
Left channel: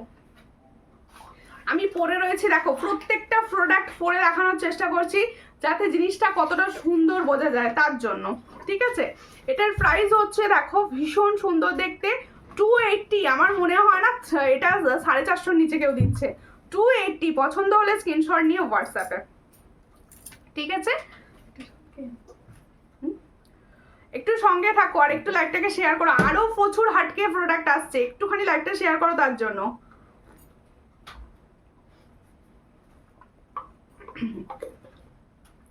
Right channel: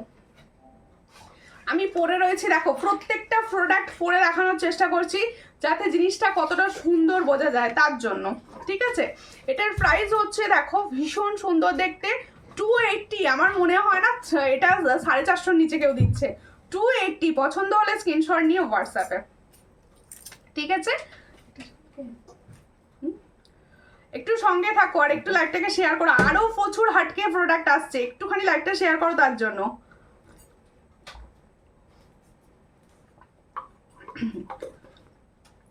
আমি পরে রয়েছি, দেখো প্রত্যেকটা প্রোডাক্ট পরে দেখানোর চেষ্টা করছি যাতে জিনিসটা কতটা সুন্দর বোঝা যায় তার জন্য, ঠিক আছে। এটার প্রাইস হচ্ছে দেখো ভীষণ সুন্দর দেখতে, 280। আমার মনে হয় না এটা 450 নিচে কেউ দিচ্ছে। 280, পছন্দ হলে স্ক্রিনশট নিয়ে হোয়াটসঅ্যাপে, ঠিক আছে। একটু সঙ্গে থাকো আর একটু লাইভটাকে শেয়ার করো, আরো প্রচুর হাটকে প্রোডাক্ট আসছে, একটুখানি লাইভটা শেয়ার করো তার জন্য।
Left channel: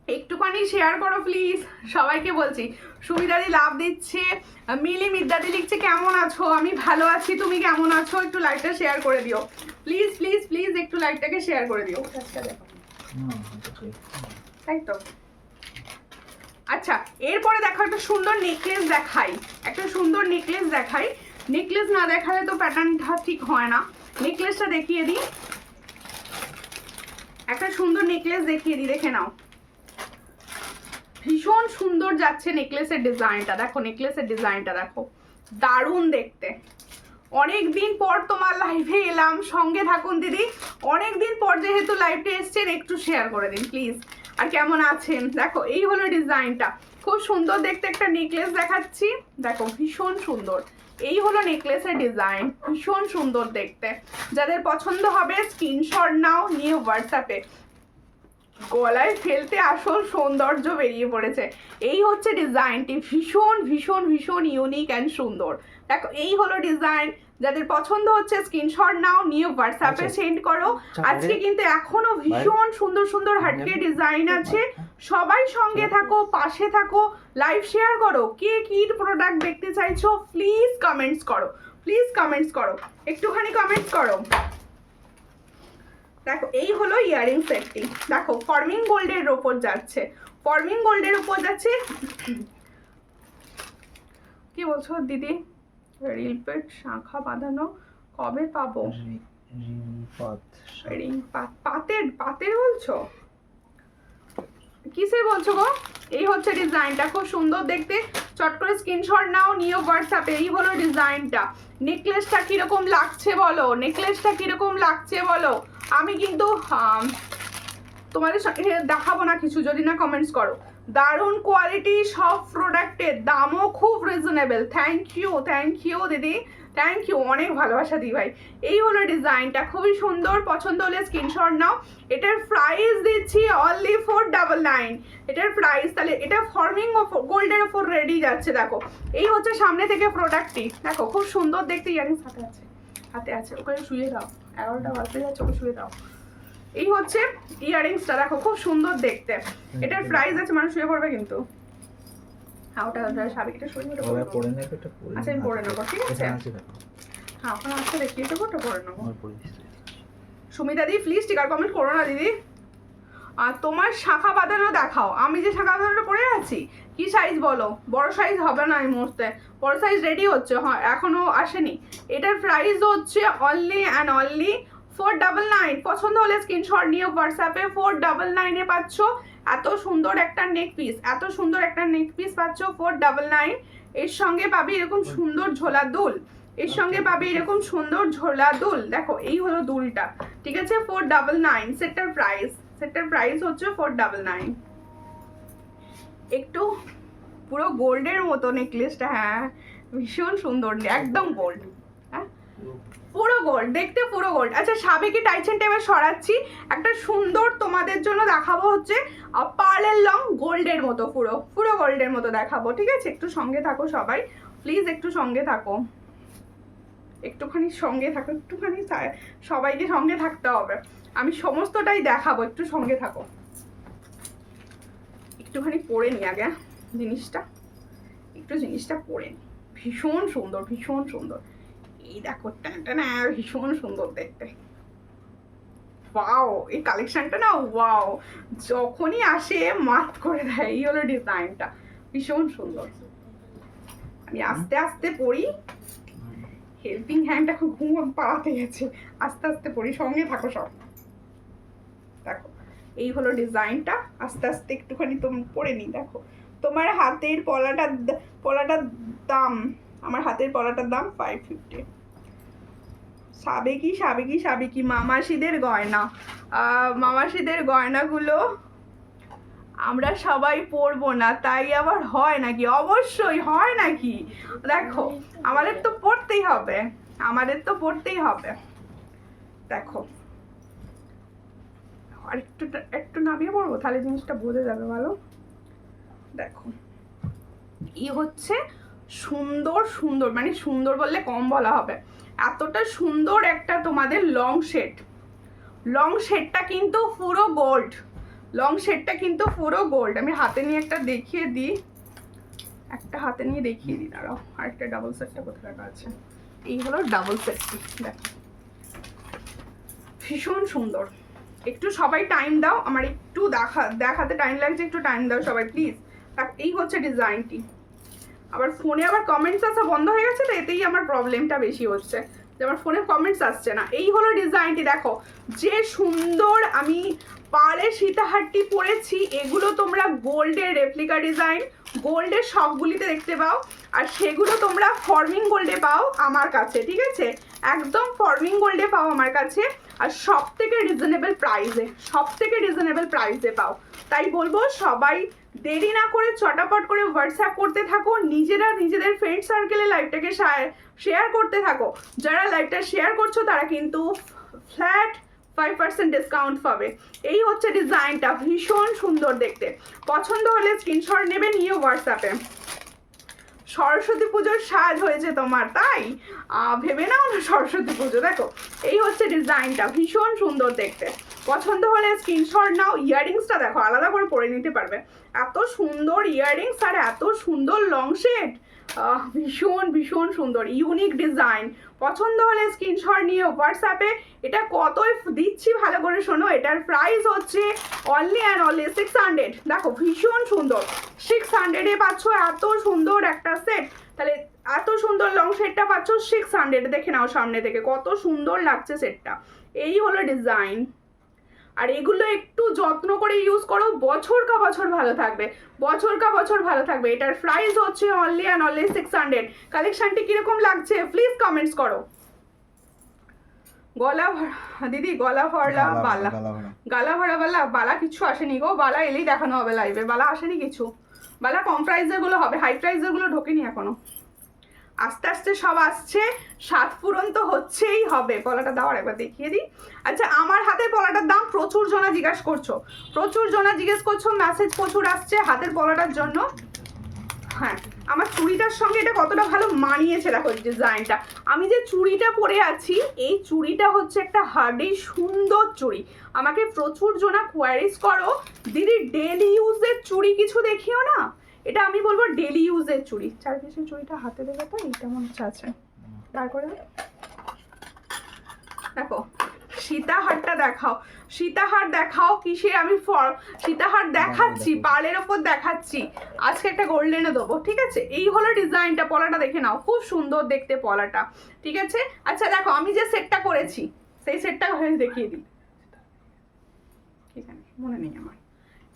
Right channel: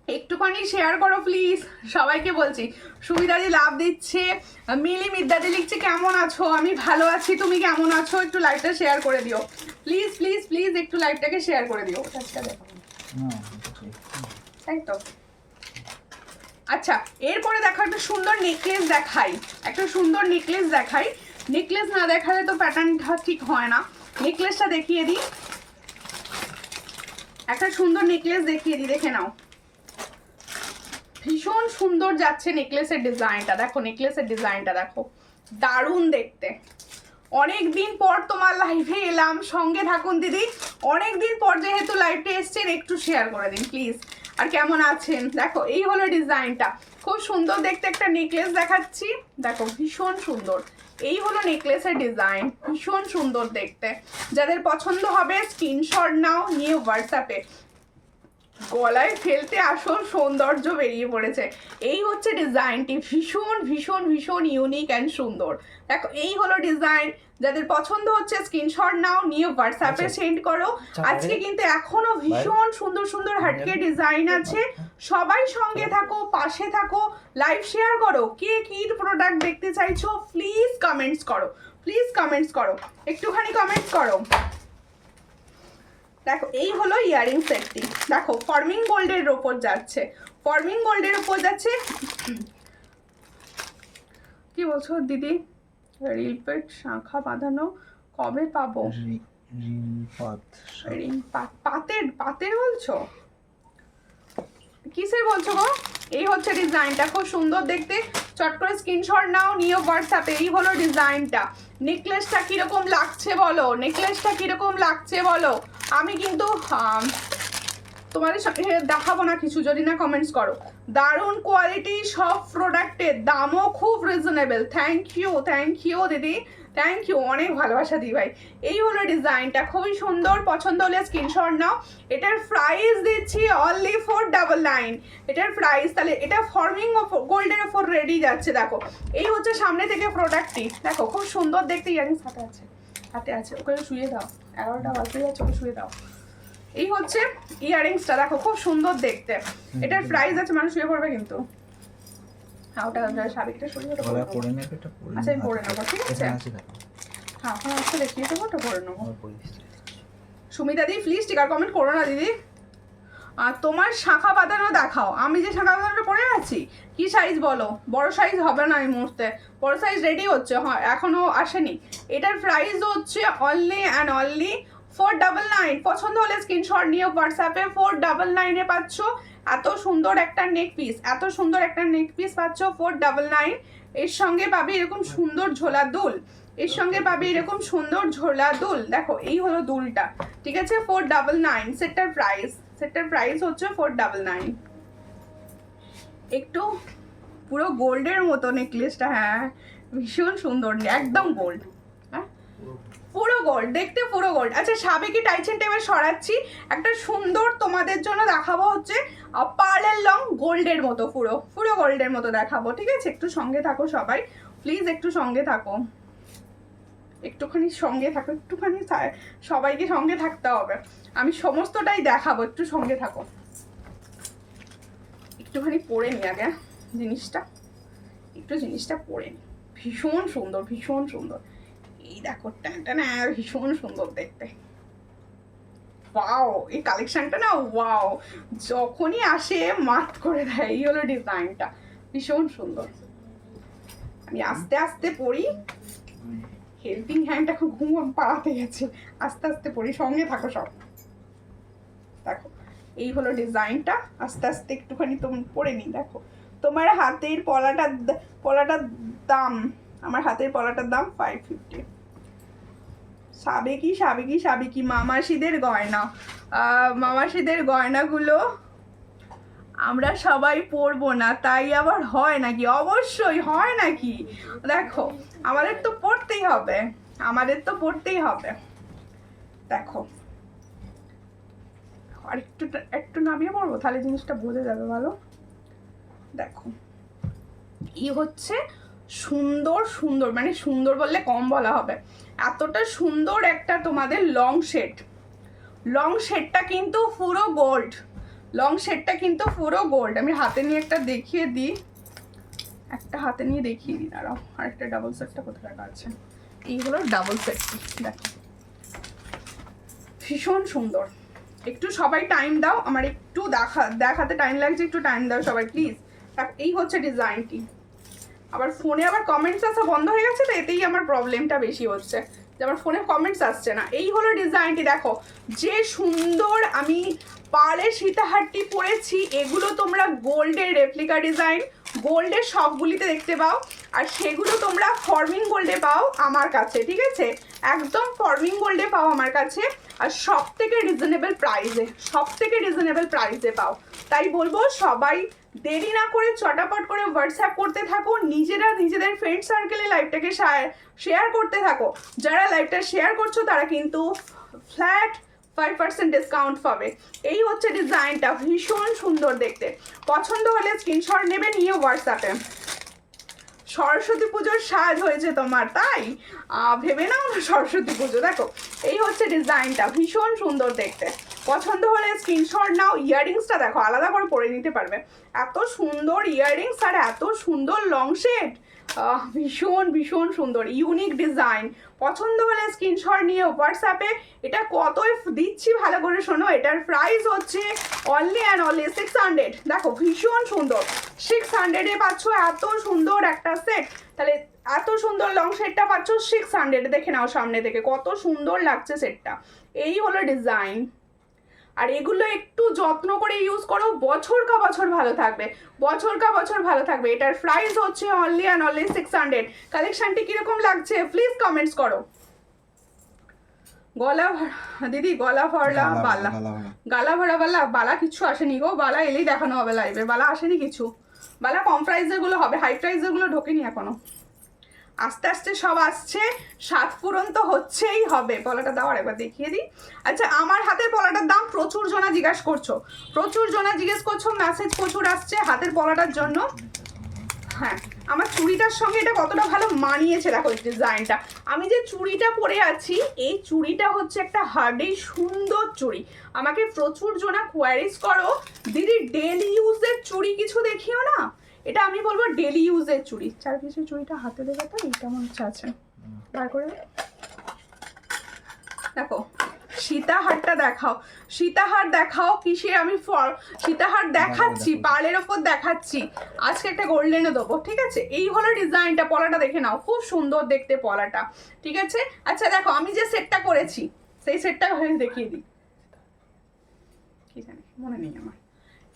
একটুখানি শেয়ার করো প্লিজ, সবাইকে বলছি। সুমিতাদি লাভ দিচ্ছে, মিলি মিদ্দাদি লিখছে কেমন আছো, আমি ভালো আছি, তুমি কেমন আছো, একটু লাইভটা শেয়ার করে দিও প্লিজ প্লিজ প্লিজ, একটু লাইভটাকে শেয়ার করে দিও। তাই তো। আচ্ছা এরপরে দেখো একটা সুন্দর নেকলেস দেখাই, একটা সুন্দর নেকলেস দেখাই। নেকলেস না দেখালে তো প্যাটার্নটা ঠিক হয় না, নেকলেসটা দেখিয়ে দিই। একটা সুন্দর নেকলেস দেখিয়ে দিই, দেখে নাও। ভীষণ সুন্দর যাচ্ছে নেকলেসের ডিজাইনটা, দেখো নেকলেসের ডিজাইনটা দেখো, দারুণ দেখতে। অনেক দিন পর তোমার লাইভে এলাম, সঙ্গে থাকুন দিদি। অনেক দিন পর যেহেতু লাইভে এসছেন, একটু শেয়ার করে দিন প্লিজ। আর কেমন আছেন? দেখো এই হলো ডিজাইনটা, খুব সুন্দর দেখতে একটা নেকলেস দেখাচ্ছি, দেখো ভীষণ সুন্দর। এই হলো নেকলেসের ডিজাইন, ভীষণ সুন্দর দেখতে। যাদের পছন্দ হবে স্ক্রিনশট নাও, নিয়ে হোয়াটসঅ্যাপে। গলায় ফেলতে আসল সৌন্দর্য বেরিয়ে পড়েছে। এই হচ্ছে ডিজাইনটি, ভীষণ ভীষণ ভীষণ ইউনিক অ্যান্ড সুন্দর। দেখো এই হলো ডিজাইন, যাদের পছন্দ হচ্ছে স্ক্রিনশট নাও, নিয়ে হোয়াটসঅ্যাপে সেন্ড করো। আজকে কিন্তু এখনো ভীষণ সুন্দর সুন্দর হাটকে ডিজাইন আছে। সবাই সঙ্গে থাকো, পাশে থাকো, লাইভ শেয়ার করো। কে কি প্রোডাক্ট দেখতে চাইছো প্লিজ কমেন্টস করো, প্লিজ কমেন্টস করো, একটুখানি কমেন্টস করো। দেখো এই হলো ইয়ারিং সেটটি, দেখো ফর্মিং গোল্ডের ওপর যাচ্ছে, ফর্মিং গোল্ডের ওপর যাচ্ছে। কি বলছো দিদি? রিলপেট শাখা বাঁধানো কবে পাবো? পাতের পাতের বলছো? কিসের বলছো গো? এই হচ্ছে ডিজাইনটা, খুব সুন্দর দেখতে। চট করে স্ক্রিনশট নাও, নিও হোয়াটসঅ্যাপে। এই হলো ডিজাইনটা। নেকলেসটা কিরকম লাগছে বলো, নেকলেসটা কিরকম লাগছে বলো। আমি কিন্তু তোমাদের সাথে দেখাবো না কিছু যদি না কমেন্টস করো। দারুণ কোয়ালিটি, সব প্রোডাক্টের দামও খুব রিজনেবল। থ্যাংক ইউ দিদি, থ্যাংক ইউ, অনেক ভালোবাসা দিই ভাই। এই হলো ডিজাইনটা, খুবই সুন্দর। পছন্দ হলে স্ক্রিনশট নাও। এটার প্রাইস দিচ্ছি অনলি 499। এটার প্রাইস, তাহলে এটা ফর্মিং গোল্ডের ওপর রেডি যাচ্ছে। দেখো এই হচ্ছে সামনে থেকে প্রোডাক্টটি, দেখো খুব সুন্দর দেখতে। ইয়ারিংস হাতে আছে, ওকে শুয়ে দাও, 11টা বাজতে যাচ্ছে, ওকে শুয়ে দাও। এই হচ্ছে ইয়ারিংসটা, দেখো খুব সুন্দর দেখতে। এটার প্রাইস আছে, মানুষ শুয়ে পড়বে কিন্তু। হ্যাঁ ওটা সাবিকটা সরিয়ে ওটা পরে নেবে, এটা পরে। আচ্ছা আমি পরে নেবো, ঠিক আছে। হ্যাঁ ওখানে আসতে দেখিয়ে দেবো, ওটা পরে নেবো। সুমিতা দি প্লিজ টিকার কমেন্ট করো না দিদি। আর তোমার শাখা বাঁধানো দেখাও। আমি যে শাখা বাঁধানোটা পরে আছি, কি সাইজ বলো? বড় সাইজ হবে না এই মুহূর্তে, বড় সাইজ রেডি হচ্ছে, হয় এখনো আসেনি। এটার প্রাইস হচ্ছে অনলি অ্যান্ড অনলি 499। পছন্দ হলে স্ক্রিনশট নিয়ে হোয়াটসঅ্যাপে 499 পাচ্ছ। এত সুন্দর একটা নেক পিস, এত সুন্দর একটা নেক পিস পাচ্ছ 499। এর সঙ্গে পাবে এরকম সুন্দর ঝোলা দুল, এর সঙ্গে পাবে এরকম সুন্দর ঝোলা দুল। দেখো এই হলো দুলটা, ঠিক আছে। 499 সেটার প্রাইস, সেটার প্রাইস হচ্ছে 499। একটু পুরো গোল্ডের মতো নেকলেসটা, হ্যাঁ ভীষণ সুন্দর, একদম গোল্ড, হ্যাঁ পুরো গোল্ড দেখতে, পুরো গোল্ড। আচ্ছা সাবেকি টাইচেন টেবিল সরাচ্ছি, একটা সুন্দর তোমাদের জন্য দেখাবো হচ্ছে পার্লের লং গোল্ডের মতো, পুরো পুরো গোল্ডের মতো দেখাবো, ঠিক আছে। একটু সঙ্গে থাকো সবাই প্লিজ, একটু সঙ্গে থাকো, একটুখানি সঙ্গে থাকো, একটুখানি সবাইকে সঙ্গে থাকতে হবে। আমি সমস্তটাই দেখাবো, একটু সঙ্গে থাকো। একটুখানি পরে নি আগে জিনিসটা, একটু জিনিসটা পরে নি। ভীষণ সুন্দর, ভীষণ সুন্দর। এই দেখো না, ভীষণ সুন্দর দেখতে। ওয়াও, এই কালেকশনটা না ওয়াও, যখনই আসে মাত করে দেয়। এই হলো ডিজাইনটা, ভীষণ সুন্দর। আমি আস্তে আস্তে পড়ি, হেল্পিং হ্যান্ড এখন ঘুম পাড়াতে গেছে, আস্তে আস্তে পড়ি, সঙ্গে থাকো সব। দেখো এই হলো ডিজাইনটা, আস্তে আস্তে একটুখানি তুমি পরে নি। দেখো তোমার হাতের পলাটার দাম, আমার হাতের পলাটার দাম 550। সাবেকি মামাসিদের গয়না, মামাসিদের গয়নাগুলো আমরা সবাই পরবো না, তাই আবার হয় নাকি? অবশ্যই হয় নাকি, দেখো আমাদের তো পড়তেই হবে, আমাদের তো পড়তেই হবে। দেখো আর একটু নামিয়ে পড়বো, তাহলে জিনিসটা বোঝা যাবে ভালো। দেখো এই হচ্ছে সুন্দর সুন্দর, মানে সুন্দর বললে কম বলা হবে, এতটা সুন্দর একটা তোমাদের লং সেট। লং সেটটা কিন্তু পুরো গোল্ড, লং সেটটা কিন্তু পুরো গোল্ড। আমি হাতে নিয়ে একটা দেখিয়ে দিই, একটা হাতে নিয়ে দেখিয়ে দিই, দাঁড়াও। আর একটা ডাবল সেটটা কোথায় রাখা আছে? এই হলো ডাবল সেটটি, দেখো ভীষণ সুন্দর। একটু সবাই টাইম দাও, আমার একটু দেখাতে টাইম লাগছে, একটু টাইম দাও সবাই প্লিজ। এই হচ্ছে ডিজাইনটি। আবার ফোনে আবার কমেন্টস আসা বন্ধ হয়ে গেছে, তো এতেই আমার প্রবলেমটা বেশি হচ্ছে, যে আমার ফোনে কমেন্টস আসছে না। এই হলো ডিজাইনটি, দেখো যে সুন্দর। আমি পাড়ের সীতাহারটি পরেছি, এগুলো তোমরা গোল্ডের রেপ্লিকা ডিজাইন, গোল্ডের সবগুলিতে দেখতে পাও, আর সেগুলো তোমরা ফর্মিং গোল্ডে পাও আমার কাছে, ঠিক আছে? একদম ফর্মিং গোল্ডে পাও আমার কাছে, আর সব থেকে রিজনেবল প্রাইসে পাও। তাই বলবো সবাই দেরি না করে চটাপট করে হোয়াটসঅ্যাপ করতে থাকো, নিজেরা নিজেদের ফ্রেন্ড সার্কেলে লাইভটাকে শেয়ার করতে থাকো। যারা লাইভটা শেয়ার করছো তারা কিন্তু ফ্ল্যাট 5% ডিসকাউন্ট পাবে। এই হচ্ছে ডিজাইনটা, ভীষণ সুন্দর দেখতে। পছন্দ হলে স্ক্রিনশট নেবে, নিয়ে হোয়াটসঅ্যাপে। সরস্বতী পুজোর সাজ হয়েছে তোমার, তাই ভেবে নাও না সরস্বতী পুজো। দেখো এই হচ্ছে ডিজাইনটা, ভীষণ সুন্দর দেখতে। পছন্দ হলে স্ক্রিনশট নাও। ইয়াররিংসটা দেখো, আলাদা করে পরে নিতে পারবে। এত সুন্দর ইয়াররিংস আর এত সুন্দর লং শেড, ভীষণ সুন্দর, ইউনিক ডিজাইন। পছন্দ হলে স্ক্রিনশট নিয়ে হোয়াটসঅ্যাপে। এটা কতই দিচ্ছি ভালো করে শোনো, এটার প্রাইস হচ্ছে অনলি অ্যান্ড অনলি 600। দেখো ভীষণ সুন্দর, 600-এ পাচ্ছ এত সুন্দর একটা সেট। তাহলে এত সুন্দর লং সেটটা পাচ্ছ 600। দেখে নাও সামনে থেকে কত সুন্দর লাগছে সেটটা। এই হলো ডিজাইন। আর এগুলো একটু যত্ন করে ইউজ করো, বছর কা বছর ভালো থাকবে। এটার প্রাইস হচ্ছে অনলি অ্যান্ড অনলি 600। কালেকশনটি কিরকম লাগছে প্লিজ কমেন্টস করো। গলা দিদি, গলা ভরা বালা, গালা ভরা বালা কিছু আসেনি গো। বালা এলেই দেখানো হবে লাইভে, বালা আসেনি কিছু। বালা কম প্রাইসের গুলো হবে, হাই প্রাইসের গুলো ঢোকেনি এখনো। আস্তে আস্তে সব আসছে, সাত পূরণ তো হচ্ছেই হবে। পলাটা দাও, একবার দেখিয়ে দিই। আচ্ছা, আমার হাতের পলাটার দাম প্রচুর জনা জিজ্ঞেস করছো, মেসেজ প্রচুর আসছে হাতের পলাটার জন্য। হ্যাঁ, আমার চুড়িটার সঙ্গে এটা কতটা ভালো মানিয়েছে দেখো ডিজাইনটা। আমি যে চুড়িটা পরে আছি, এই চুড়িটা হচ্ছে একটা হার্ডি সুন্দর চুড়ি। আমাকে প্রচুর জনা কোয়ারিজ করো, দিদি ডেলি ইউজের চুড়ি কিছু দেখিও না। এটা আমি বলবো ডেলি ইউজের চুড়ি। চার পিসের চুড়িটা হাতে দেবে তো, এইটা মনে হচ্ছে আছে, বার করে দেখো। সীতাহারটা দেখাও, সীতাহার দেখাও। কিসের আমি সীতাহার দেখাচ্ছি, পার্লের ওপর দেখাচ্ছি। আজকে একটা গোল্ডেনে দেবো, ঠিক আছে? এই হলো ডিজাইনটা, পলাটা দেখে নাও, খুব সুন্দর দেখতে পলাটা, ঠিক আছে? আচ্ছা দেখো, আমি যে সেটটা করেছি সেই সেটটা হয়ে দেখিয়ে দিই, কি জানি মনে নেই আমার।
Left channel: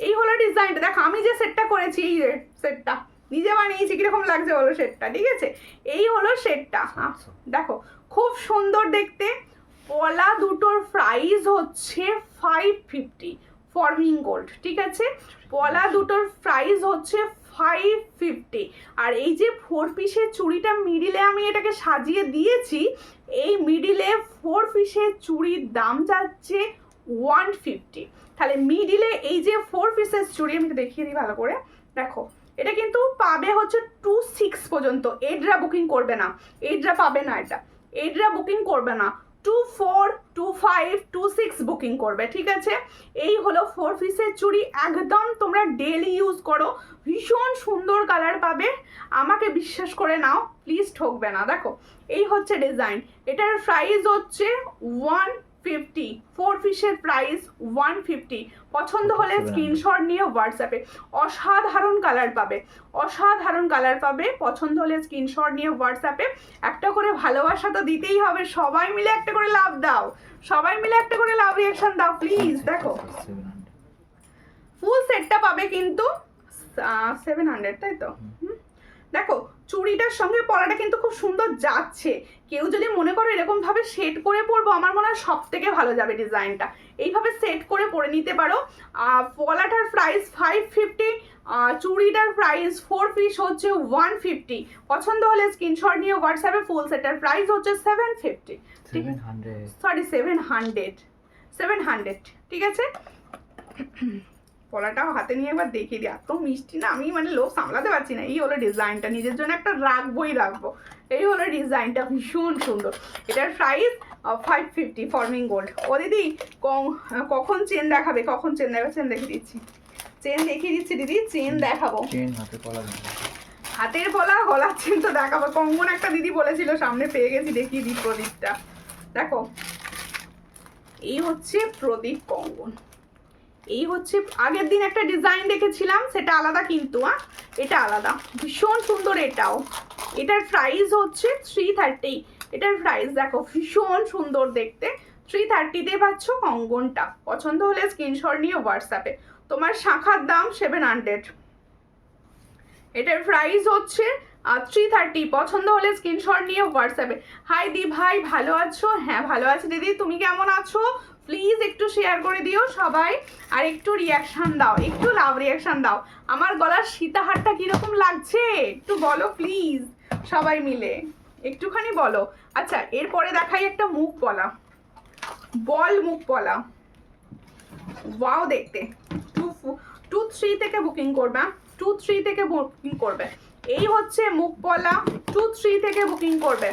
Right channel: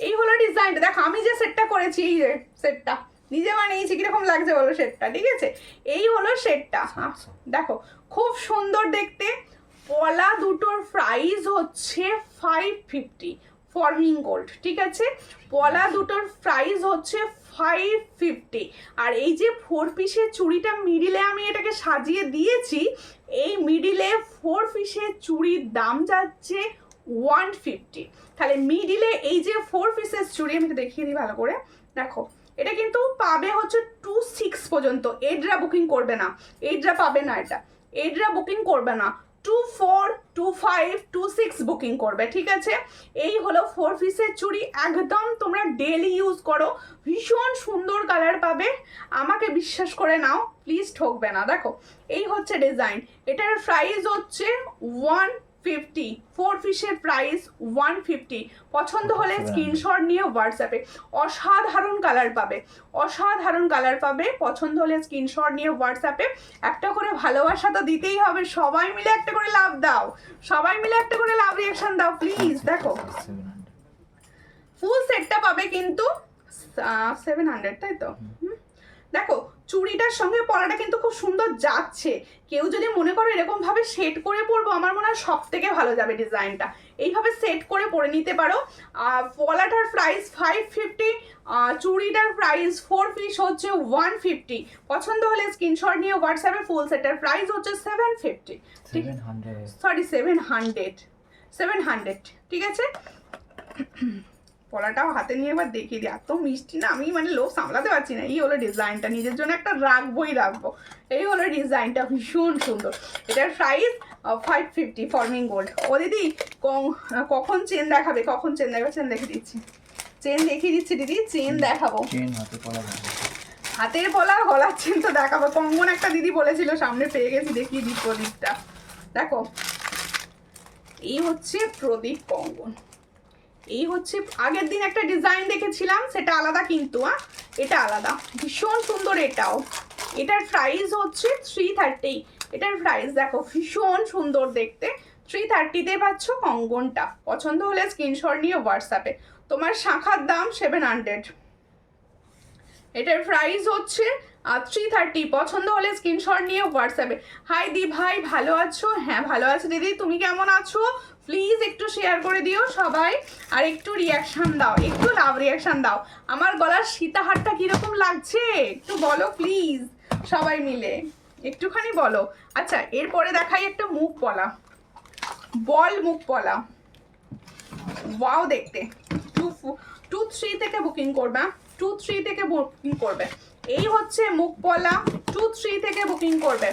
এই হলো ডিজাইনটা, দেখো আমি যে সেটটা করেছি, এই সেটটা নিজে বানিয়েছি, কিরকম লাগছে বলো সেটটা, ঠিক আছে? এই হলো সেটটা, দেখো খুব সুন্দর দেখতে। পলা দুটোর প্রাইস হচ্ছে 550 ফর্মিং গোল্ড, ঠিক আছে? পলা দুটোর প্রাইস হচ্ছে 550। আর এই যে 4 পিসের চুড়িটা মিডিলে আমি এটাকে সাজিয়ে দিয়েছি, এই মিডিলে 4 পিসের চুড়ির দাম যাচ্ছে 150। তাহলে মিডিলে এই যে 4 পিসের চুড়ি, আমি দেখিয়ে দিই ভালো করে, দেখো এটা কিন্তু পাবে হচ্ছে 26 পর্যন্ত। এডরা বুকিং করবে না, এডরা পাবে না, এটা এডরা বুকিং করবে না, 24, 25, 26 বুকিং করবে, ঠিক আছে? এই হলো 4 পিসের চুড়ি, একদম তোমরা ডেলি ইউজ করো, ভীষণ সুন্দর কালার পাবে। আমাকে বিশ্বাস করে নাও, প্লিজ ঠকবে না। দেখো এই হচ্ছে ডিজাইন, এটার প্রাইস হচ্ছে 150, 4 পিসের প্রাইস 150। পছন্দ হলে স্ক্রিনশট নিয়ে হোয়াটসঅ্যাপে। অসাধারণ কালার পাবে, পছন্দ হলে স্ক্রিনশট নিয়ে হোয়াটসঅ্যাপে। একটা করে ভালোবাসা তো দিতেই হবে, সবাই মিলে একটা করে লাভ দাও, লাভ রিঅ্যাকশন দাও প্লিজ। দেখো ফুল সেটটা পাবে কিন্তু 700, তাই তো? দেখো চুড়িটার সঙ্গে পলাটা কিন্তু খুব সুন্দর যাচ্ছে। কেউ যদি মনে করো এরকম ভাবে সেট করে পরবো, আমার মনে হয় সব থেকে ভালো যাবে ডিজাইনটা। এইভাবে সেট করে পরে নিতে পারো। পলাটার প্রাইস 550, চুড়িটার প্রাইস 4 পিস হচ্ছে 150। পছন্দ হলে স্ক্রিনশট নিয়ে হোয়াটসঅ্যাপে। ফুল সেটের প্রাইস হচ্ছে 750, 700, ঠিক আছে? পলাটাও হাতে নিয়ে একবার দেখিয়ে দিই, এত মিষ্টি না, আমি মানে লোভ সামলাতে পারছি না। এই হলো ডিজাইনটা, নিজের জন্য একটা রাখবো। এই হলো ডিজাইনটা, ভীষণ সুন্দর। এটার প্রাইস 550 ফর্মিং গোল্ড। ও দিদি কখন চেন দেখাবে? চেন দেখিয়ে দিচ্ছি দিদি, চেন দেখাবো। হাতের পলা, গলার চেন তো দেখাবো। কঙ্গন একটা দিদি বলেছিল, সামনে পেয়ে গেছি, দেখিয়ে দিই প্রদীপটা। দেখো এই হচ্ছে প্রদীপ কঙ্গন। এই হচ্ছে আগের দিন একটা ডিজাইন দেখেছিলাম, সেটা আলাদা কিন্তু, এটা আলাদা, ভীষণ সুন্দর এটাও। এটার প্রাইস হচ্ছে 330। এটার প্রাইস দেখো, ভীষণ সুন্দর দেখতে, 330-তে পাচ্ছ কঙ্গনটা। পছন্দ হলে স্ক্রিনশট নিয়ে হোয়াটসঅ্যাপে। তোমার শাখার দাম 700। এটার প্রাইস হচ্ছে 330। পছন্দ হলে স্ক্রিনশট নিয়ে হোয়াটসঅ্যাপে। হাই দি ভাই, ভালো আছো? হ্যাঁ ভালো আছি দিদি, তুমি কেমন আছো? প্লিজ একটু শেয়ার করে দিও সবাই, আর একটু রিয়াকশান দাও, একটু লাভ রিয়াকশান দাও। আমার গলার সীতাহারটা কীরকম লাগছে একটু বলো প্লিজ সবাই মিলে, একটুখানি বলো। আচ্ছা, এরপরে দেখাই একটা মুখ পলা, বল মুখ পলা। ওয়াও দেখতে। 2-3 থেকে বুকিং করবে, 2-3 থেকে বুকিং করবে। এই হচ্ছে মুখ পলা, 2-3 থেকে বুকিং করবে।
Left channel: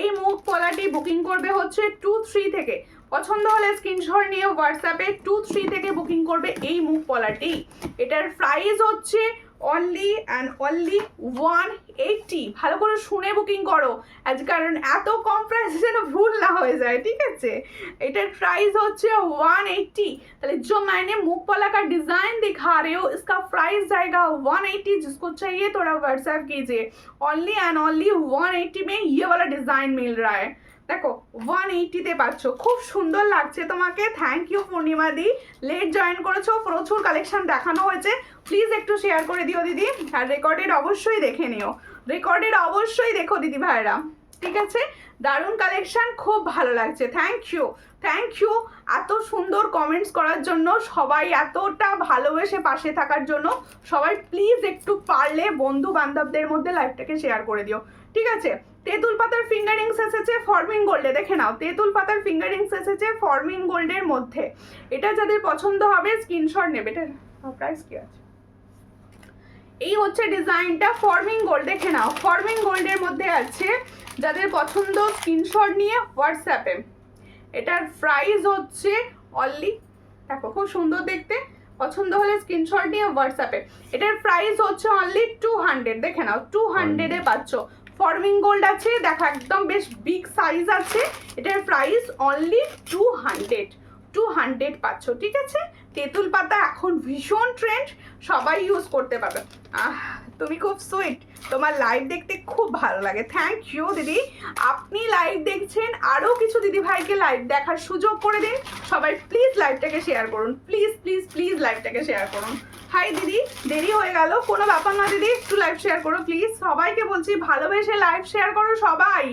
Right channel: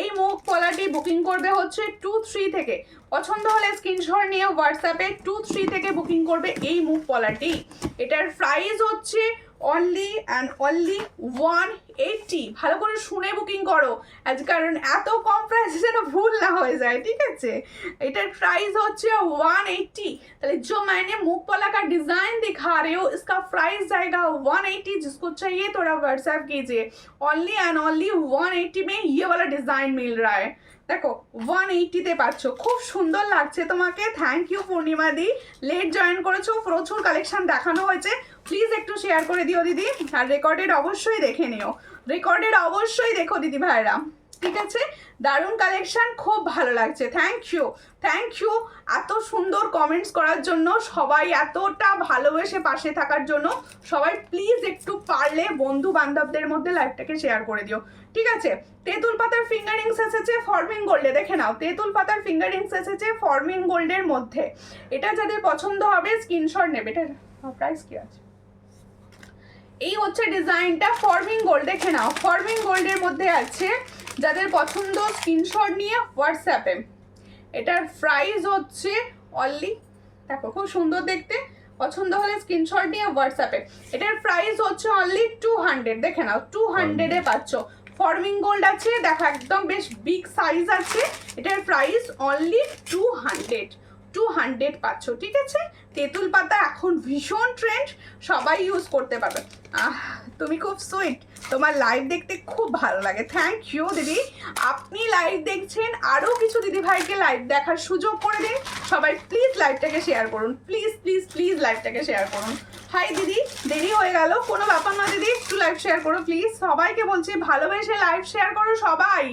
এই মুখ পলাটি বুকিং করবে হচ্ছে 2-3 থেকে। পছন্দ হলে স্ক্রিনশট নিয়ে হোয়াটসঅ্যাপে 2-3 থেকে বুকিং করবে এই মুখ পলাটি। এটার প্রাইস হচ্ছে অনলি অ্যান্ড অনলি 180। ভালো করে শুনে বুকিং করো, আজ কারণ এত কম প্রাইসে যেন ভুল না হয়ে যায়, ঠিক আছে? এটার প্রাইস হচ্ছে 180। তাহলে जो मैंने मुख पला का डिजाइन दिखा रहे हो इसका प्राइस जाएगा 180। जिसको चाहिए थोड़ा व्हाट्सएप कीजिए। ओनली एंड ओनली 180 में ये वाला डिजाइन मिल रहा है। দেখো 180-তে পাচ্ছ, খুব সুন্দর লাগছে তোমাকে। থ্যাংক ইউ পূর্ণিমা দি, লেট জয়েন করেছো, প্রচুর কালেকশন দেখানো হয়েছে। প্লিজ একটু শেয়ার করে দিও দিদি, আর রেকর্ডেড অবশ্যই দেখে নিও, রেকর্ডেড অবশ্যই দেখো দিদি ভাইরা, ঠিক আছে? দারুণ কালেকশন, খুব ভালো লাগছে। থ্যাংক ইউ, থ্যাংক ইউ এত সুন্দর কমেন্টস করার জন্য, সবাই এতটা ভালোবেসে পাশে থাকার জন্য। সবাই প্লিজ একটু পারলে বন্ধু বান্ধবদের মধ্যে লাইভটাকে শেয়ার করে দিও, ঠিক আছে? তেঁতুল পাতার ফিঙ্গারিংস এসেছে ফর্মিং গোল্ডে, দেখে নাও। তেঁতুল পাতার ফিঙ্গারিংস এসেছে ফর্মিং গোল্ডের মধ্যে। এটা যাদের পছন্দ হবে স্ক্রিনশট নেবে। এটার প্রাইস কি আছে? এই হচ্ছে ডিজাইনটা ফর্মিং গোল্ড, দেখে নাও। ফর্মিং গোল্ডের মধ্যে আছে, যাদের পছন্দ স্ক্রিনশট নিয়ে হোয়াটসঅ্যাপে। এটার প্রাইস হচ্ছে অনলি, দেখো খুব সুন্দর দেখতে, পছন্দ হলে স্ক্রিনশট নিয়ে হোয়াটসঅ্যাপে। এটার প্রাইস হচ্ছে অনলি 200, দেখে নাও 200-এ পাচ্ছ। ফর্মিং গোল্ড আছে, দেখো একদম বেশ বিগ সাইজ আছে। এটার প্রাইস অনলি 200 পাচ্ছ, ঠিক আছে? তেঁতুল পাতা এখন ভীষণ ট্রেন্ড, সবাই ইউজ করতে পারবে। তুমি খুব সুইট, তোমার লাইভ দেখতে খুব ভালো লাগে। থ্যাংক ইউ দিদি, আপনি লাইভ দেখছেন, আরও কিছু দিদি ভাইকে লাইভ দেখার সুযোগ করে দিন। সবাই প্লিজ লাইভটাকে শেয়ার করুন, প্লিজ প্লিজ প্লিজ লাইভটাকে শেয়ার করুন। হাই দিদি, দেরি হয়ে গেল, কোনো ব্যাপার না দিদি, একটু লাইভ শেয়ার করো প্লিজ। সবাইকে বলছি ভালোবেসে লাইভ শেয়ার করো সবাই।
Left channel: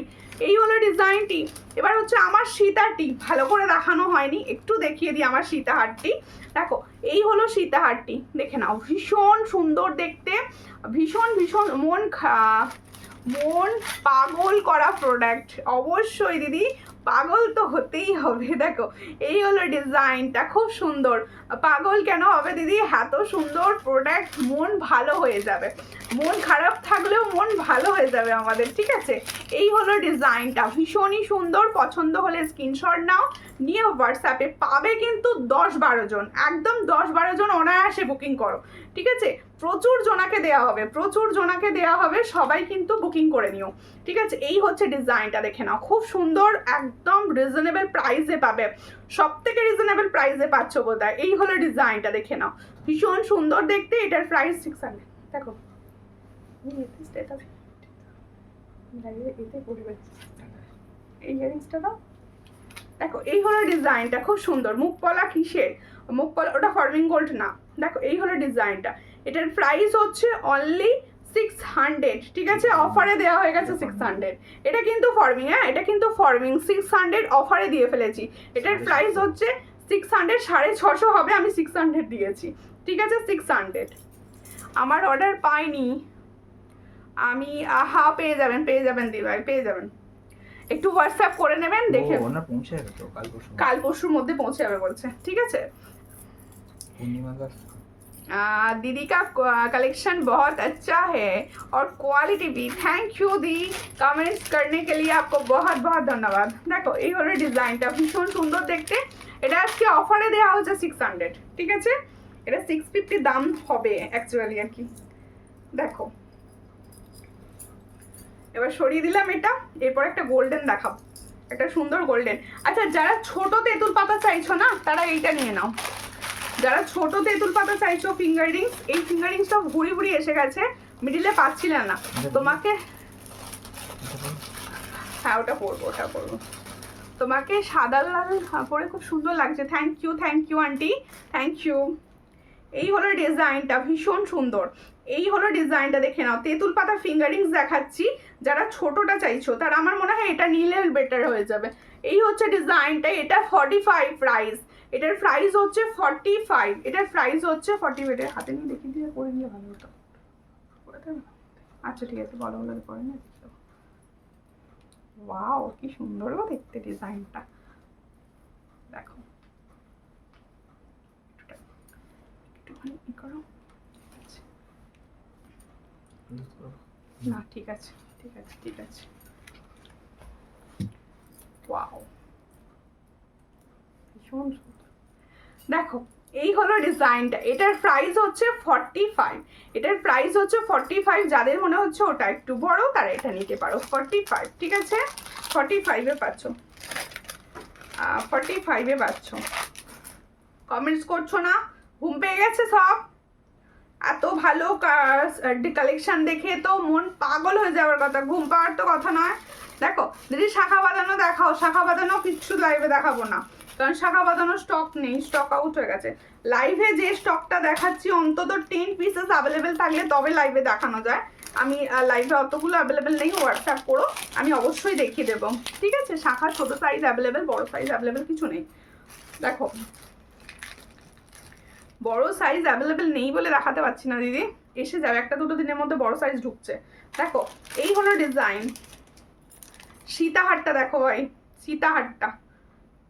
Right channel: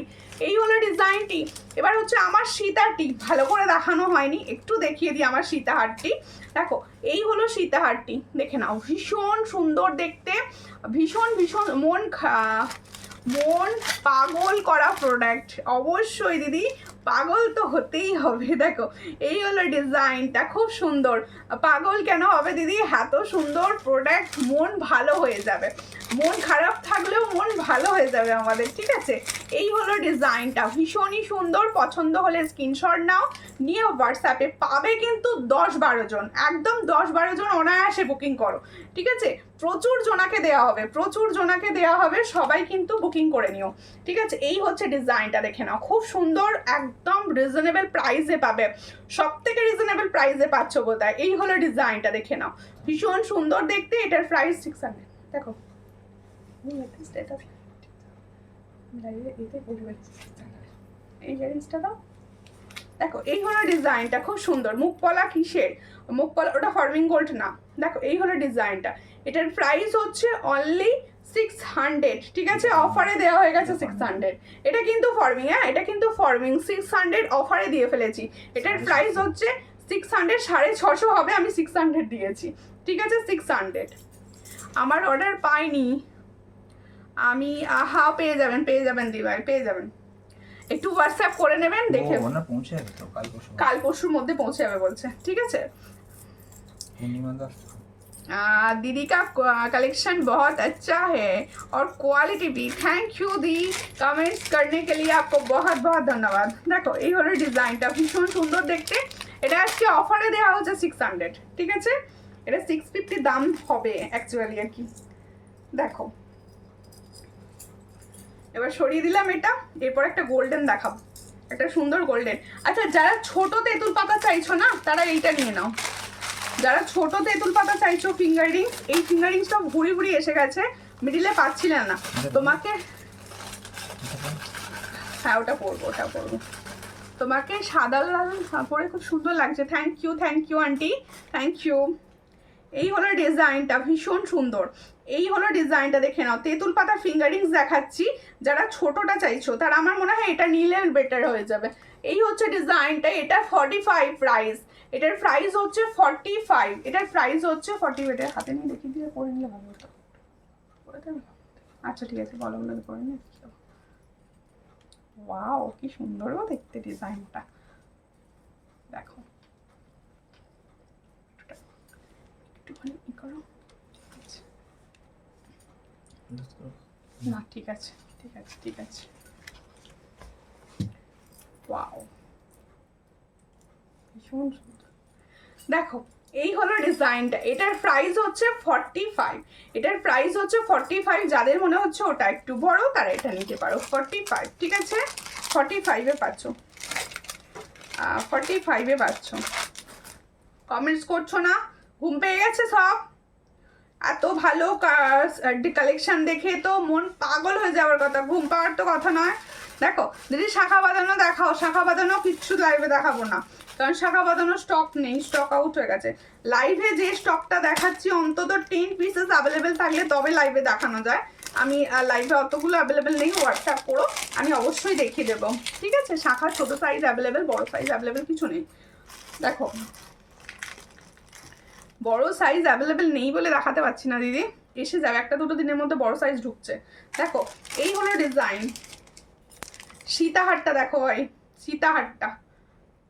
এই হলো ডিজাইনটি। এবার হচ্ছে আমার সীতাহারটি, ভালো করে দেখানো হয়নি, একটু দেখিয়ে দিই আমার সীতাহারটি। দেখো এই হলো সীতাহারটি, দেখে নাও, ভীষণ সুন্দর দেখতে, ভীষণ ভীষণ মন পাগল করা প্রোডাক্ট। অবশ্যই দিদি, পাগল তো হতেই হবে। দেখো এই হলো ডিজাইনটা, খুব সুন্দর। পাগল কেন হবে দিদি, এত সুন্দর প্রোডাক্ট, মন ভালো হয়ে যাবে। মন খারাপ থাকলেও মন ভালো হয়ে যাবে আমাদের, ঠিক আছে? এই হলো ডিজাইনটা, ভীষণই সুন্দর। পছন্দ হলে স্ক্রিনশট নাও, নিয়ে হোয়াটসঅ্যাপে পাবে কিন্তু 10-12 জন, একদম 10-12 জন অনায়াসে বুকিং করো, ঠিক আছে? প্রচুর জনাকে দেওয়া হবে, প্রচুর জনাকে দেওয়া হবে, সবাই কিন্তু বুকিং করে নিও, ঠিক আছে? এই হচ্ছে ডিজাইনটা, দেখে নাও, খুব সুন্দর, একদম রিজনেবল প্রাইসে পাবে, সব থেকে রিজনেবল প্রাইসে পাচ্ছ বোধহয়। এই হলো ডিজাইনটা, দেখে নাও, ভীষণ সুন্দর দেখতে। এটার প্রাইস 600। দেখো এই ইয়ারিংসটা দাও, দেখো এই হলো ডিজাইনটা, খুব সুন্দর। মুখ পলা কিসের? মুখ পলা ওটা ফর্মিং গোল্ড না। দেখো এই হলো ডিজাইনটা, এটার প্রাইস হচ্ছে অনলি 600, ঠিক আছে? অফারে দেওয়া হয়ে গেছে 600। এটা কিন্তু ফর্মিং, হ্যাঁ এটা কিন্তু ফর্মিং, 600 অফারে দিয়ে ফেলেছি। এটার প্রাইস হচ্ছে 600, 650 হবে, আমি 600 দিয়েছি, ঠিক আছে? 600। আমার অর্ডার পাইনি আমি, পেয়ে যাবেন দিভাই, পেয়ে যাবেন। একটু হোয়াটসঅ্যাপ করে নেবেন, দেখে না পৌঁছে যাবে তো কাল পরশুর মধ্যে পৌঁছে যাবে বলছে, ঠিক আছে? दीदी का कलेक्शन बहुत अच्छा है और क्वालिटी भी। थैंक यू दी, कमेंट्स करने के लिए आपको बहुत बहुत धन्यवाद। देखो এই হলো ডিজাইনটা, ভীষণ সুন্দর দেখতে। এটা আজকে অফারে দেওয়া হচ্ছে 600, ঠিক আছে? এটা 650 দাম হবে অ্যাকচুয়ালি আর কি। দেখো এবার সরিয়ে দিলাম এটা, এরপর একটা গোল্ডেন দেখাবো, একটা সুন্দর গোল্ডেন। আচ্ছা যারা ছোট তেঁতুল পাতা চাইছো না, তারা এইটা নিয়ে নাও। যারা ছোট তেঁতুল পাতা চাইছো ফিঙ্গার রিংস, এই ফিঙ্গার রিংসটা ঘুরি ঘুরি এসে গেছে, মিডিলে পাচ্ছিলেন না তোমাকে। হ্যাঁ ওটা পরবো, ওটা পরবো। তোমাকে সাদা লাল পরে খুব সুন্দর লাগছে। Thank you aunty, thank you. এই হলো ডিজাইনটা, ভীষণ সুন্দর। এই হলো ডিজাইনটা, দেখে নাও। তেঁতুল পাতা ফিঙ্গারিংস দেখাচ্ছি, যারা ছোটটা চাইছো তারা আমার মনে হয় এটা নিলে বেটার হয়ে যাবে। এই হচ্ছে ডিজাইনটা, এটা 45 প্রাইস, এটার প্রাইস হচ্ছে 45, এটার প্রাইস হচ্ছে 40। এটার হাতে নিয়ে দেখিয়ে দিয়ে পরে নিলে ভালো হতো। আচ্ছা ঠিক আছে, বলো বলে পরে নিয়ে। ওয়াও কি সুন্দর গো দেখতে ডিজাইনটা, দেখো একটুখানি ই করো। না ঠিক আছে ঠিক আছে ঠিক আছে। ওয়াও ভীষণ সুন্দর। দেখো এই হলো ডিজাইনটা, এটার প্রাইস হচ্ছে 45, এটার প্রাইস হচ্ছে 45। যাদের মনে হচ্ছে ওটা একটু বড় তারা এটা নিতে পারো। 45, ঠিক আছে, 45-এ পাচ্ছ, 45-এ পাচ্ছ। কমেন্টস করছো না? ঘুম পেয়ে গেছে সব? এত ভালো কালেকশন দেখে তো মন পাগল হয়ে যাওয়ার কথা, ঘুম পাওয়ার তো কথা নয়। দেখো দিদি শাখা বাঁধানো দেখাও। শাখা বাঁধানো কিচ্ছু লাইভে দেখাবো না, কারণ শাখা বাঁধানো স্টক নেই, স্টক আউট হয়ে গেছে। লাইভে যে স্টকটা দেখাচ্ছি অন্তত 10 পিসেস অ্যাভেলেবেল থাকলে তবে লাইভে দেখানো যায়। আমি লাইভে অতগুলো অ্যাভেলেবেল নেই, হোয়াটসঅ্যাপ করো, আমি অবশ্যই দেখিয়ে দেবো, ঠিক আছে। শাখা ছোট সাইজ অ্যাভেলেবেল, বড় সাইজ অ্যাভেলেবেল কিছু নেই। দেখো বড় সাইজ অ্যাভেলেবেল নেই বলে দেখাতে পারছি না দিদি, এসে যাবে, একটা দুটো দিনের মধ্যে বড় সাইজ ঢুকছে। দেখো এই হলো ডিজাইন। সীতাহারটা দেখো ভাই, সীতাহারটা,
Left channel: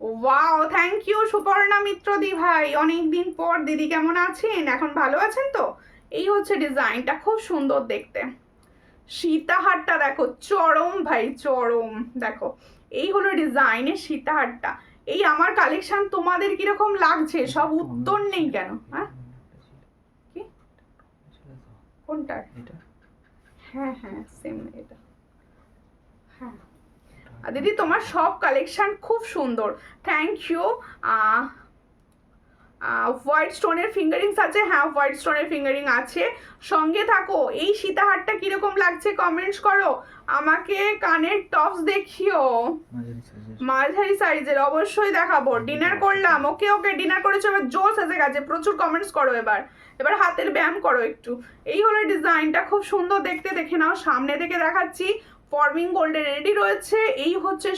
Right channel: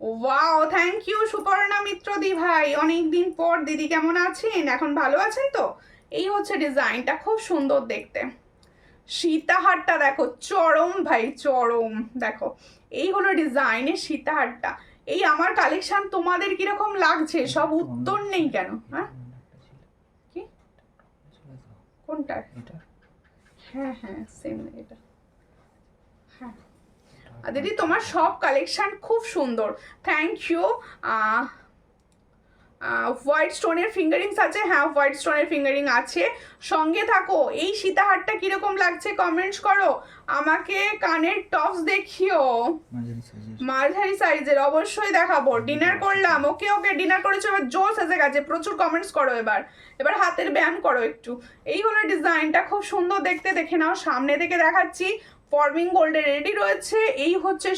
ওয়াও থ্যাংক ইউ সুপর্ণা মিত্র দি ভাই, অনেকদিন পর। দিদি কেমন আছেন? এখন ভালো আছেন তো? এই হচ্ছে ডিজাইনটা, খুব সুন্দর দেখতে। সীতাহারটা দেখো, চরম ভাই চরম। দেখো এই হলো ডিজাইনের সীতাহারটা। এই আমার কালেকশন তোমাদের কিরকম লাগছে? সব উত্তর নেই কেন? হ্যাঁ কি কোনটা? হ্যাঁ হ্যাঁ সেম এটা। হ্যাঁ দিদি তোমার সব কালেকশন খুব সুন্দর, থ্যাংক ইউ। হোয়াইট স্টোনের ফিঙ্গারিংস আছে, হ্যাঁ হোয়াইট স্টোনের ফিঙ্গারিং আছে। সঙ্গে থাকো। এই সীতাহারটা কিরকম লাগছে কমেন্টস করো আমাকে। কানের টপস দেখিও, মাঝারি সাইজের, অবশ্যই দেখাবো। ডিনার করলাম, ওকে ওকে ডিনার করেছো, এবার জোর সেজে গেছে, প্রচুর কমেন্টস করো। এবার হাতের ব্যায়াম করো একটু। এই হলো ডিজাইনটা, খুব সুন্দর দেখতে, দেখে নাও। সামনে থেকে দেখাচ্ছি, ফর্মিং গোল্ডে রেডি রয়েছে। এই হচ্ছে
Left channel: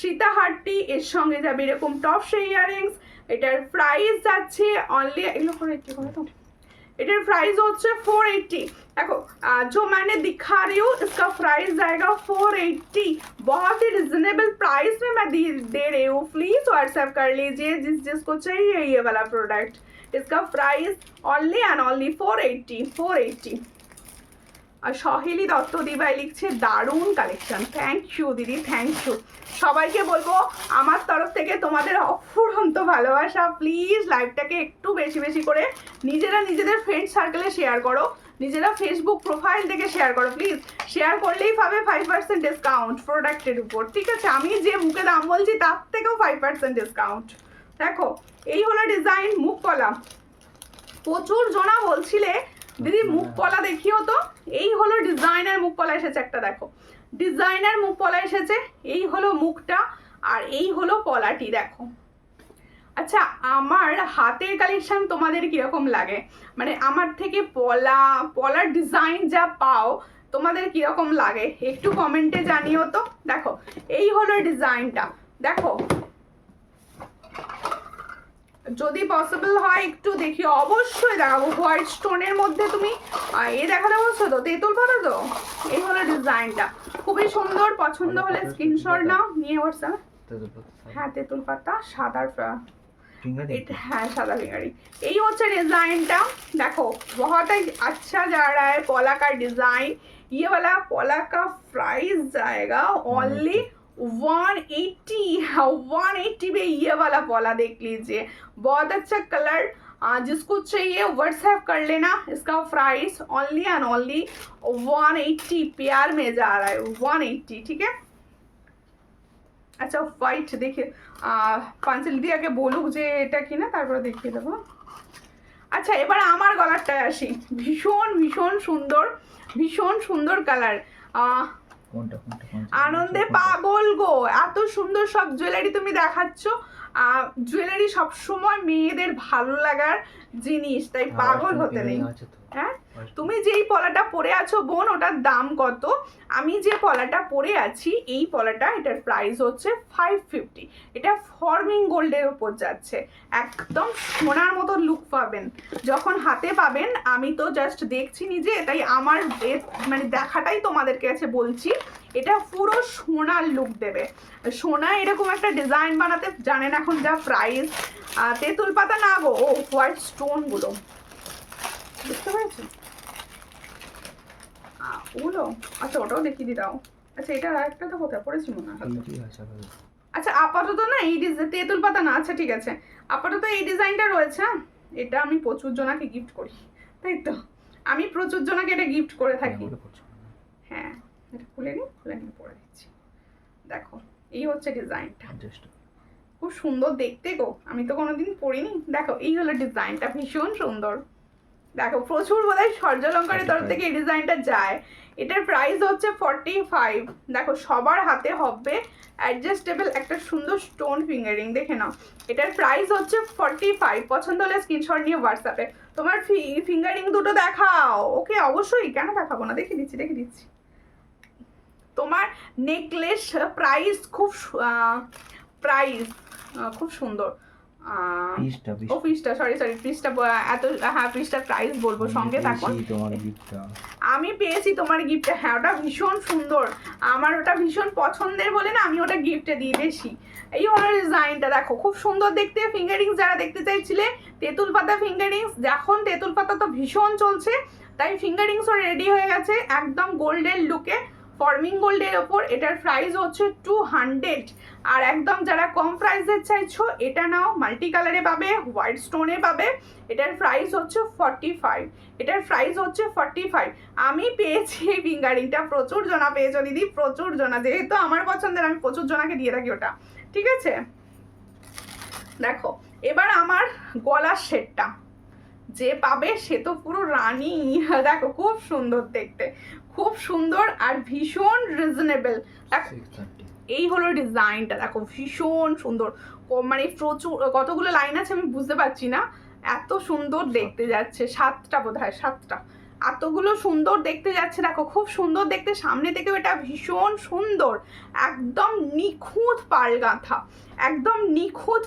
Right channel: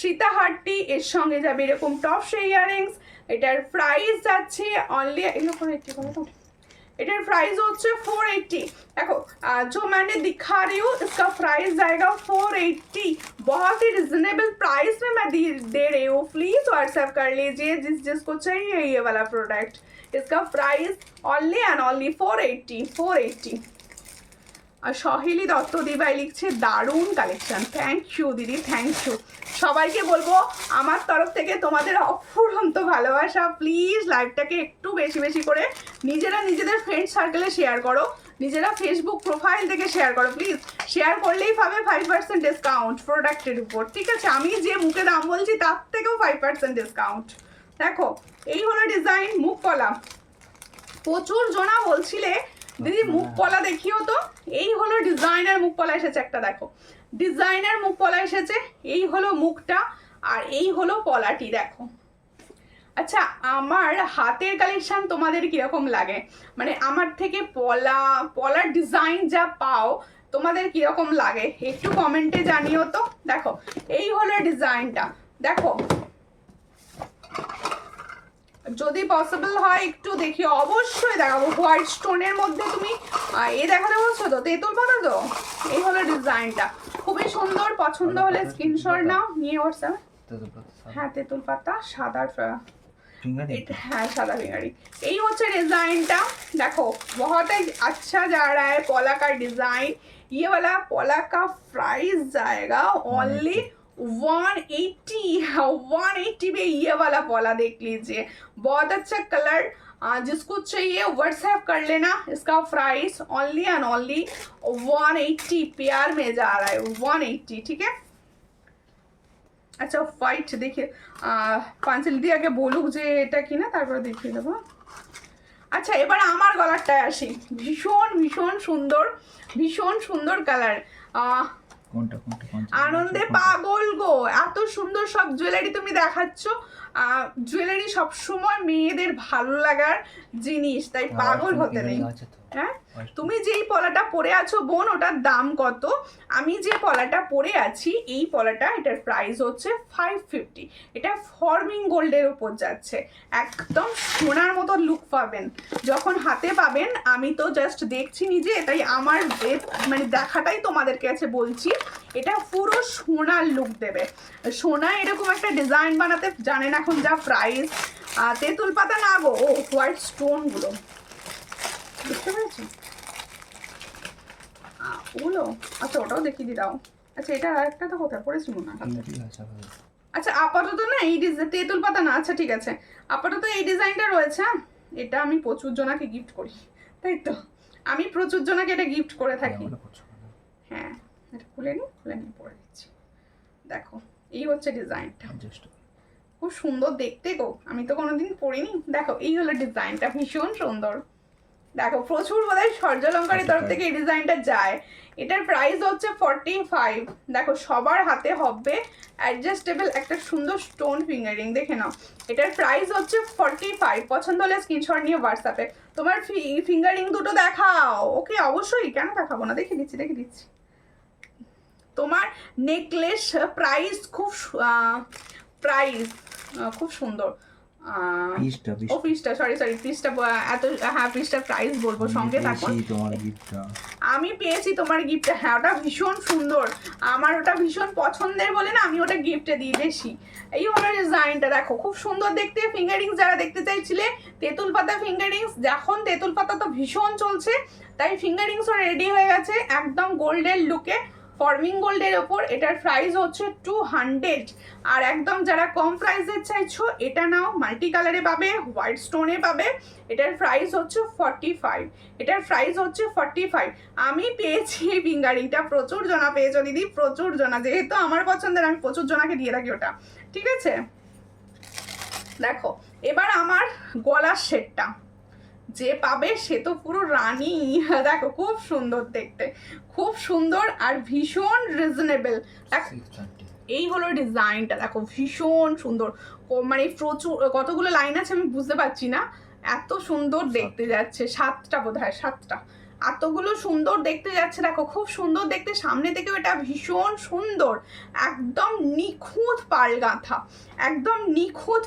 সীতাহারটি, এর সঙ্গে যাবে এরকম টপস ইয়াররিংস। এটার প্রাইস যাচ্ছে অনলি, এগুলো করে একটু করে তো, এটার प्राइस হচ্ছে 480। देखो जो मैंने दिखा रही हूँ इसका प्राइस जाएगा 480, बहुत ही रिजनेबल प्राइस में मैं दे रही हूँ। प्लीज व्हाट्सएप कर लीजिए जिसको चाहिए ये वाला प्रोडक्ट। इसका प्राइस ओनली एंड ओनली 480। আর সহেলি দত্ত দিভাই লিখছে দারুণ কালেকশন, থ্যাংক ইউ দিদি, থ্যাংক ইউ। সবাইকে বলবো আমার তরফ থেকে তোমাদের অফুরন্ত ভালোবাসা। প্লিজ লাইভটাকে একটু বেশি বেশি করে নিজেদের ফ্রেন্ড সার্কেলে শেয়ার করো, নিজেরা ফেসবুক প্রোফাইল থেকে শেয়ার করো। প্লিজ শেয়ার করলেই পাবে 5% ডিসকাউন্ট প্রোডাক্টের উপর, ঠিক আছে। আমি যে মুখে দাম বলছি তার থেকেও 5% ডিসকাউন্ট। দেখো এই হলো ডিজাইন, মুখ পলা। প্রচুর জনা বলছিলে দিদি মুখ পলা দেখিও তো। এই হলো ডিজাইনার মুখ পলা এসেছে একটা, দেখো ডিজাইনার মুখ পলা এসেছে। এই হলো মুখটা আর এই হলো পলাটি, দেখো। আচ্ছা আমার হাতের কালেকশন তোমাদের কিরকম লাগে, মানে আমার থেকে পলার ডিজাইন যা পাও তোমাদের কিরকম লাগে একটু কমেন্টে জানিও তো। দেখো এই হলো ডিজাইনটা, দেখো যদি পসিবল হয় একটু দেখি, অবশ্যই দেখাবো। হোয়াইট স্টোনের মধ্যে তুমি এ দেখাতে বলছো তো, তেঁতুল পাতা তো। এই হলো ডিজাইনটা, খুবই সুন্দর। পছন্দ হলে স্ক্রিনশট নাও, নিয়ে হোয়াটসঅ্যাপে। হ্যাঁ তেঁতুল পাতা সাদা, হ্যাঁ সাদা ফিঙ্গারিং। এই হচ্ছে ডিজাইনটা, देखो बहुत ही अच्छा जा रहा है पोला का डिजाइन। ये वाला पोला का प्राइस जाएगा ओनली 180 में। ये वाला पोला देख लीजिए, बहुत अच्छा कलर। जिसको चाहिए व्हाट्सएप कर लेना। इसका प्राइस ओनली एंड ओनली 180 प्यार में जा रहा है, 180, ठीक है। আচ্ছা হোয়াইট দেখে পাঞ্চালি দিয়ে আগে বলুক যে এটা কিনা, তারপরে দেখিয়ে দেবো। আচ্ছা এবার আমার গলারটায় আসি, ভীষণ ভীষণ সুন্দর, ভীষণ সুন্দর কালার। কোনটা আনন্দে পাগল গো, এত সুন্দর সব জুয়েলারি তুমি দেখাচ্ছ। জুয়েলারি সবসময় মেয়েদের ভালো লাগার জিনিস, তাই পাগল হতে নেই। হ্যাঁ, তুমি যেই পলাটা পরে আছো বোন, ওটার দাম কত? আমি যে পলাটা পরে আছি, এই পলাটা, এটার প্রাইস হচ্ছে 550। এটা ফর্মিং গোল্ডের উপর যাচ্ছে, একদম সোনার মতো লুক পাবেন যখন হাতে পাবেন। আমি তো জাস্ট দেখছি নিজে, তাই আমার মানে দেখাটাই তোমাদের কাছে বলছি। এটা পুরো সোনার লুক দেবে। সোনা এরকম একটা ডিজাইন বানাতে জানেন এখন যা প্রাইস। তেঁতুল পাতা না গো, ও হোয়াইট স্টোনগুলো, বুঝতে পেরেছি ওগুলো। আচ্ছা ওটাও দেখিয়ে দি দাও। আচ্ছা এটা আরেকটা তো কোথায় পড়েছি মনে হয়। আচ্ছা আপাতত না এই তেঁতুল পাতা না, আচ্ছা ঠিক আছে, আপাতত এই ডিজাইনটা রয়েছে। এটা আমি প্রচুর জনাকে গিফট করি, তাই তো আমি প্রচুর জনাকে এটা গিফট করে থাকি। হ্যাঁ এটা খুলে নিই পরে দিচ্ছি। দেখো এই হচ্ছে ডিজাইনটা, খুব সুন্দর দেখতে গো, আমি তো কোনোদিন পরিনি। দেখো এই হলো ডিজাইনটা, ভীষণ সুন্দর। দেখো প্রচুর বোধহয় সূর্যালঙ্কারের তরফ থেকে এই ডিজাইনটা যায়। এটার প্রাইস হচ্ছে 45। দেখো সবার হাতে হবে অ্যাডজাস্টেবল একটা সুন্দর স্টোন ফিঙ্গারিং, দেখে নাও। এটার প্রাইস হচ্ছে 45। পছন্দ হলে স্ক্রিনশট নিয়ে হোয়াটসঅ্যাপে তোমার ফিঙ্গারিং দুটো দেখাও। ওকে অবশ্যই, কেন দেখাবো না, দেখে দিচ্ছি। তোমার নেকলেস প্রাইস খুব সুন্দর। পিসটা এত, হ্যাঁ পিসটার প্রাইস বলবো, সঙ্গে থাকুন। আমি পেয়েছি তোমার গিফট, হ্যাঁ ওটা ভীষণ সুন্দর, আমার ওটা ভীষণ পছন্দের বলে না আমি ওটা গিফটে দিয়ে দিয়েছি। এই হলো ডিজাইনটা, দেখো খুব সুন্দর দেখতে। ফিঙ্গারিংস যারা দেখতে চাইছিলে, তেঁতুল পাতা ফিঙ্গারিংস, এখন তেঁতুল পাতা তো ভীষণ চলছে, তাই ফিঙ্গারিংসও রেডি হয়ে গেছে একদম গোল্ডের লুকে, ফর্মিং গোল্ডের ওপর। এটার প্রাইস হচ্ছে 200। আর একদম যারা কম প্রাইসের চাইছো, এটা নাও, মাল্টি কালারে পাবে, হোয়াইট স্টোনে পাবে। এটার প্রাইস হচ্ছে 45। আমি পেয়েছি এই ফিঙ্গারিংটা, প্রচুর জনা পেয়েছো দিদি, প্রচুর জনা, যেহেতু আমার পছন্দের আমি প্রচুর জনাকে দিয়ে থাকি ওটা, ঠিক আছে। দেখো এবার আমার গলার সেটটা যে পাবে সে তো পুরো রানী। দেখো খুব সুন্দর দেখতে, খুব সুন্দর আর ভীষণ রিজনেবল। এই হলো ডিজাইনটা, দেখো ভীষণ সুন্দর, মানে প্রচুর কতগুলো লাইন আছে আমি বুঝতে পারছি না, এত সুন্দর দেখতে যাচ্ছে। 7টা বোধহয়, 7টা, এতগুলো সুন্দর দেখতে যাচ্ছে। দেখো খুব সুন্দর দেখতে, সামনে থেকেও এটা ভীষণ সুন্দর, একদম নিখুঁত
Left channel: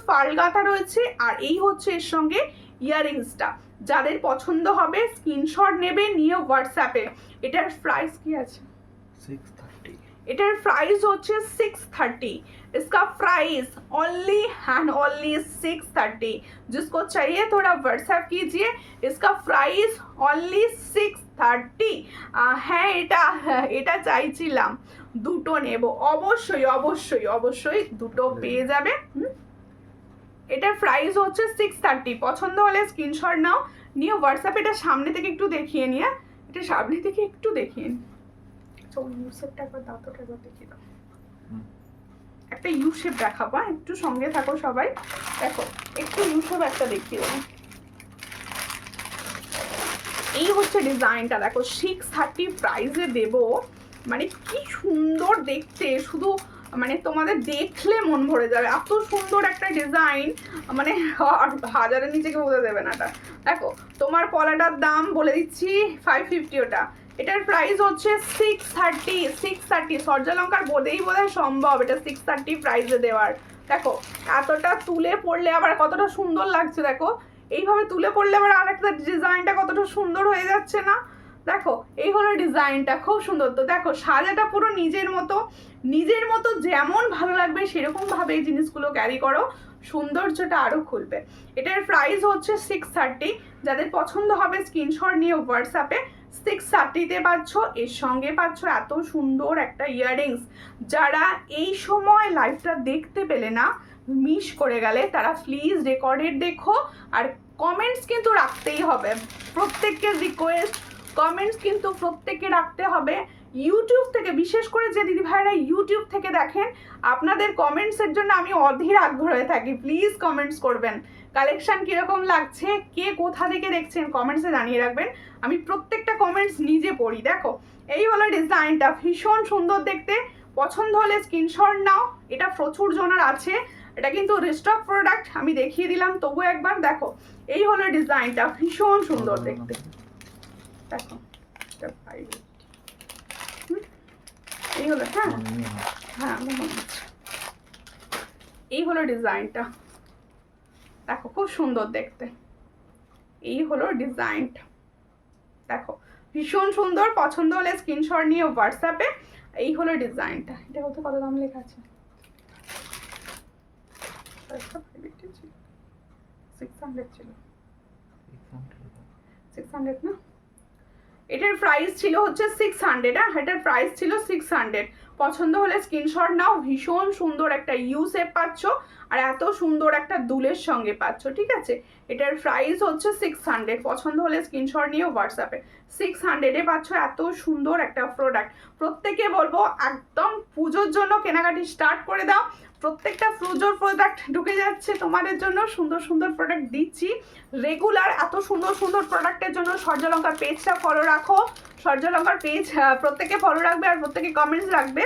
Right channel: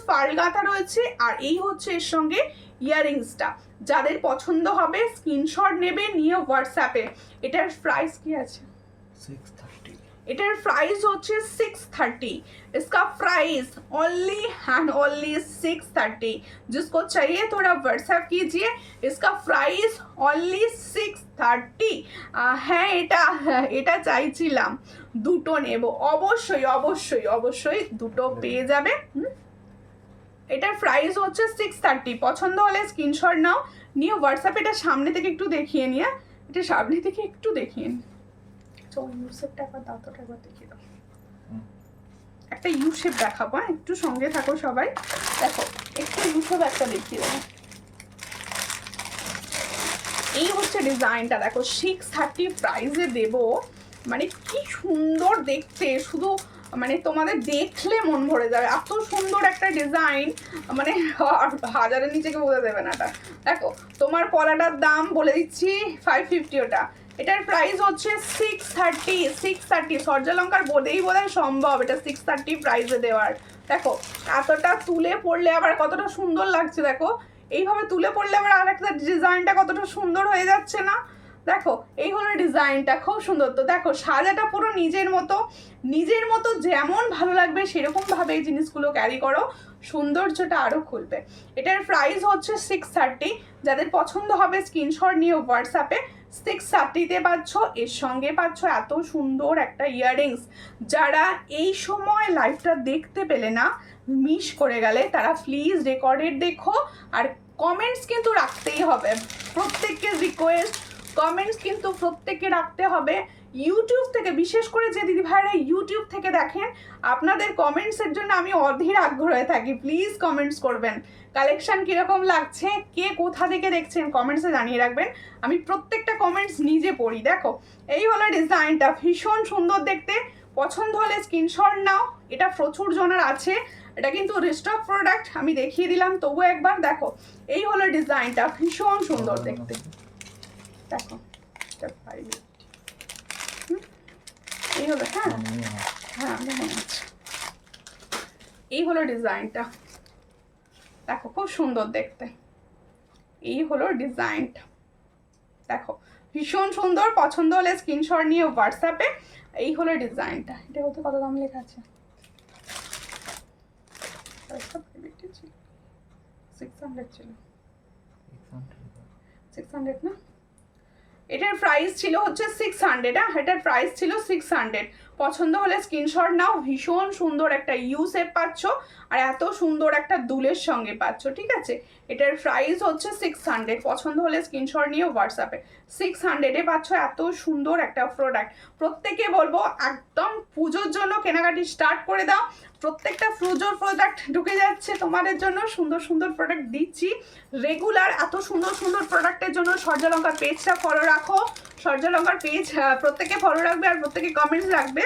পাল গাঁথা রয়েছে। আর এই হচ্ছে এর সঙ্গে ইয়াররিংসটা, যাদের পছন্দ হবে স্ক্রিনশট নেবে, নিয়ে হোয়াটসঅ্যাপে। এটার প্রাইস কি আছে? 630। এটার প্রাইস হচ্ছে 630। इसका प्राइस ओनली एंड ओनली 630। जिसको चाहिए थोड़ा व्हाट्सएप कीजिए। इसका प्राइस ओनली 630। হ্যাঁ এটা চাইছিলাম, দুটো নেব, অবশ্যই দুটো পেয়ে যাবে। এটার প্রাইস হচ্ছে 630। পছন্দ হলে স্ক্রিনশট নাও, নিয়ে হোয়াটসঅ্যাপে। এটা সামনে থেকে একটু দেখিয়ে নিয়ে, এটা সামনে থেকে একটু দেখিয়ে নি। ইউ শেপটা একবার দাও, তো একবার দেখিয়ে দাও। একটা ইউ শেপ দেখাবো, একটু সঙ্গে থাকো সবাই। দেখো একটু ইউ শেপ একটা দেখিয়ে দেবো। এই হচ্ছে ডিজাইনটা, দেখো 630 প্রাইসে দেব, মানে কি সুন্দর দেখতে, শুধু মানে তোমাদের দেখলে মন ভরে যাবে, এত সুন্দর একটা ডিজাইন, মানে হাজারের নিচে কেউ বোঝা দেবে না এটা। দেখো তোমার পলাটার দাম বলে দিচ্ছি 550 ওটা। এটার প্রাইস হচ্ছে 630। সূর্যালঙ্কার বোধেই বোধহয় সম্ভব এটা 630 প্রাইসে দেওয়ার। দেখো এতটা তুলে পড়লে আবার কতটা সুন্দর লাগছে, দেখো এইভাবে তুলে পড়লে আবার আরেকটা ডিজাইনটা কতটা সুন্দর হয়ে যাচ্ছে না। দেখো এই হলো ডিজাইনটা, খুব সুন্দর। তো দেখো সাজাটা পুরো নিজের মতো যেমন ভালো লাগবে সেরকম ভাবে এই জিনিসগুলো ক্যারি করো, সৌন্দর্যটা আরো খুলবে। এটার প্রাইস হচ্ছে 630। যাদের পছন্দ হবে স্ক্রিনশট নিয়ে হোয়াটসঅ্যাপে 630-তে পাচ্ছ। এর সঙ্গে পাচ্ছ এত সুন্দর একটা ইয়াররিংস। যারা এই সময় লাইভটা দেখতে পেলে না, মিস করে গেলে, তারা প্লিজ রেকর্ডেড দেখো। আর কমেন্টস কিন্তু রাখতেই হবে, প্রত্যেককে রিকোয়েস্ট, কমেন্টস কিন্তু প্রত্যেককে রাখতে হবে। ইউটিউব থেকে, বিশেষ করে যে দিদি ভাইরা ইউটিউব থেকে দেখেন, আপনাদের কমেন্টসের জন্য আমি অধীর আগ্রহে থাকি। প্লিজ কমেন্টস করবেন কালেকশন কীরকম লাগছে, কে কোথা থেকে দেখছেন কমেন্টসে জানিয়ে রাখবেন। আমি প্রত্যেকটা কমেন্টস নিজে পড়ি। দেখো এই হলো ডিজাইনটা, ভীষণ সুন্দর দেখতে। পছন্দ হলে স্ক্রিনশট নাও। এটা প্রচুর জনের আছে, এটা কিন্তু রিস্টক প্রোডাক্ট, আমি দেখিয়ে দিলাম তবু একবার। দেখো এই হলো ডিজাইনটা, ভীষণ সুন্দর দেখতে। দেখো এই হলো, হ্যাঁ মনে আছে। এই হলো ডিজাইনটা, দেখো খুব সুন্দর দেখতে। এই হলো ডিজাইনটা, দেখো ভীষণ সুন্দর। পছন্দ হলে স্ক্রিনশট নিয়ে হোয়াটসঅ্যাপে। এই হলো ডিজাইনটা। এটা কত দাম লেখা আছে? 600 ছিল, 600 না? এটার প্রাইস ছিল হচ্ছে 600। এটার প্রাইস ছিল 600। পছন্দ হলে স্ক্রিনশট নাও। ভীষণ সুন্দর একটা ইউ শেপ পাচ্ছ, আর এত সুন্দর একটা দুলের সঙ্গে পাচ্ছ, ঠিক আছে? এটার প্রাইস হচ্ছে 600। পছন্দ হলে স্ক্রিনশট নিয়ে হোয়াটসঅ্যাপে। 600-এ পাচ্ছ এত সুন্দর একটা প্রোডাক্ট। প্রত্যেকে বলবো একদম পুজোর জন্য কেনাকাটি স্টার্ট করে দাও। প্রত্যেকটা পুজোর প্রোডাক্ট ঢুকে যাচ্ছে তোমাদের জন্য, সুন্দর সুন্দর প্রোডাক্ট দিচ্ছি রেগুলার। এত সুন্দর সুন্দর প্রোডাক্টের জন্য সূর্যলঙ্কার পেজটা ফলো রাখো। সূর্যলঙ্কার পেজ প্রত্যেকে ফলো রাখবে, আর প্রত্যেকে কমেন্টস রাখবে।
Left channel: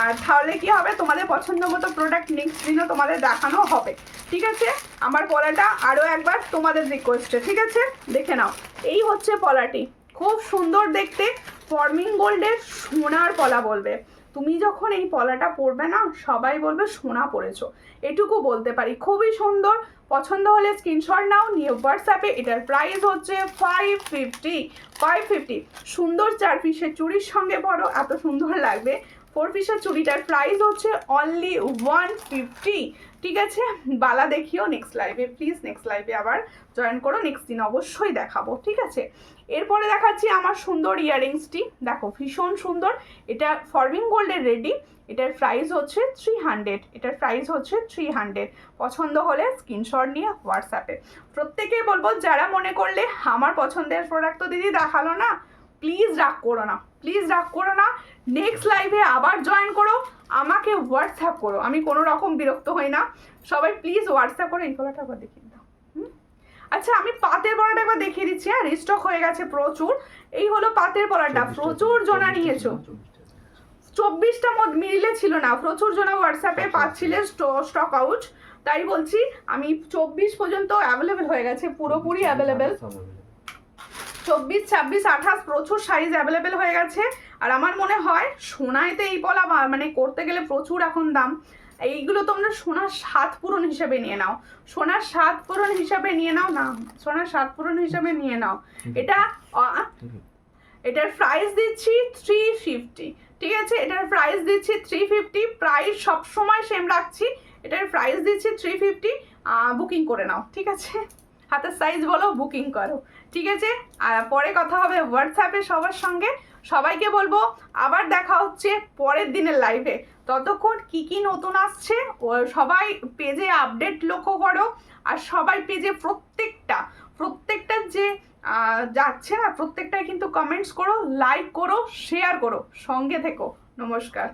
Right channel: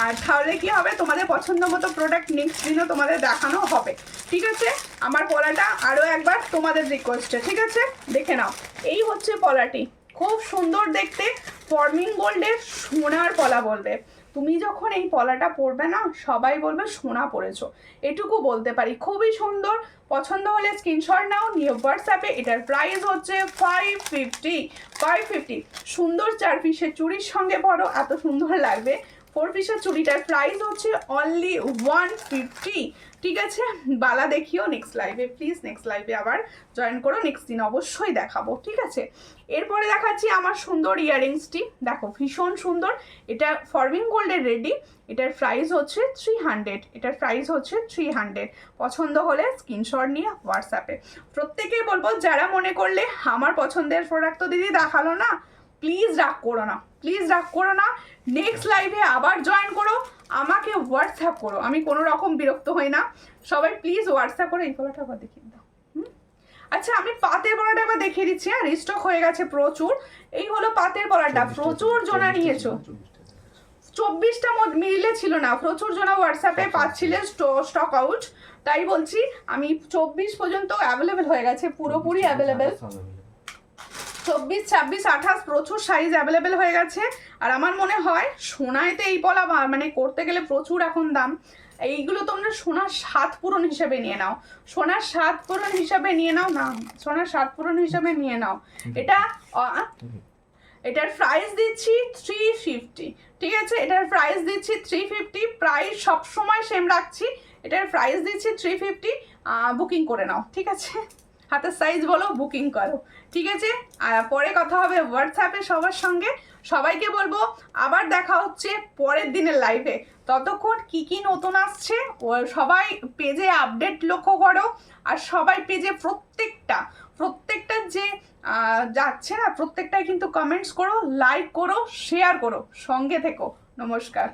আর তাহলে কি হবে, তোমাদের পছন্দ মতো প্রোডাক্ট নেক্সট দিনও তোমাদের দেখানো হবে, ঠিক আছে? আমার পলাটা আরও একবার তোমাদের রিকোয়েস্টে, ঠিক আছে? দেখে নাও। এই হচ্ছে পলাটি, খুব সুন্দর দেখতে। ফর্মিং গোল্ডের সোনার পলা বলবে। তুমি যখন এই পলাটা পরবে না, সবাই বলবে সোনা পরেছো, এটুকু বলতে পারি। খুবই সুন্দর। পছন্দ হলে স্ক্রিনশট নাও, নিয়ে হোয়াটসঅ্যাপে। এটার প্রাইস হচ্ছে 550। সুন্দর 4 পিসের চুড়ির সঙ্গে পরো, এত সুন্দর লাগবে। 4 পিসের চুড়িটার প্রাইস হচ্ছে অনলি 150, ঠিক আছে? বালা দেখিও নেক্সট লাইভে, প্লিজ নেক্সট লাইভে আবার জয়েন করো। নেক্সট দিন অবশ্যই দেখাবো, ঠিক আছে? এরপরে দেখাচ্ছি আমার সুন্দর ইয়াররিংসটি। দেখো ভীষণ সুন্দর। এটা ফর্মিং গোল্ডের রেডি। এটার প্রাইস হচ্ছে 300। এটার প্রাইস হচ্ছে 300। পছন্দ হলে স্ক্রিনশট নিয়ে হোয়াটসঅ্যাপে। প্রত্যেকেই বলবো, যারা মনে করলে আমার পছন্দের প্রোডাক্ট তো দিদি দেখালো না, প্লিজ রাগ করো না, প্লিজ রাগ করো না। নেক্সট লাইভে আবার জয়েন করো, আমাকে হোয়াটসঅ্যাপ করো, আমি কোনো রকম বিরক্ত হই না। সবাই প্লিজ হোয়াটসঅ্যাপ করে। এই কলাটা একবার দেখিয়ে দাও। আচ্ছা আমি পাতের পলাটা একবার দেখিয়ে দিচ্ছি। হ্যাঁ, রিস্টক হয়ে গেছে প্রচুর। এই হলো পাতের পলাটা, প্রচুর জনা নিয়েছো। 24টা মিলে ছিল না, প্রচুর জনা হোয়াটসঅ্যাপে পাচ্ছিলে স্টক আউট, তাই বলছি। আমি 24 পর্যন্ত অ্যাভেলেবেল হয়ে গেছে, পুরোপুরি অ্যাভেলেবেল। 24, 26, 28 প্রচুর সাইজ অ্যাভেলেবেল হয়ে গেছে। আর আমার মনে হয় সোনাইতে এই পলা মানে করতে গেলে প্রচুর এখন দাম। এইগুলো তোমরা সোনার 7 পূরণ হিসেবে নিয়ে নাও, সোনার 7 পূরণ হিসাবে নিয়ে নাও না, সোনার 7 পূরণ হিসাবে নিয়ে নাও। এটার প্রাইস দিচ্ছি 350, ঠিক আছে? এটার প্রাইস দিচ্ছি 350। প্রাইস সবসময় সেম রাখছি। এটার প্রাইস দিচ্ছি 350। বুকিং করে নাও, ঠিক আছে? হাতের সাইজ বলো, বুকিং করো, ঠিক আছে? আর পরে কথা হবে হোয়াটসঅ্যাপে সবার সঙ্গে। সবাইকে বলবো আবার দেখা হচ্ছে পরের দিনের লাইভে। ততক্ষণ কি কি নতুন আসছে ও সবাই পেজে আপডেট লক্ষ্য করো। আর সবাই পেজে প্রত্যেকটা যে যাচ্ছে না, প্রত্যেকটাই কিন্তু কমেন্টস করো, লাইক করো, শেয়ার করো, সঙ্গে থেকো। নমস্কার।